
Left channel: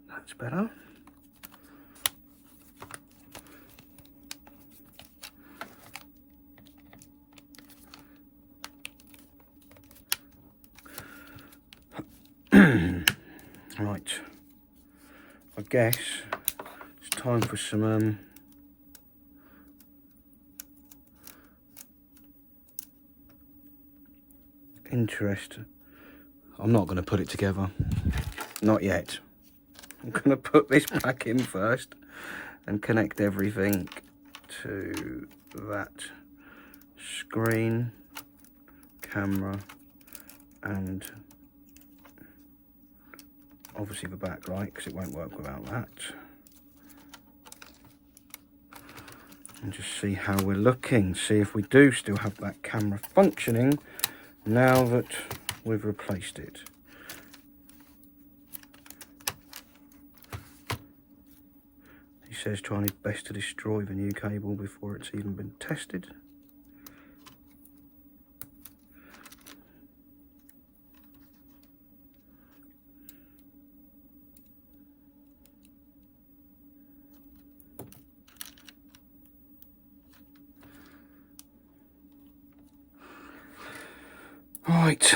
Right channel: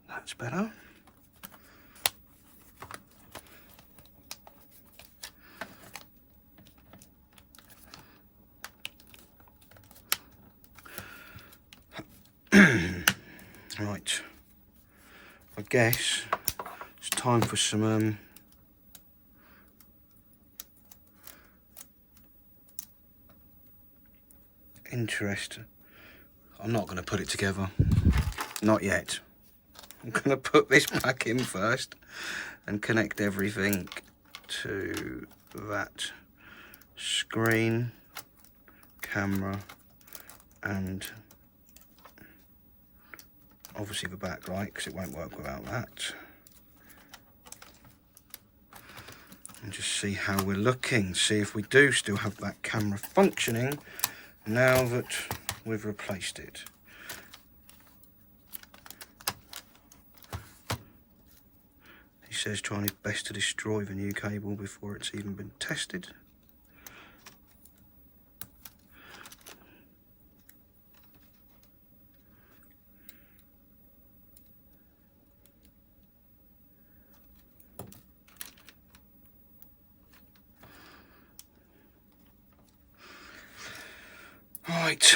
That's better. Right, I guess it's time for some interest. I'm not going to put it together, not yet. I'm going to put this back in first and connect everything to that screen, camera, and obviously the backlight, because it won't work without that. And just see how we're looking, see if we do still have that camera functioning now that we've replaced it. He says trying his best to destroy the new cable before it's even been tested. Right,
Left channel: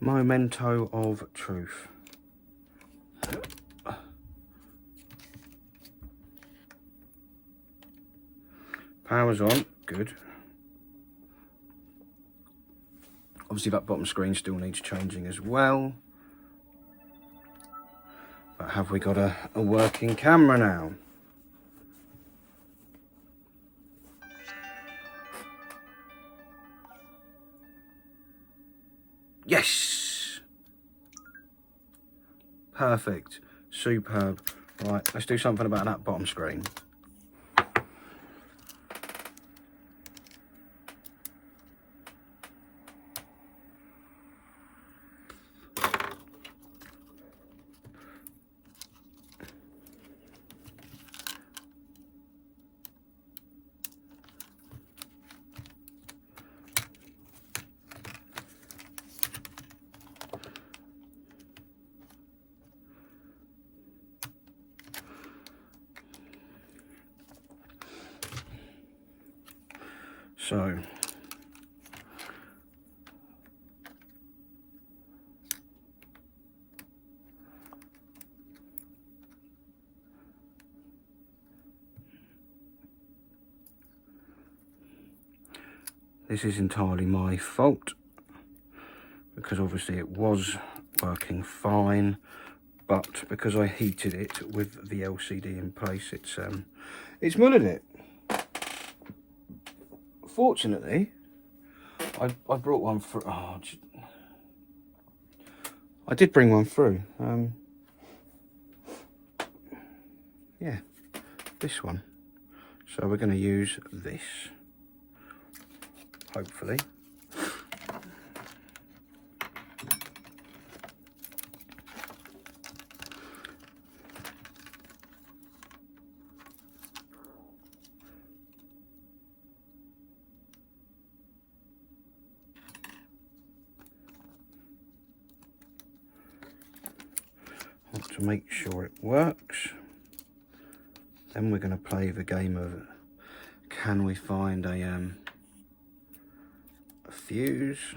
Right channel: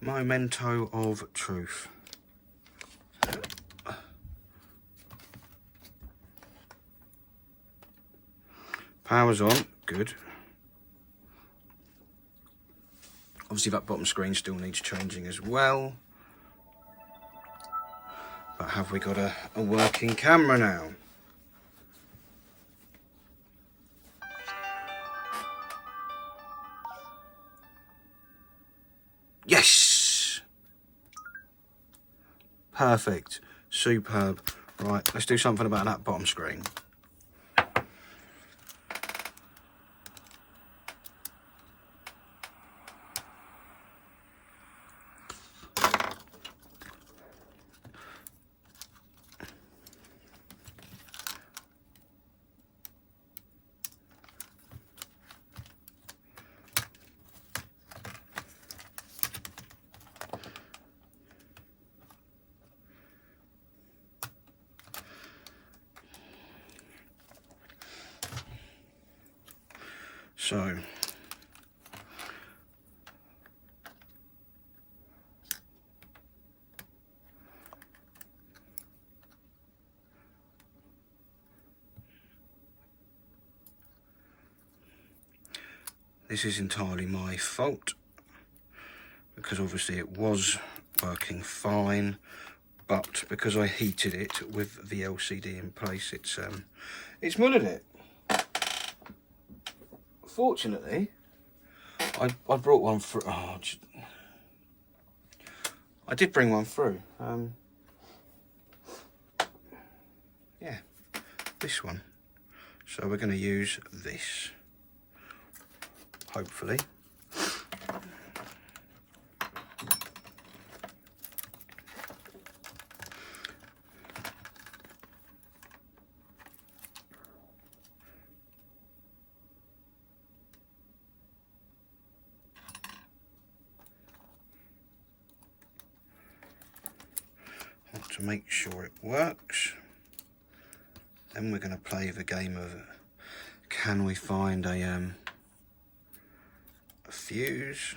memento of truth. Power's on, good. Obviously that bottom screen still needs changing as well. But have we got a working camera now? Yes! Perfect. Superb. Right, let's do something about that bottom screen. So, this is entirely my fault, because obviously it was working it's because I heated it with the LCD in place, it's it's winning it. Fortunately, I brought one through. Oh, I did bring one through. Yeah, this one. So we're going to use this, hopefully. To make sure it works. Then we're going to play the game of, can we find a fuse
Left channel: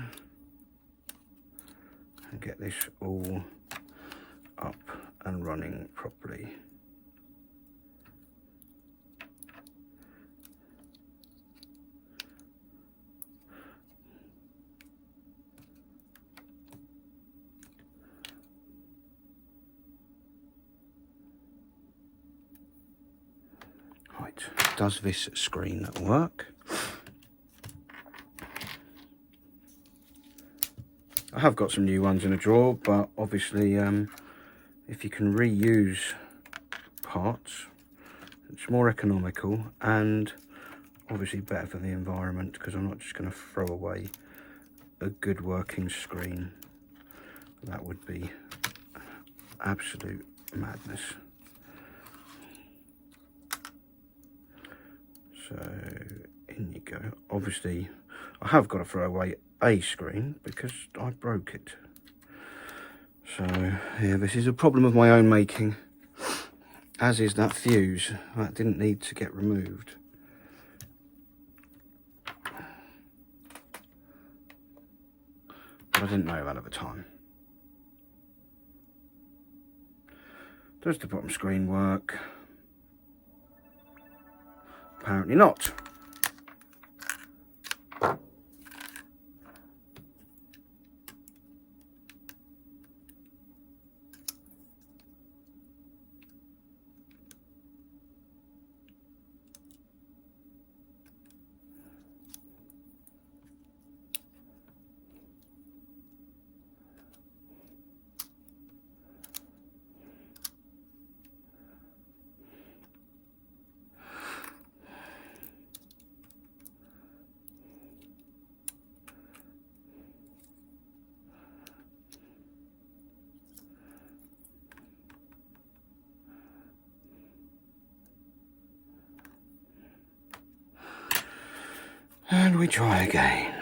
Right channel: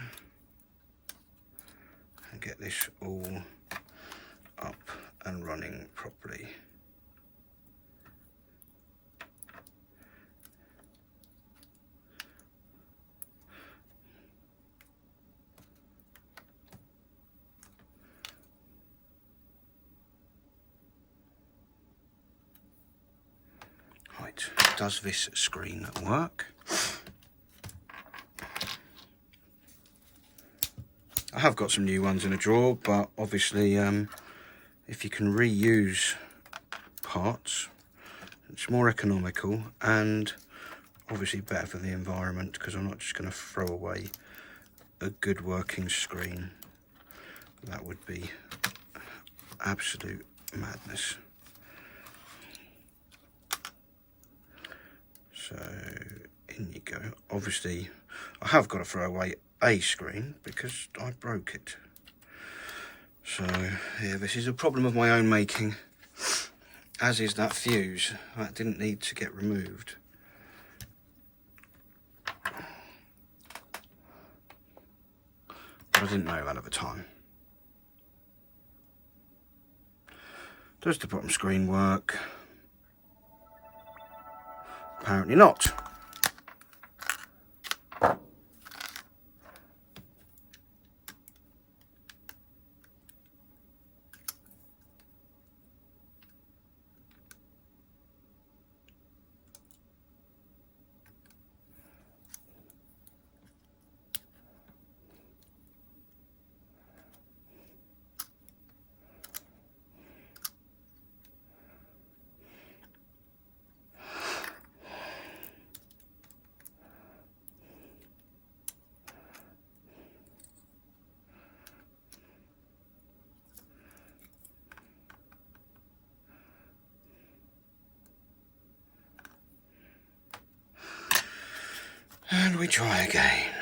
and get this all up and running properly. Right, does this screen work? I have got some new ones in a drawer, but obviously if you can reuse parts, it's more economical and obviously better for the environment, because I'm not just going to throw away a good working screen. That would be absolute madness. So in you go. Obviously I have got to throw away a screen because I broke it. So yeah, this is a problem of my own making, as is that fuse. That didn't need to get removed. But I didn't know that at the time. Does the bottom screen work? Apparently not. And we try again.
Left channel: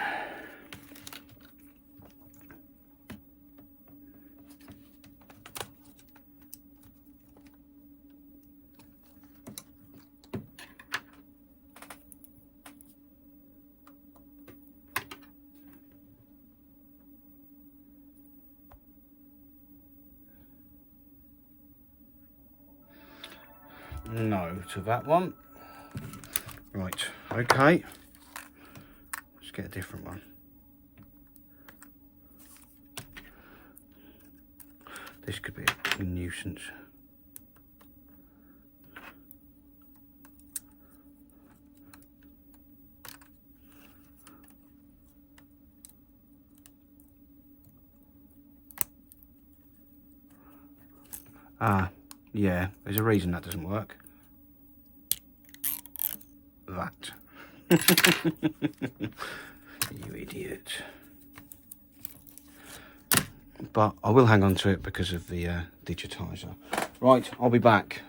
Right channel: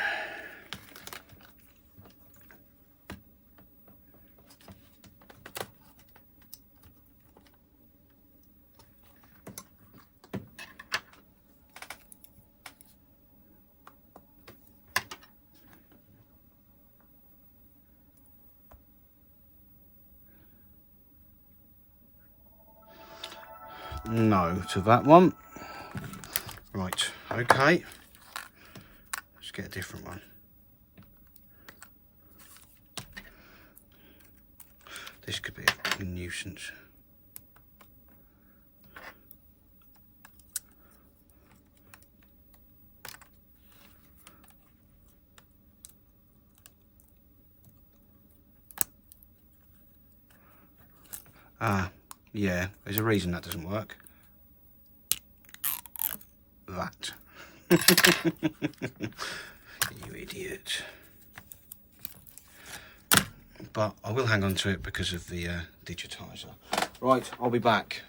No to that one. Right, okay. Let's get a different one. This could be a nuisance. Ah, yeah, there's a reason that doesn't work. That. You idiot. But I will hang on to it because of the digitizer. Right, I'll be back.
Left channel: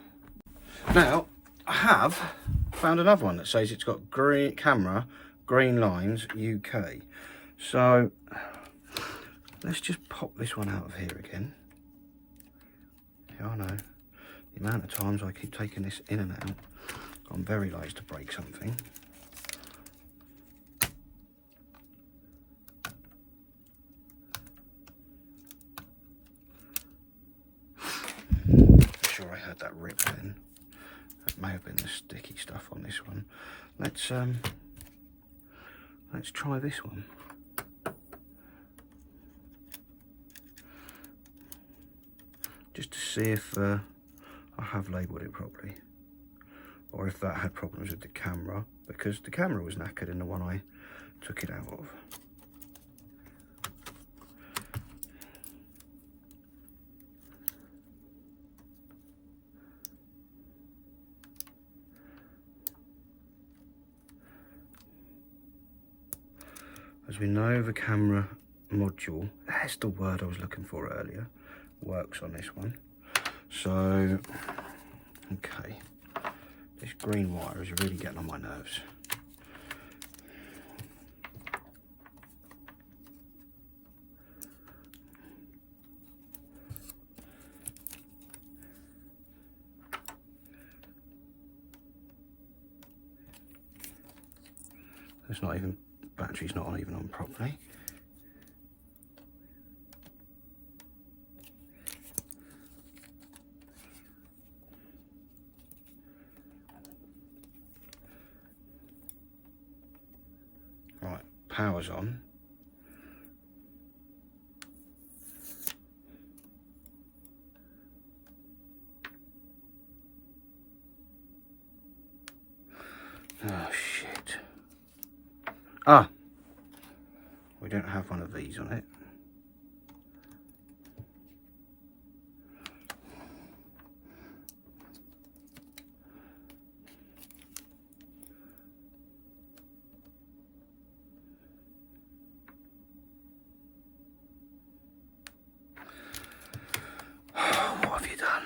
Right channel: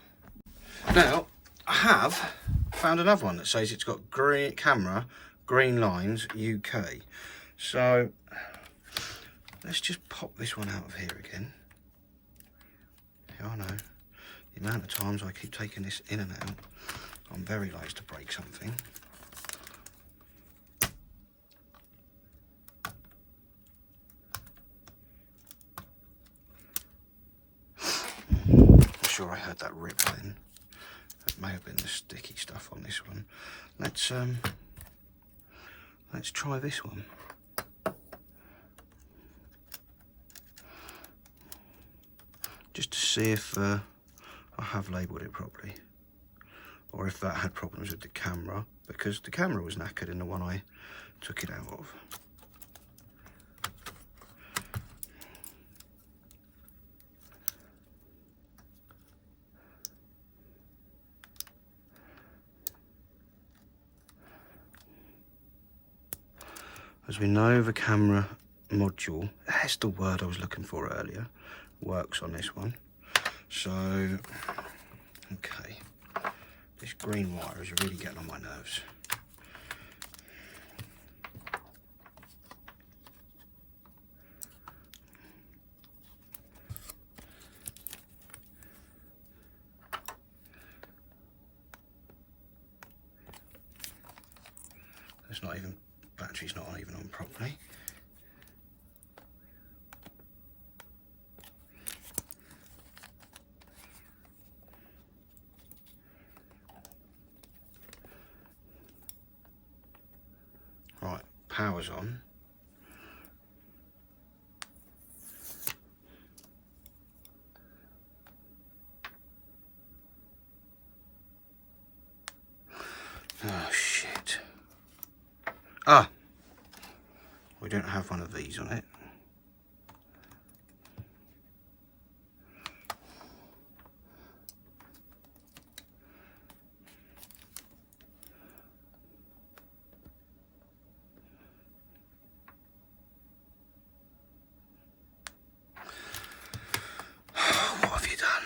Now, I have found another one that says it's got green camera, green lines, UK. So, let's just pop this one out of here again. Yeah, I know. The amount of times I keep taking this in and out, I'm very liable to break something. I'm sure I heard that rip then. That may have been the sticky stuff on this one. Let's try this one. Just to see if I have labelled it properly. or if that had problems with the camera, because the camera was knackered in the one I took it out of. As we know, the camera module, that's the word I was looking for earlier, works on this one. So, okay, this green wire is really getting on my nerves. It's not even, battery's not even on properly. Right, power's on. Oh shit. Ah, we don't have one of these on it. What have you done?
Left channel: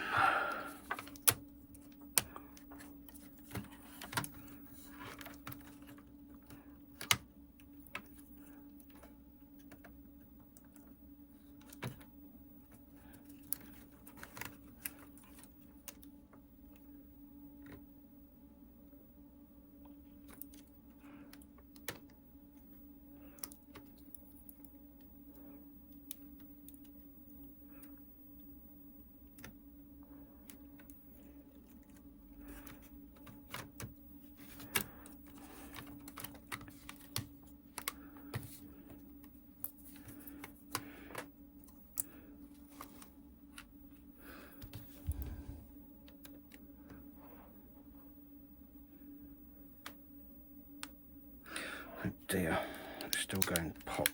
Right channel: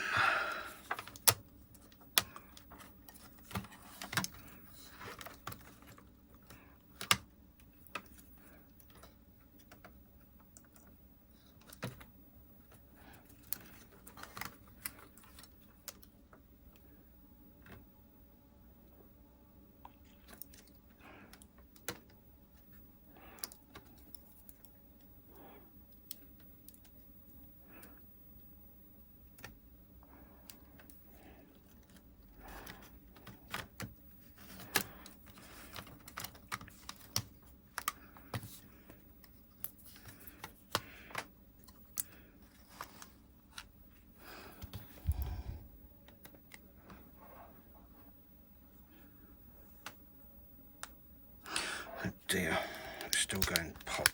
Oh dear, it's still going pop.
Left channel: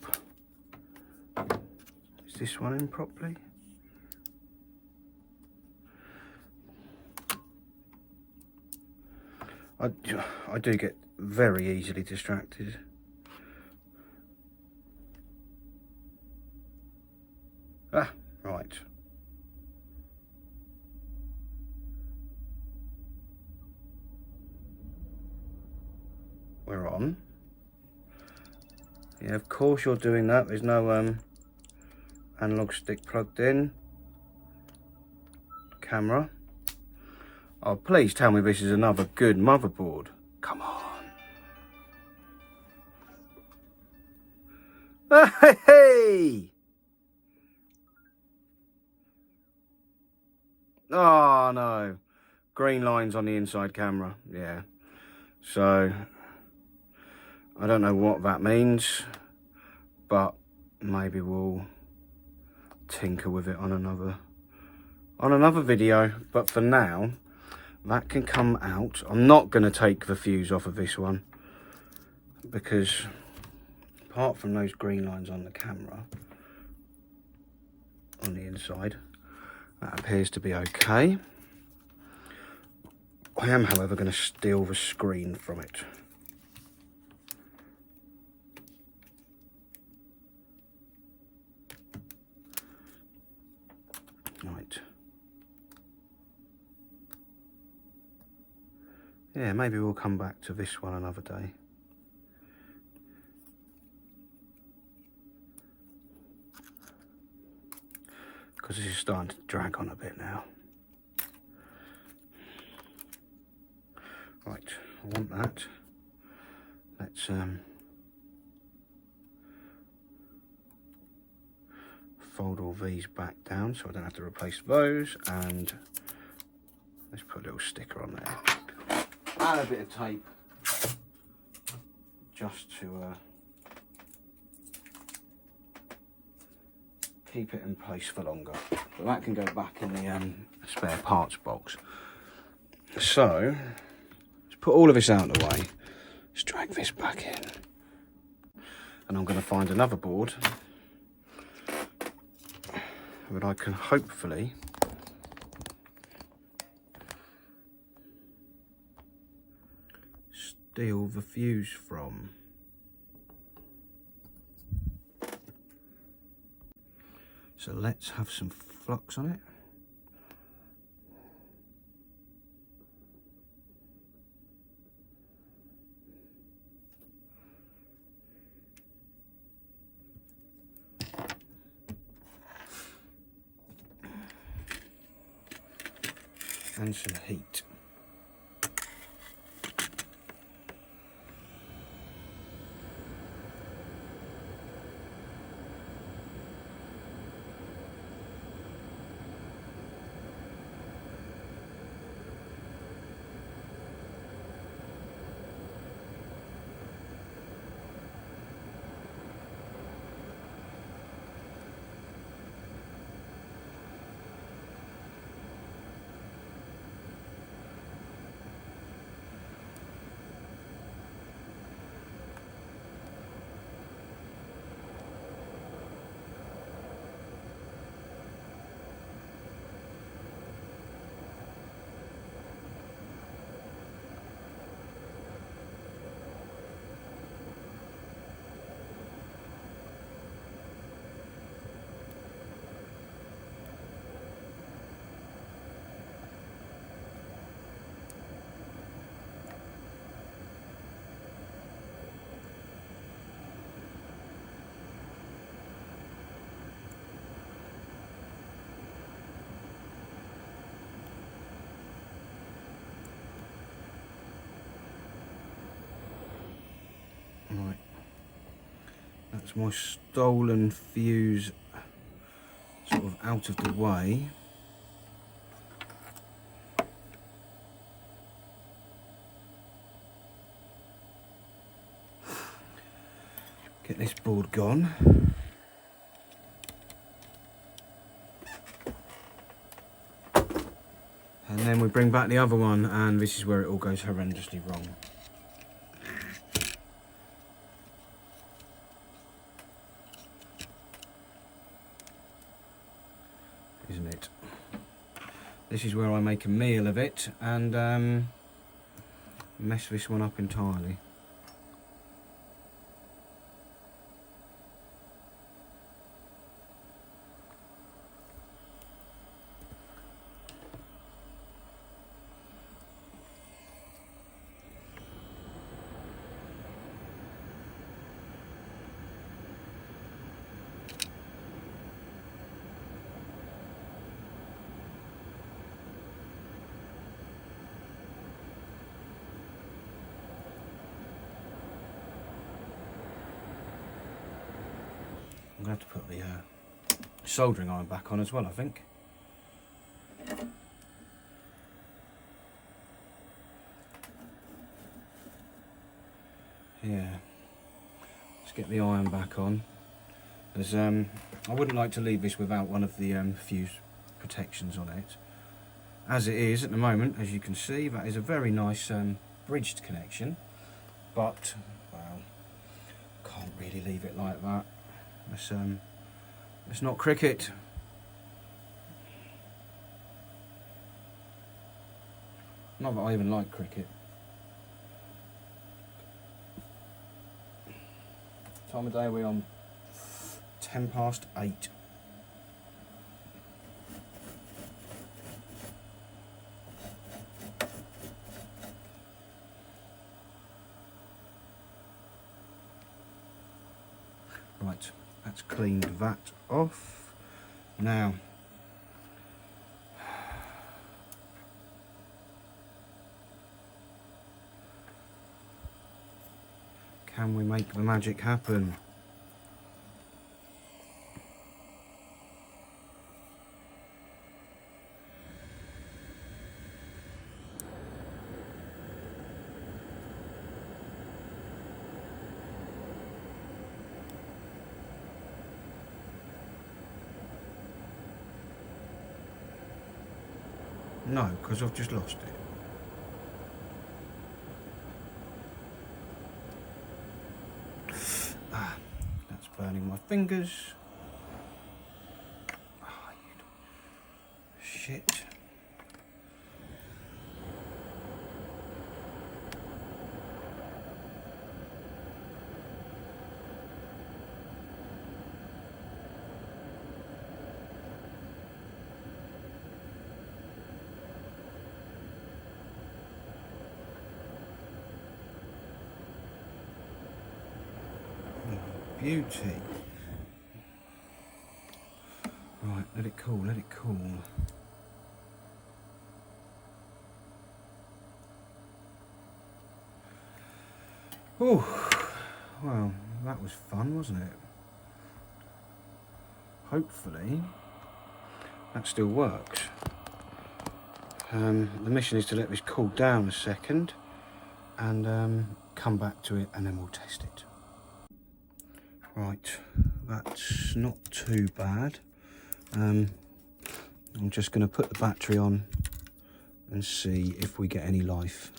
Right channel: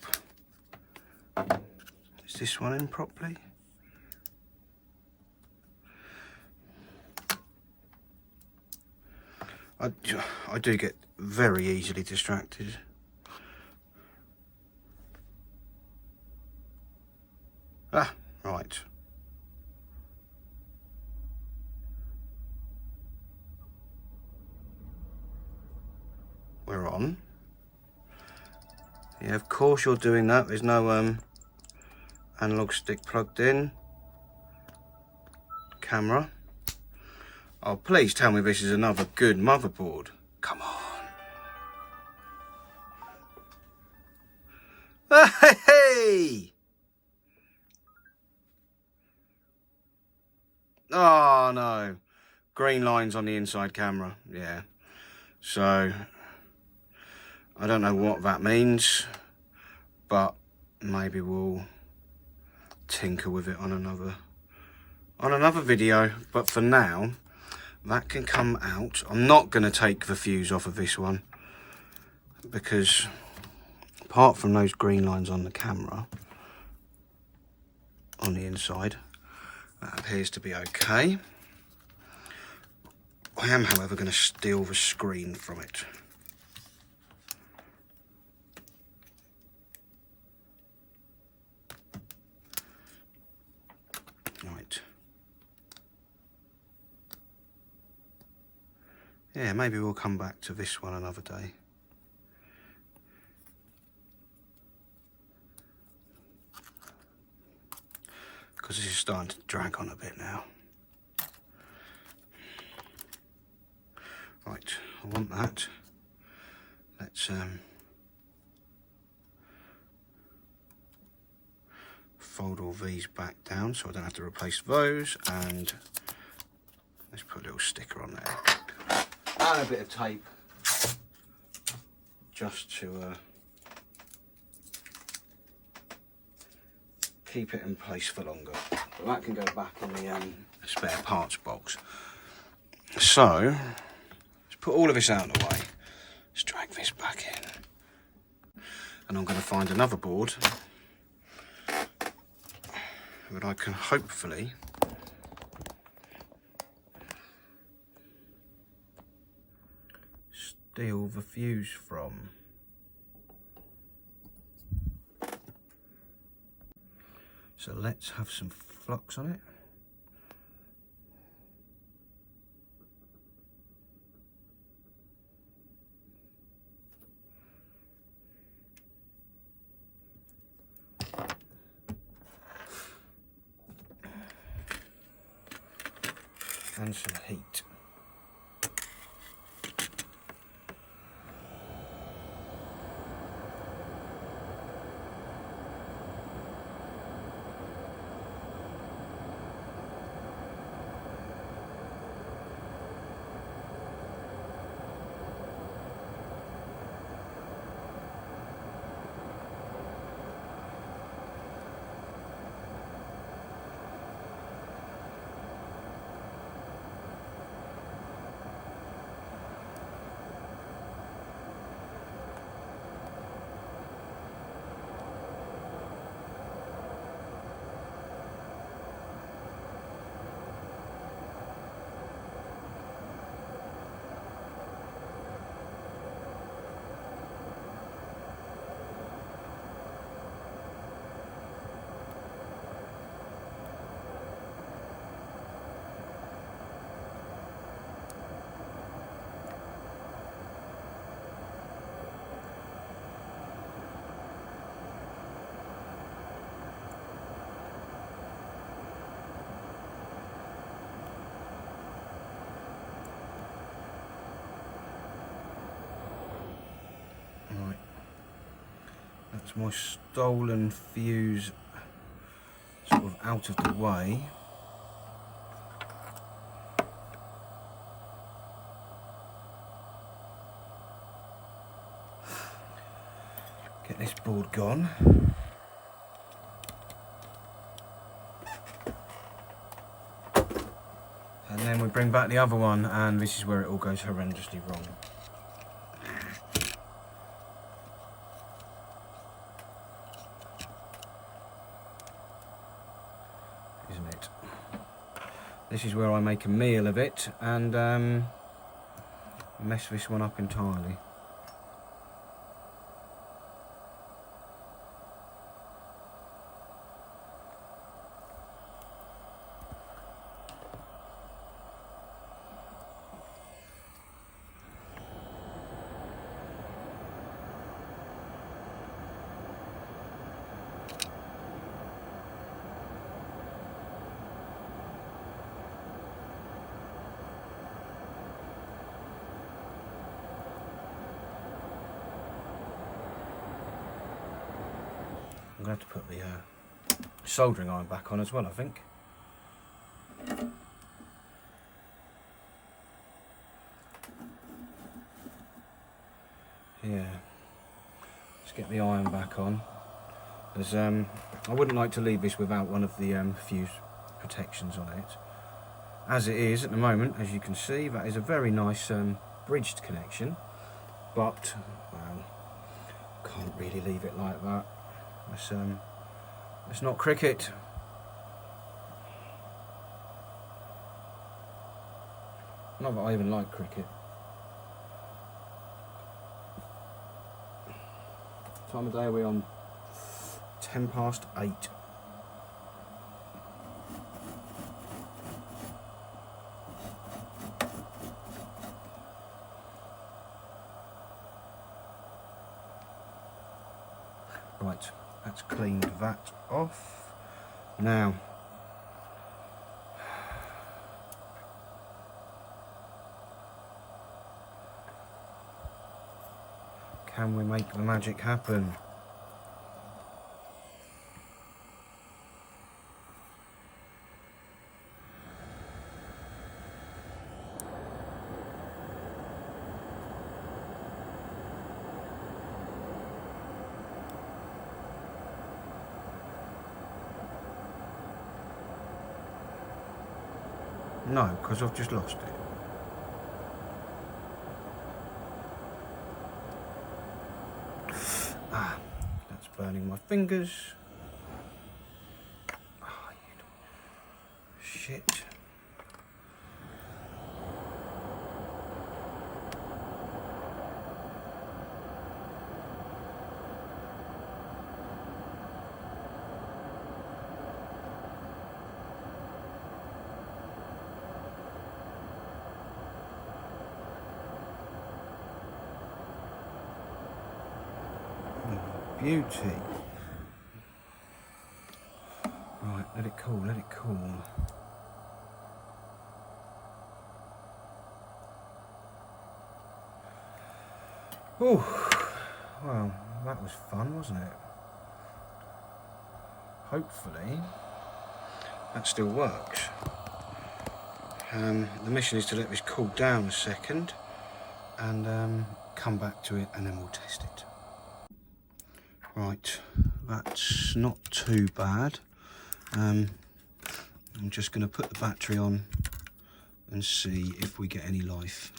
Is this one in properly? I do get very easily distracted. Ah, right. We're on. Yeah, of course you're doing that. There's no analog stick plugged in. Camera. Oh, please tell me this is another good motherboard. Come on. Hey! Oh no. Green lines on the inside camera. Yeah. So I don't know what that means, but maybe we'll tinker with it on another video. But for now, that can come out. I'm not going to take the fuse off of this one because apart from those green lines on the camera on the inside, that appears to be okay. I am, however, going to steal the screen from it. Right. Yeah, maybe we'll come back to this one another day. Because this is starting to drag on a bit now. Right, I want that. Let's fold all these back down so I don't have to replace those, and let's put a little sticker on there. And a bit of tape just to keep it in place for longer. But that can go back in the spare parts box. So put all of this out of the way. Let's drag this back in. And I'm going to find another board that I can hopefully steal the fuse from. So let's have some flux on it. And some heat. Right, that's my stolen fuse sort of out of the way. Get this board gone. And then we bring back the other one, and this is where it all goes horrendously wrong. Isn't it? This is where I make a meal of it and mess this one up entirely. I'm going to have to put the soldering iron back on as well, I think. Yeah, let's get the iron back on. As I wouldn't like to leave this without one of the fuse protections on it. As it is at the moment, as you can see, that is a very nice bridged connection, but well, can't really leave it like that. It's not cricket. Not that I even like cricket. Time of day we're on 8:10. Right, that's cleaned that off. Now, can we make the magic happen? No, because I've just lost it. burning my fingers. Oh, shit. Beauty. Right, let it cool, let it cool. Oh, well, that was fun, wasn't it? Hopefully, that still works. The mission is to let this cool down a second and come back to it, and then we'll test it. Right, that's not too bad. I'm just going to put the battery on and see if we get any life.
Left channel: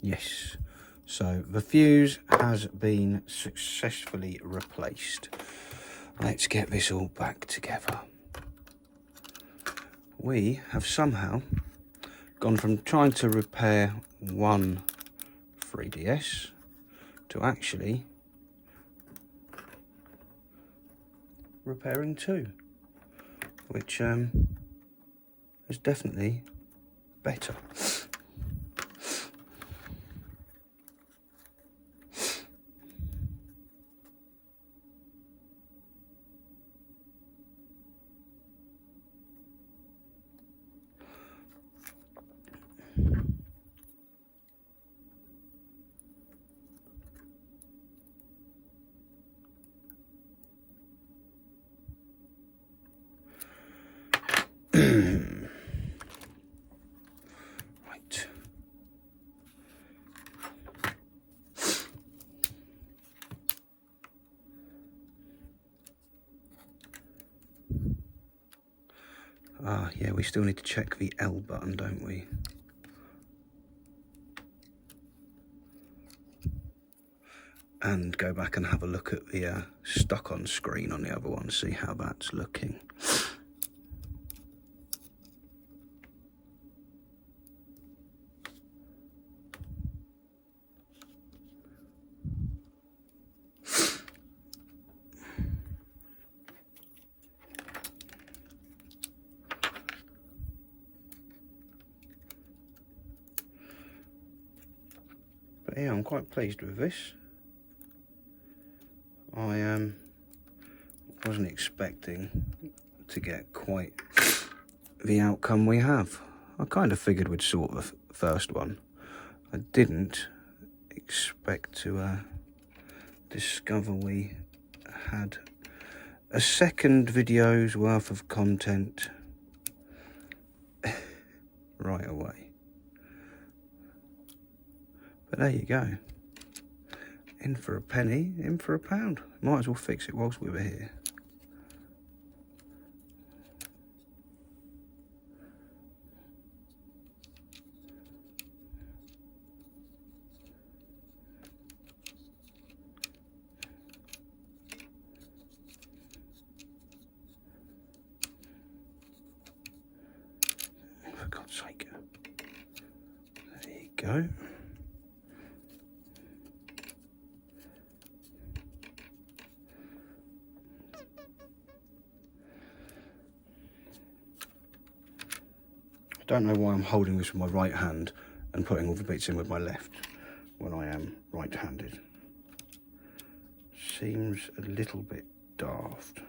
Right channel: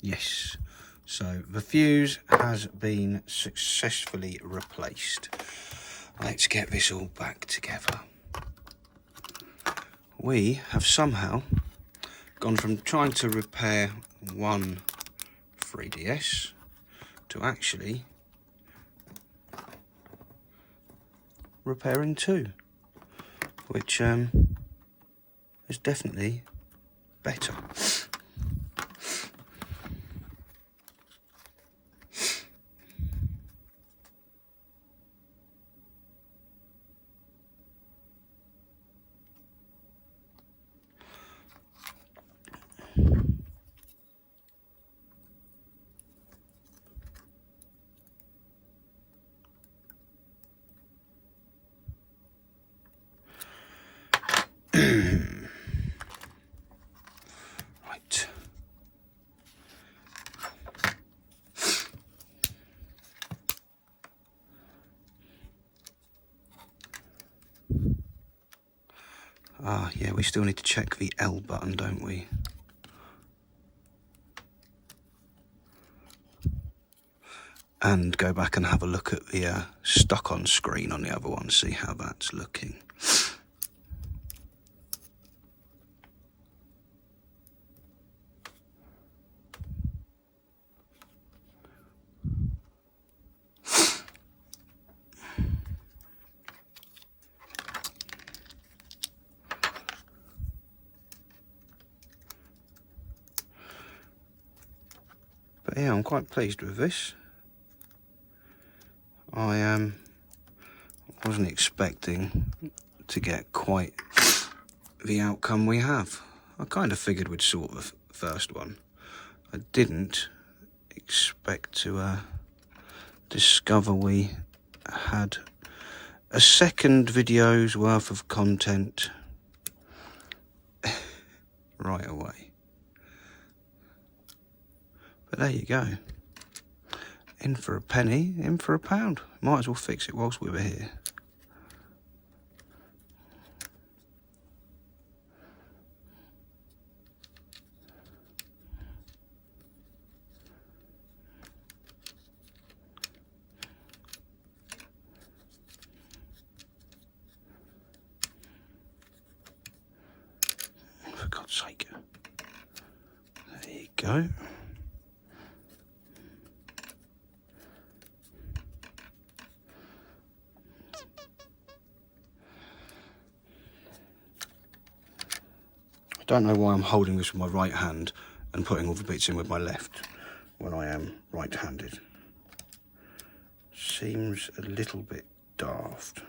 Yes, so the fuse has been successfully replaced. Let's get this all back together. We have somehow gone from trying to repair one 3DS to actually repairing two, which is definitely better. Right. Ah, yeah, we still need to check the L button, don't we? And go back and have a look at the stuck on screen on the other one, see how that's looking. But yeah, I'm quite pleased with this. I wasn't expecting to get quite the outcome we have. I kind of figured we'd sort the first one. I didn't expect to discover we had a second video's worth of content right away. But there you go. In for a penny, in for a pound. Might as well fix it whilst we were here. For God's sake. There you go. I don't know why I'm holding this with my right hand and putting all the bits in with my left when I am right-handed. Seems a little bit daft.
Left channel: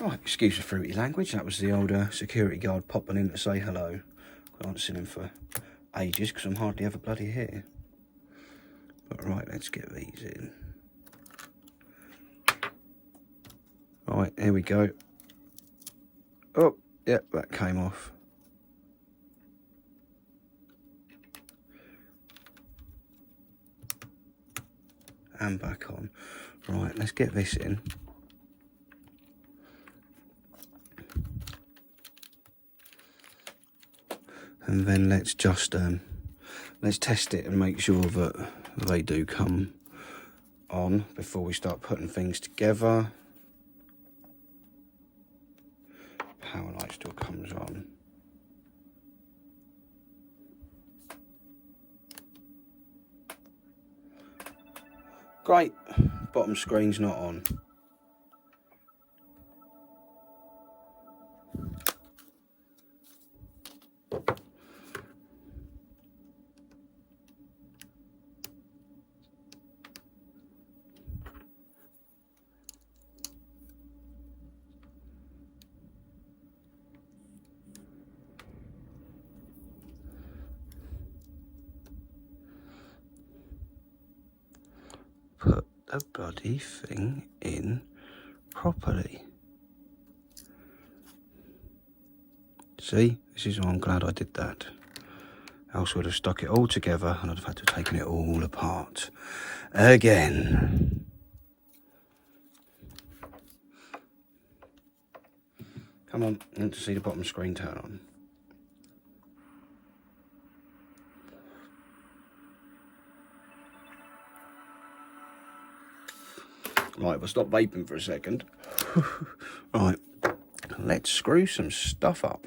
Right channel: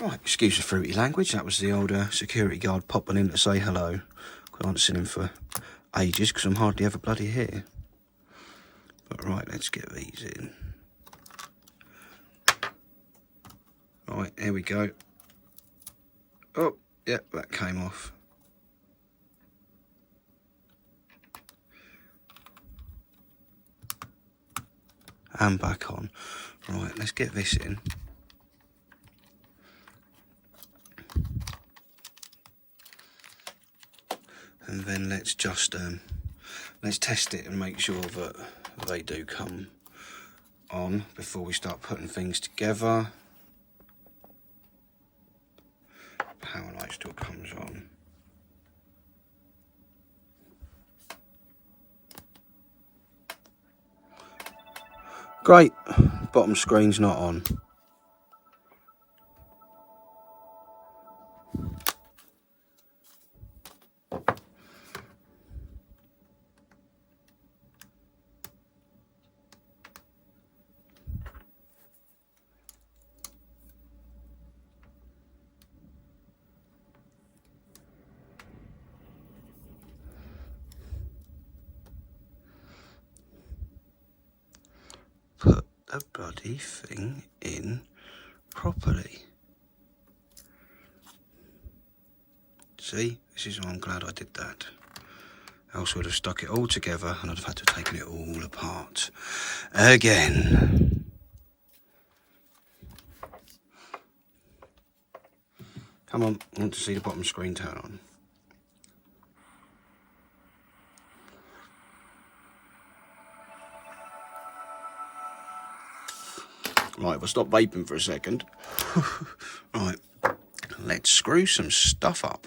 Right, excuse the fruity language. That was the old security guard popping in to say hello. I haven't seen him for ages because I'm hardly ever bloody here. But right, let's get these in. Right, here we go. Oh, yep, that came off. And back on. Right, let's get this in. And then let's just let's test it and make sure that they do come on before we start putting things together. Power light still comes on. Great, bottom screen's not on. Put the bloody thing in properly. See, this is why I'm glad I did that. Else would have stuck it all together and I'd have had to have taken it all apart again. Come on, I want to see the bottom screen turn on. Right, we'll stop vaping for a second. Right, let's screw some stuff up.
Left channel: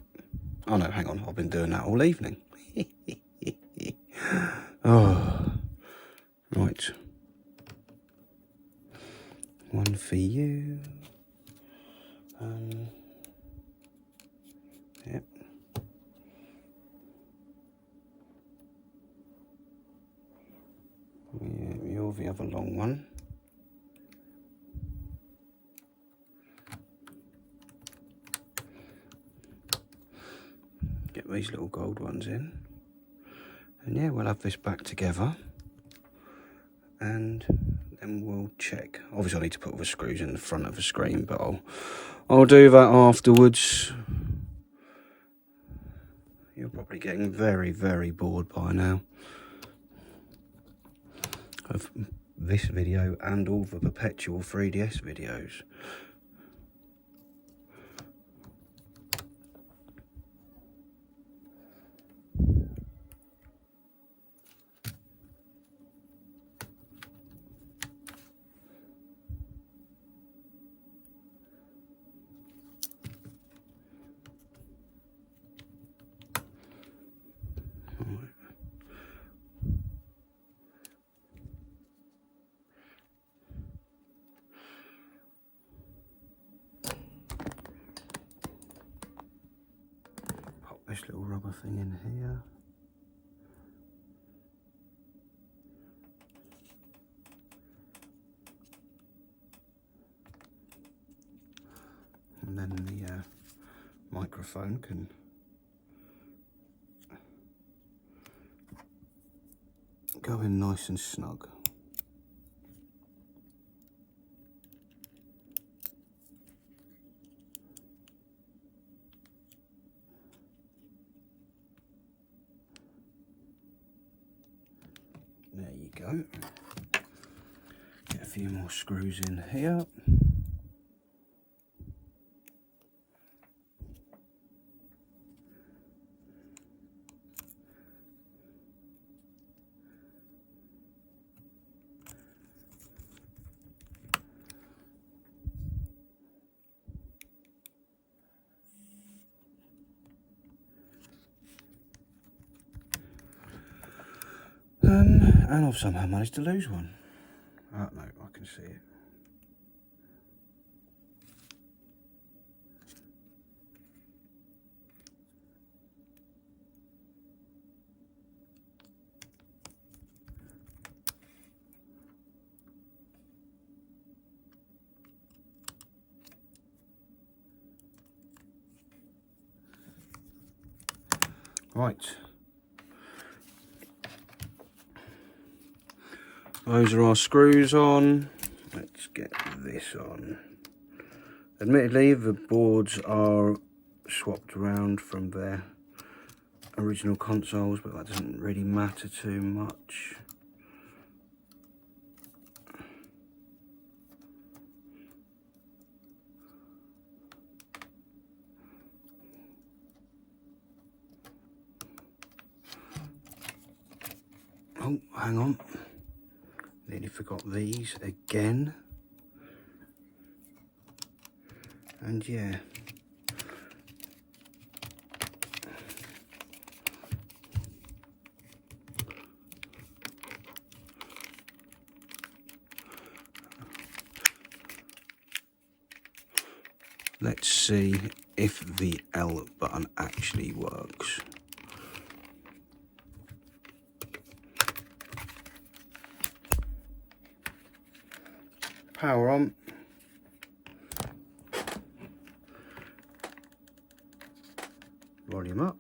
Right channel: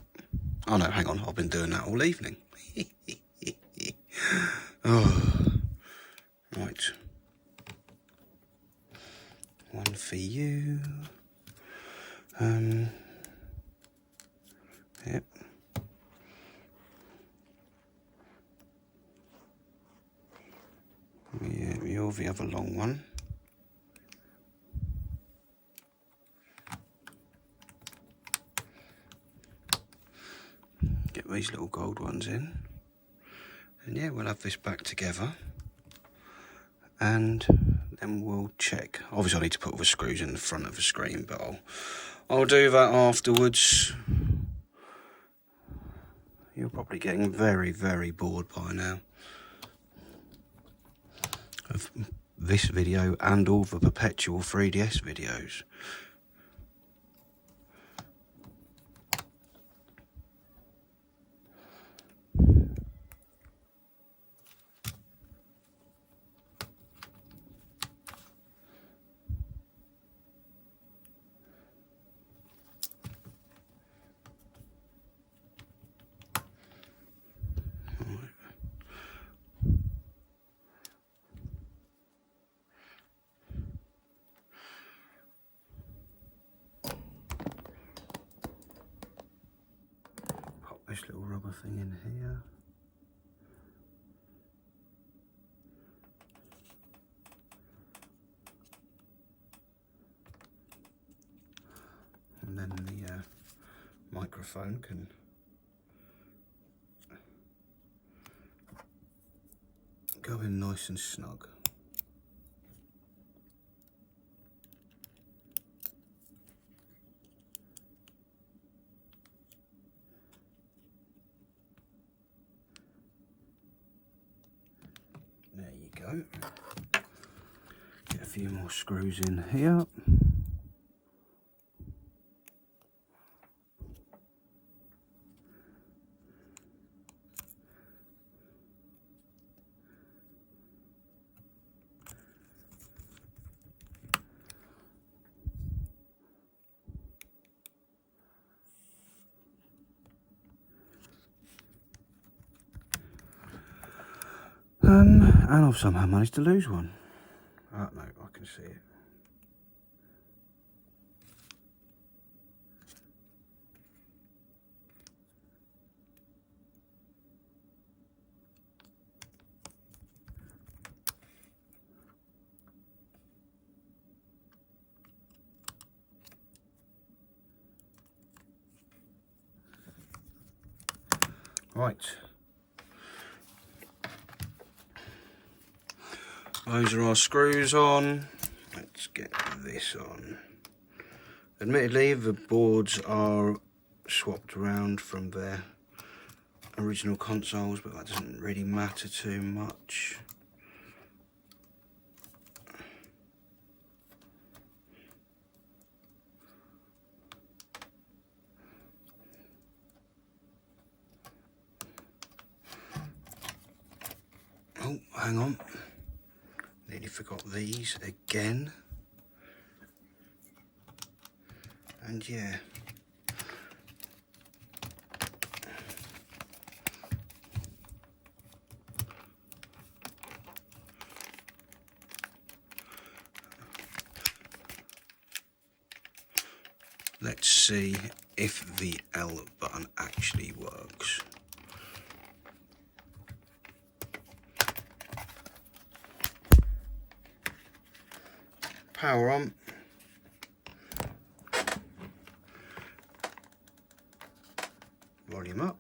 Oh no, hang on, I've been doing that all evening. Oh, right. One for you. Yep. Yeah, you're the other long one. Get these little gold ones in. And yeah, we'll have this back together. And then we'll check. Obviously I need to put all the screws in the front of the screen, but I'll do that afterwards. You're probably getting very, very bored by now of this video and all the perpetual 3DS videos. Pop this little rubber thing in here. And then the microphone can go in nice and snug. There you go. Get a few more screws in here. And I've somehow managed to lose one. Oh no, I can see it. Right. Those are our screws on. Let's get this on. Admittedly, the boards are swapped around from their original consoles, but that doesn't really matter too much. Oh, hang on. Nearly forgot these again. And yeah. Let's see if the L button actually works. Power on. Volume up.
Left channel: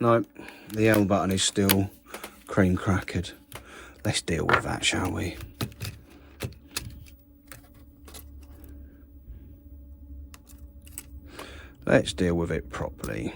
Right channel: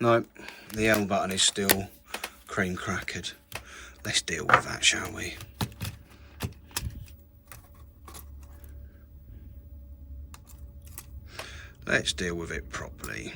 No, the L button is still cream crackered. Let's deal with that, shall we? Let's deal with it properly.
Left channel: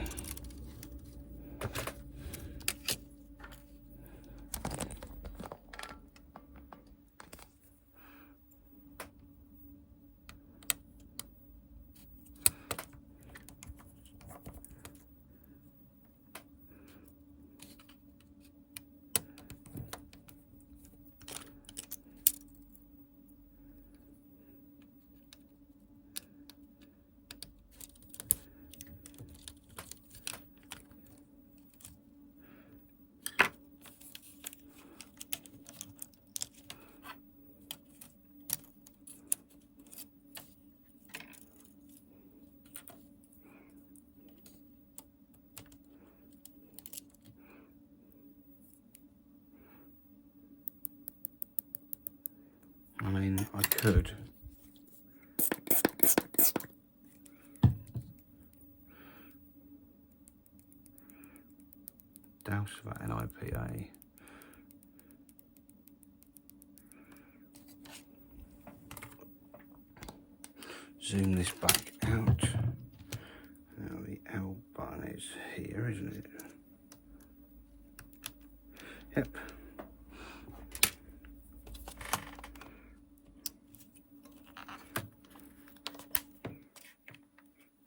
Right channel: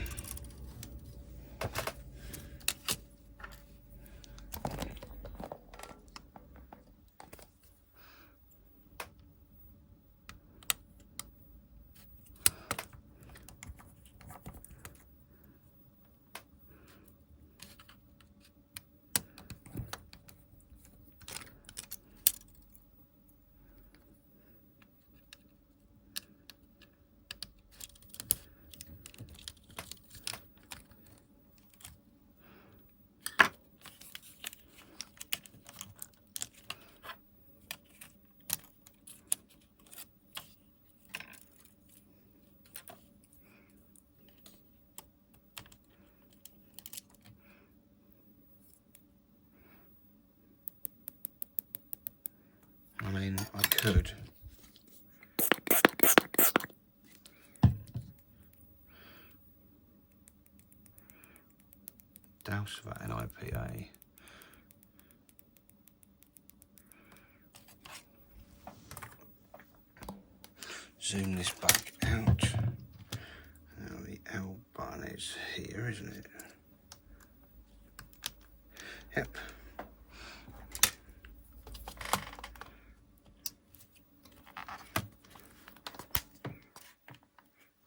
I mean, I could. Douse that in IPA. Zoom this back out. Now the L button is here, isn't it? Yep.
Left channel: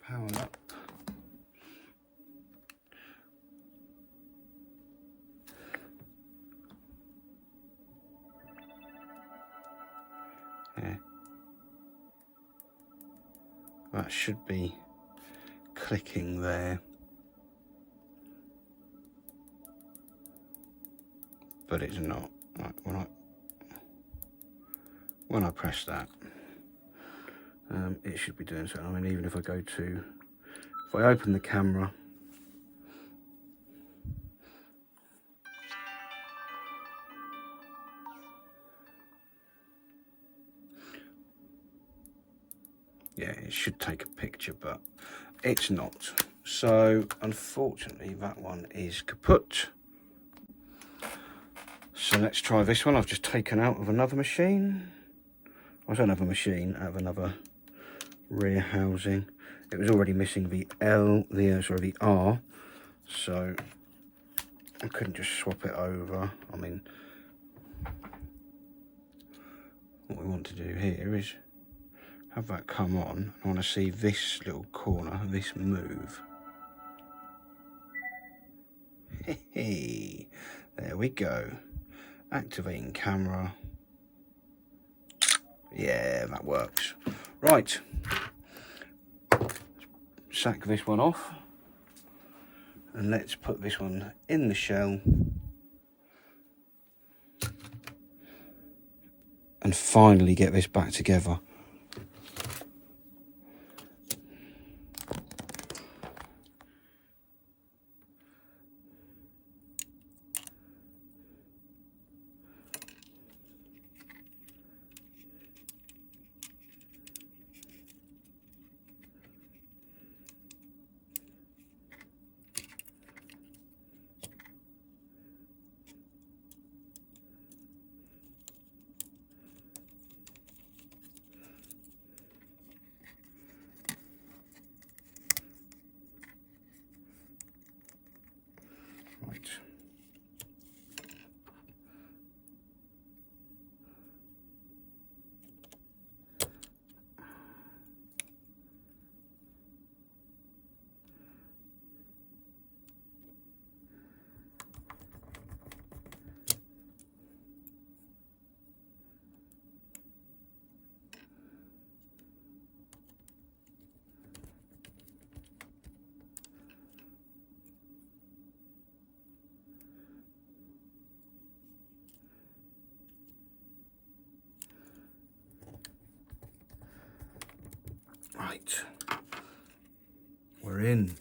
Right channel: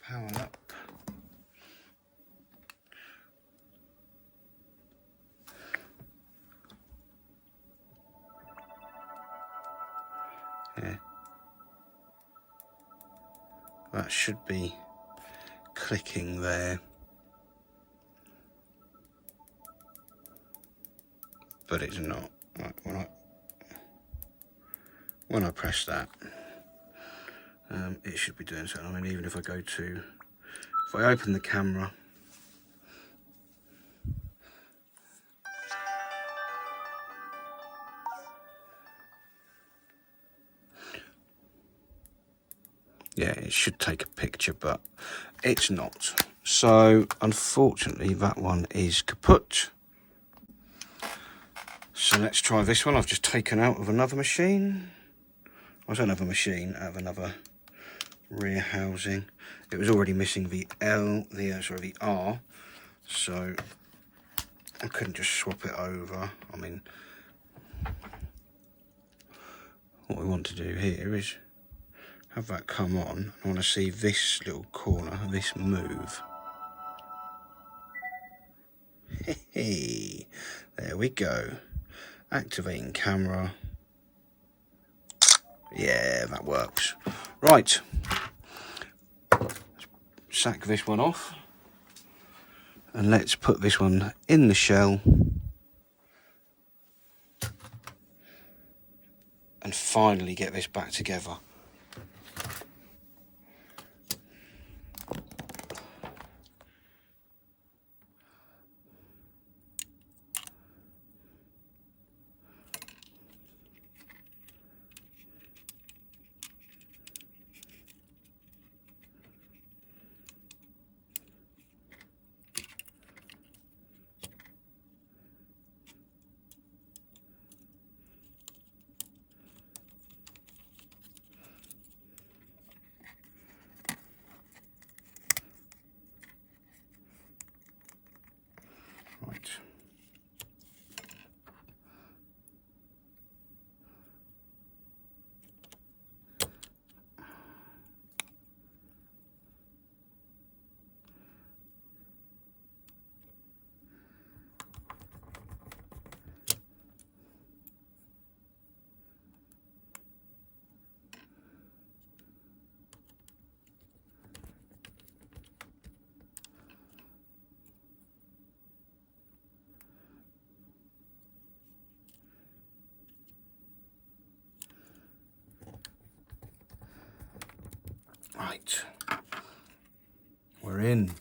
Power up. Yeah. That should be clicking there. But it's not. Right, when I press that, it should be doing so. I mean, even if I open the camera, yeah, it should take a picture, but it's not. So, unfortunately, that one is kaput. So let's try this one. I've just taken out of another machine. I don't have a machine, I have another rear housing. It was already missing the the R, so I couldn't just swap it over. I mean, what we want to do here is have that come on. I want to see this little corner, this move. Hey, there we go. Activating camera. Yeah, that works. Right. Sack this one off. And let's put this one in the shell. And finally get this back together. Right, we're in.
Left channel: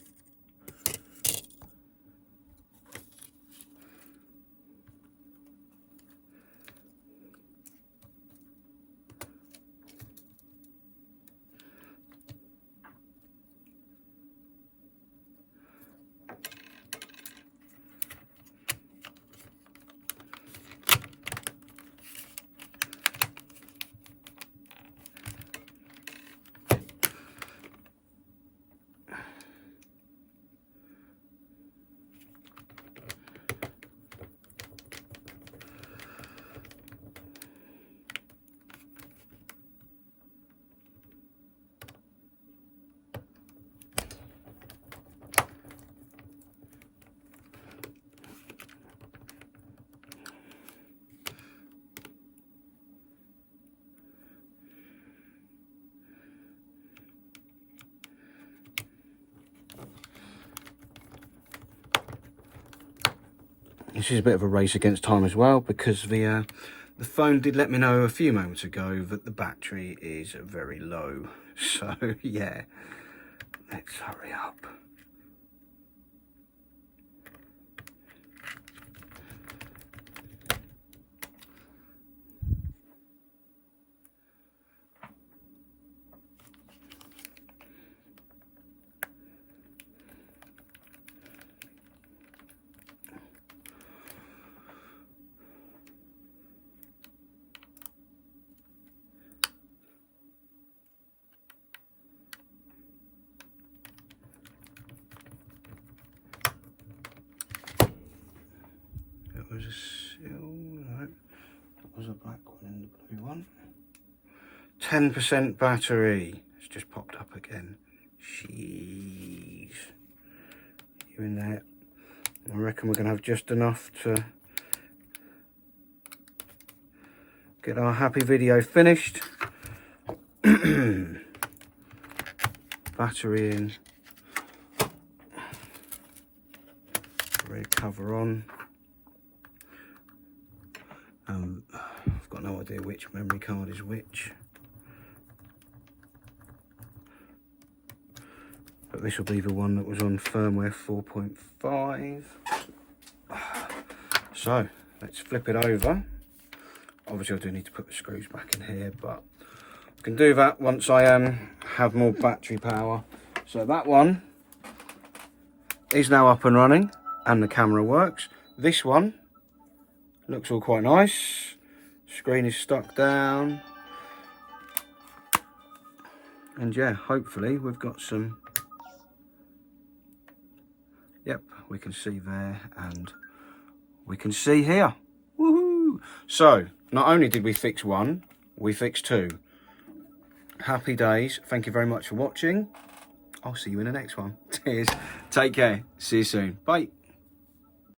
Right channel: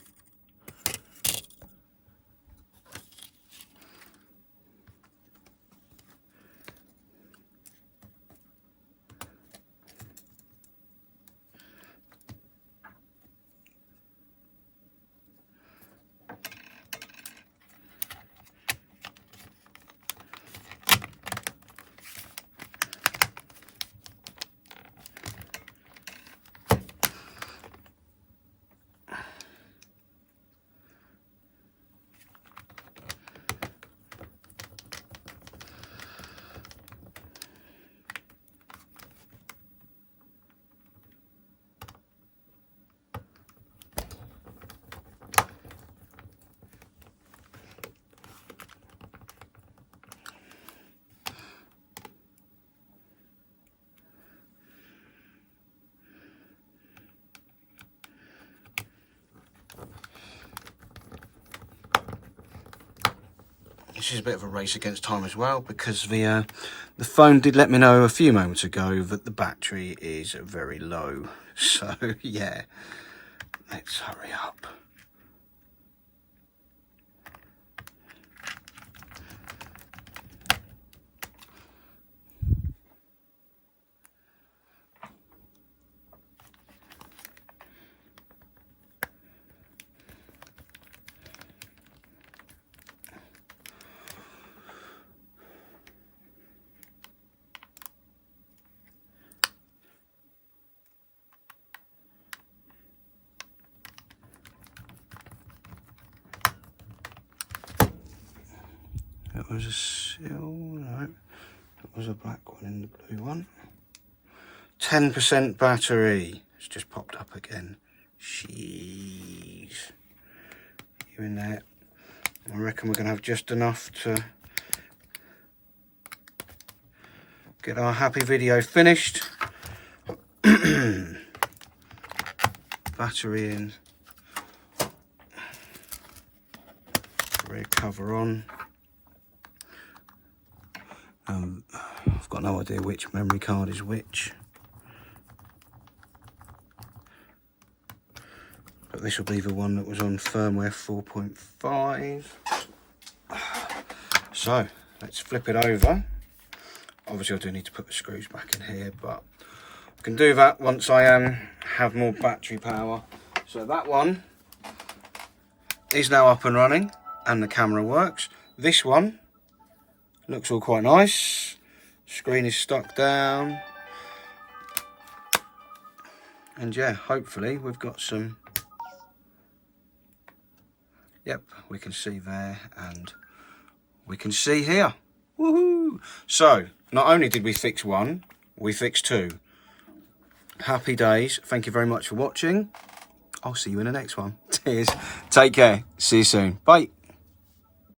This is a bit of a race against time as well, because the phone did let me know a few moments ago that the battery is very low. So yeah, let's hurry up. That was a seal, no, that was a black one in the blue one. 10% battery, it's just popped up again. Jeez. You in there? I reckon we're going to have just enough to get our happy video finished. Battery in. Rear cover on. I've got no idea which memory card is which. But this will be the one that was on firmware 4.5. So, let's flip it over. Obviously I do need to put the screws back in here, but I can do that once I have more battery power. So that one is now up and running and the camera works. This one looks all quite nice. Screen is stuck down. And yeah, hopefully we've got some... Yep, we can see there and we can see here. Woohoo! So, not only did we fix one, we fixed two. Happy days. Thank you very much for watching. I'll see you in the next one. Cheers. Take care. See you soon. Bye.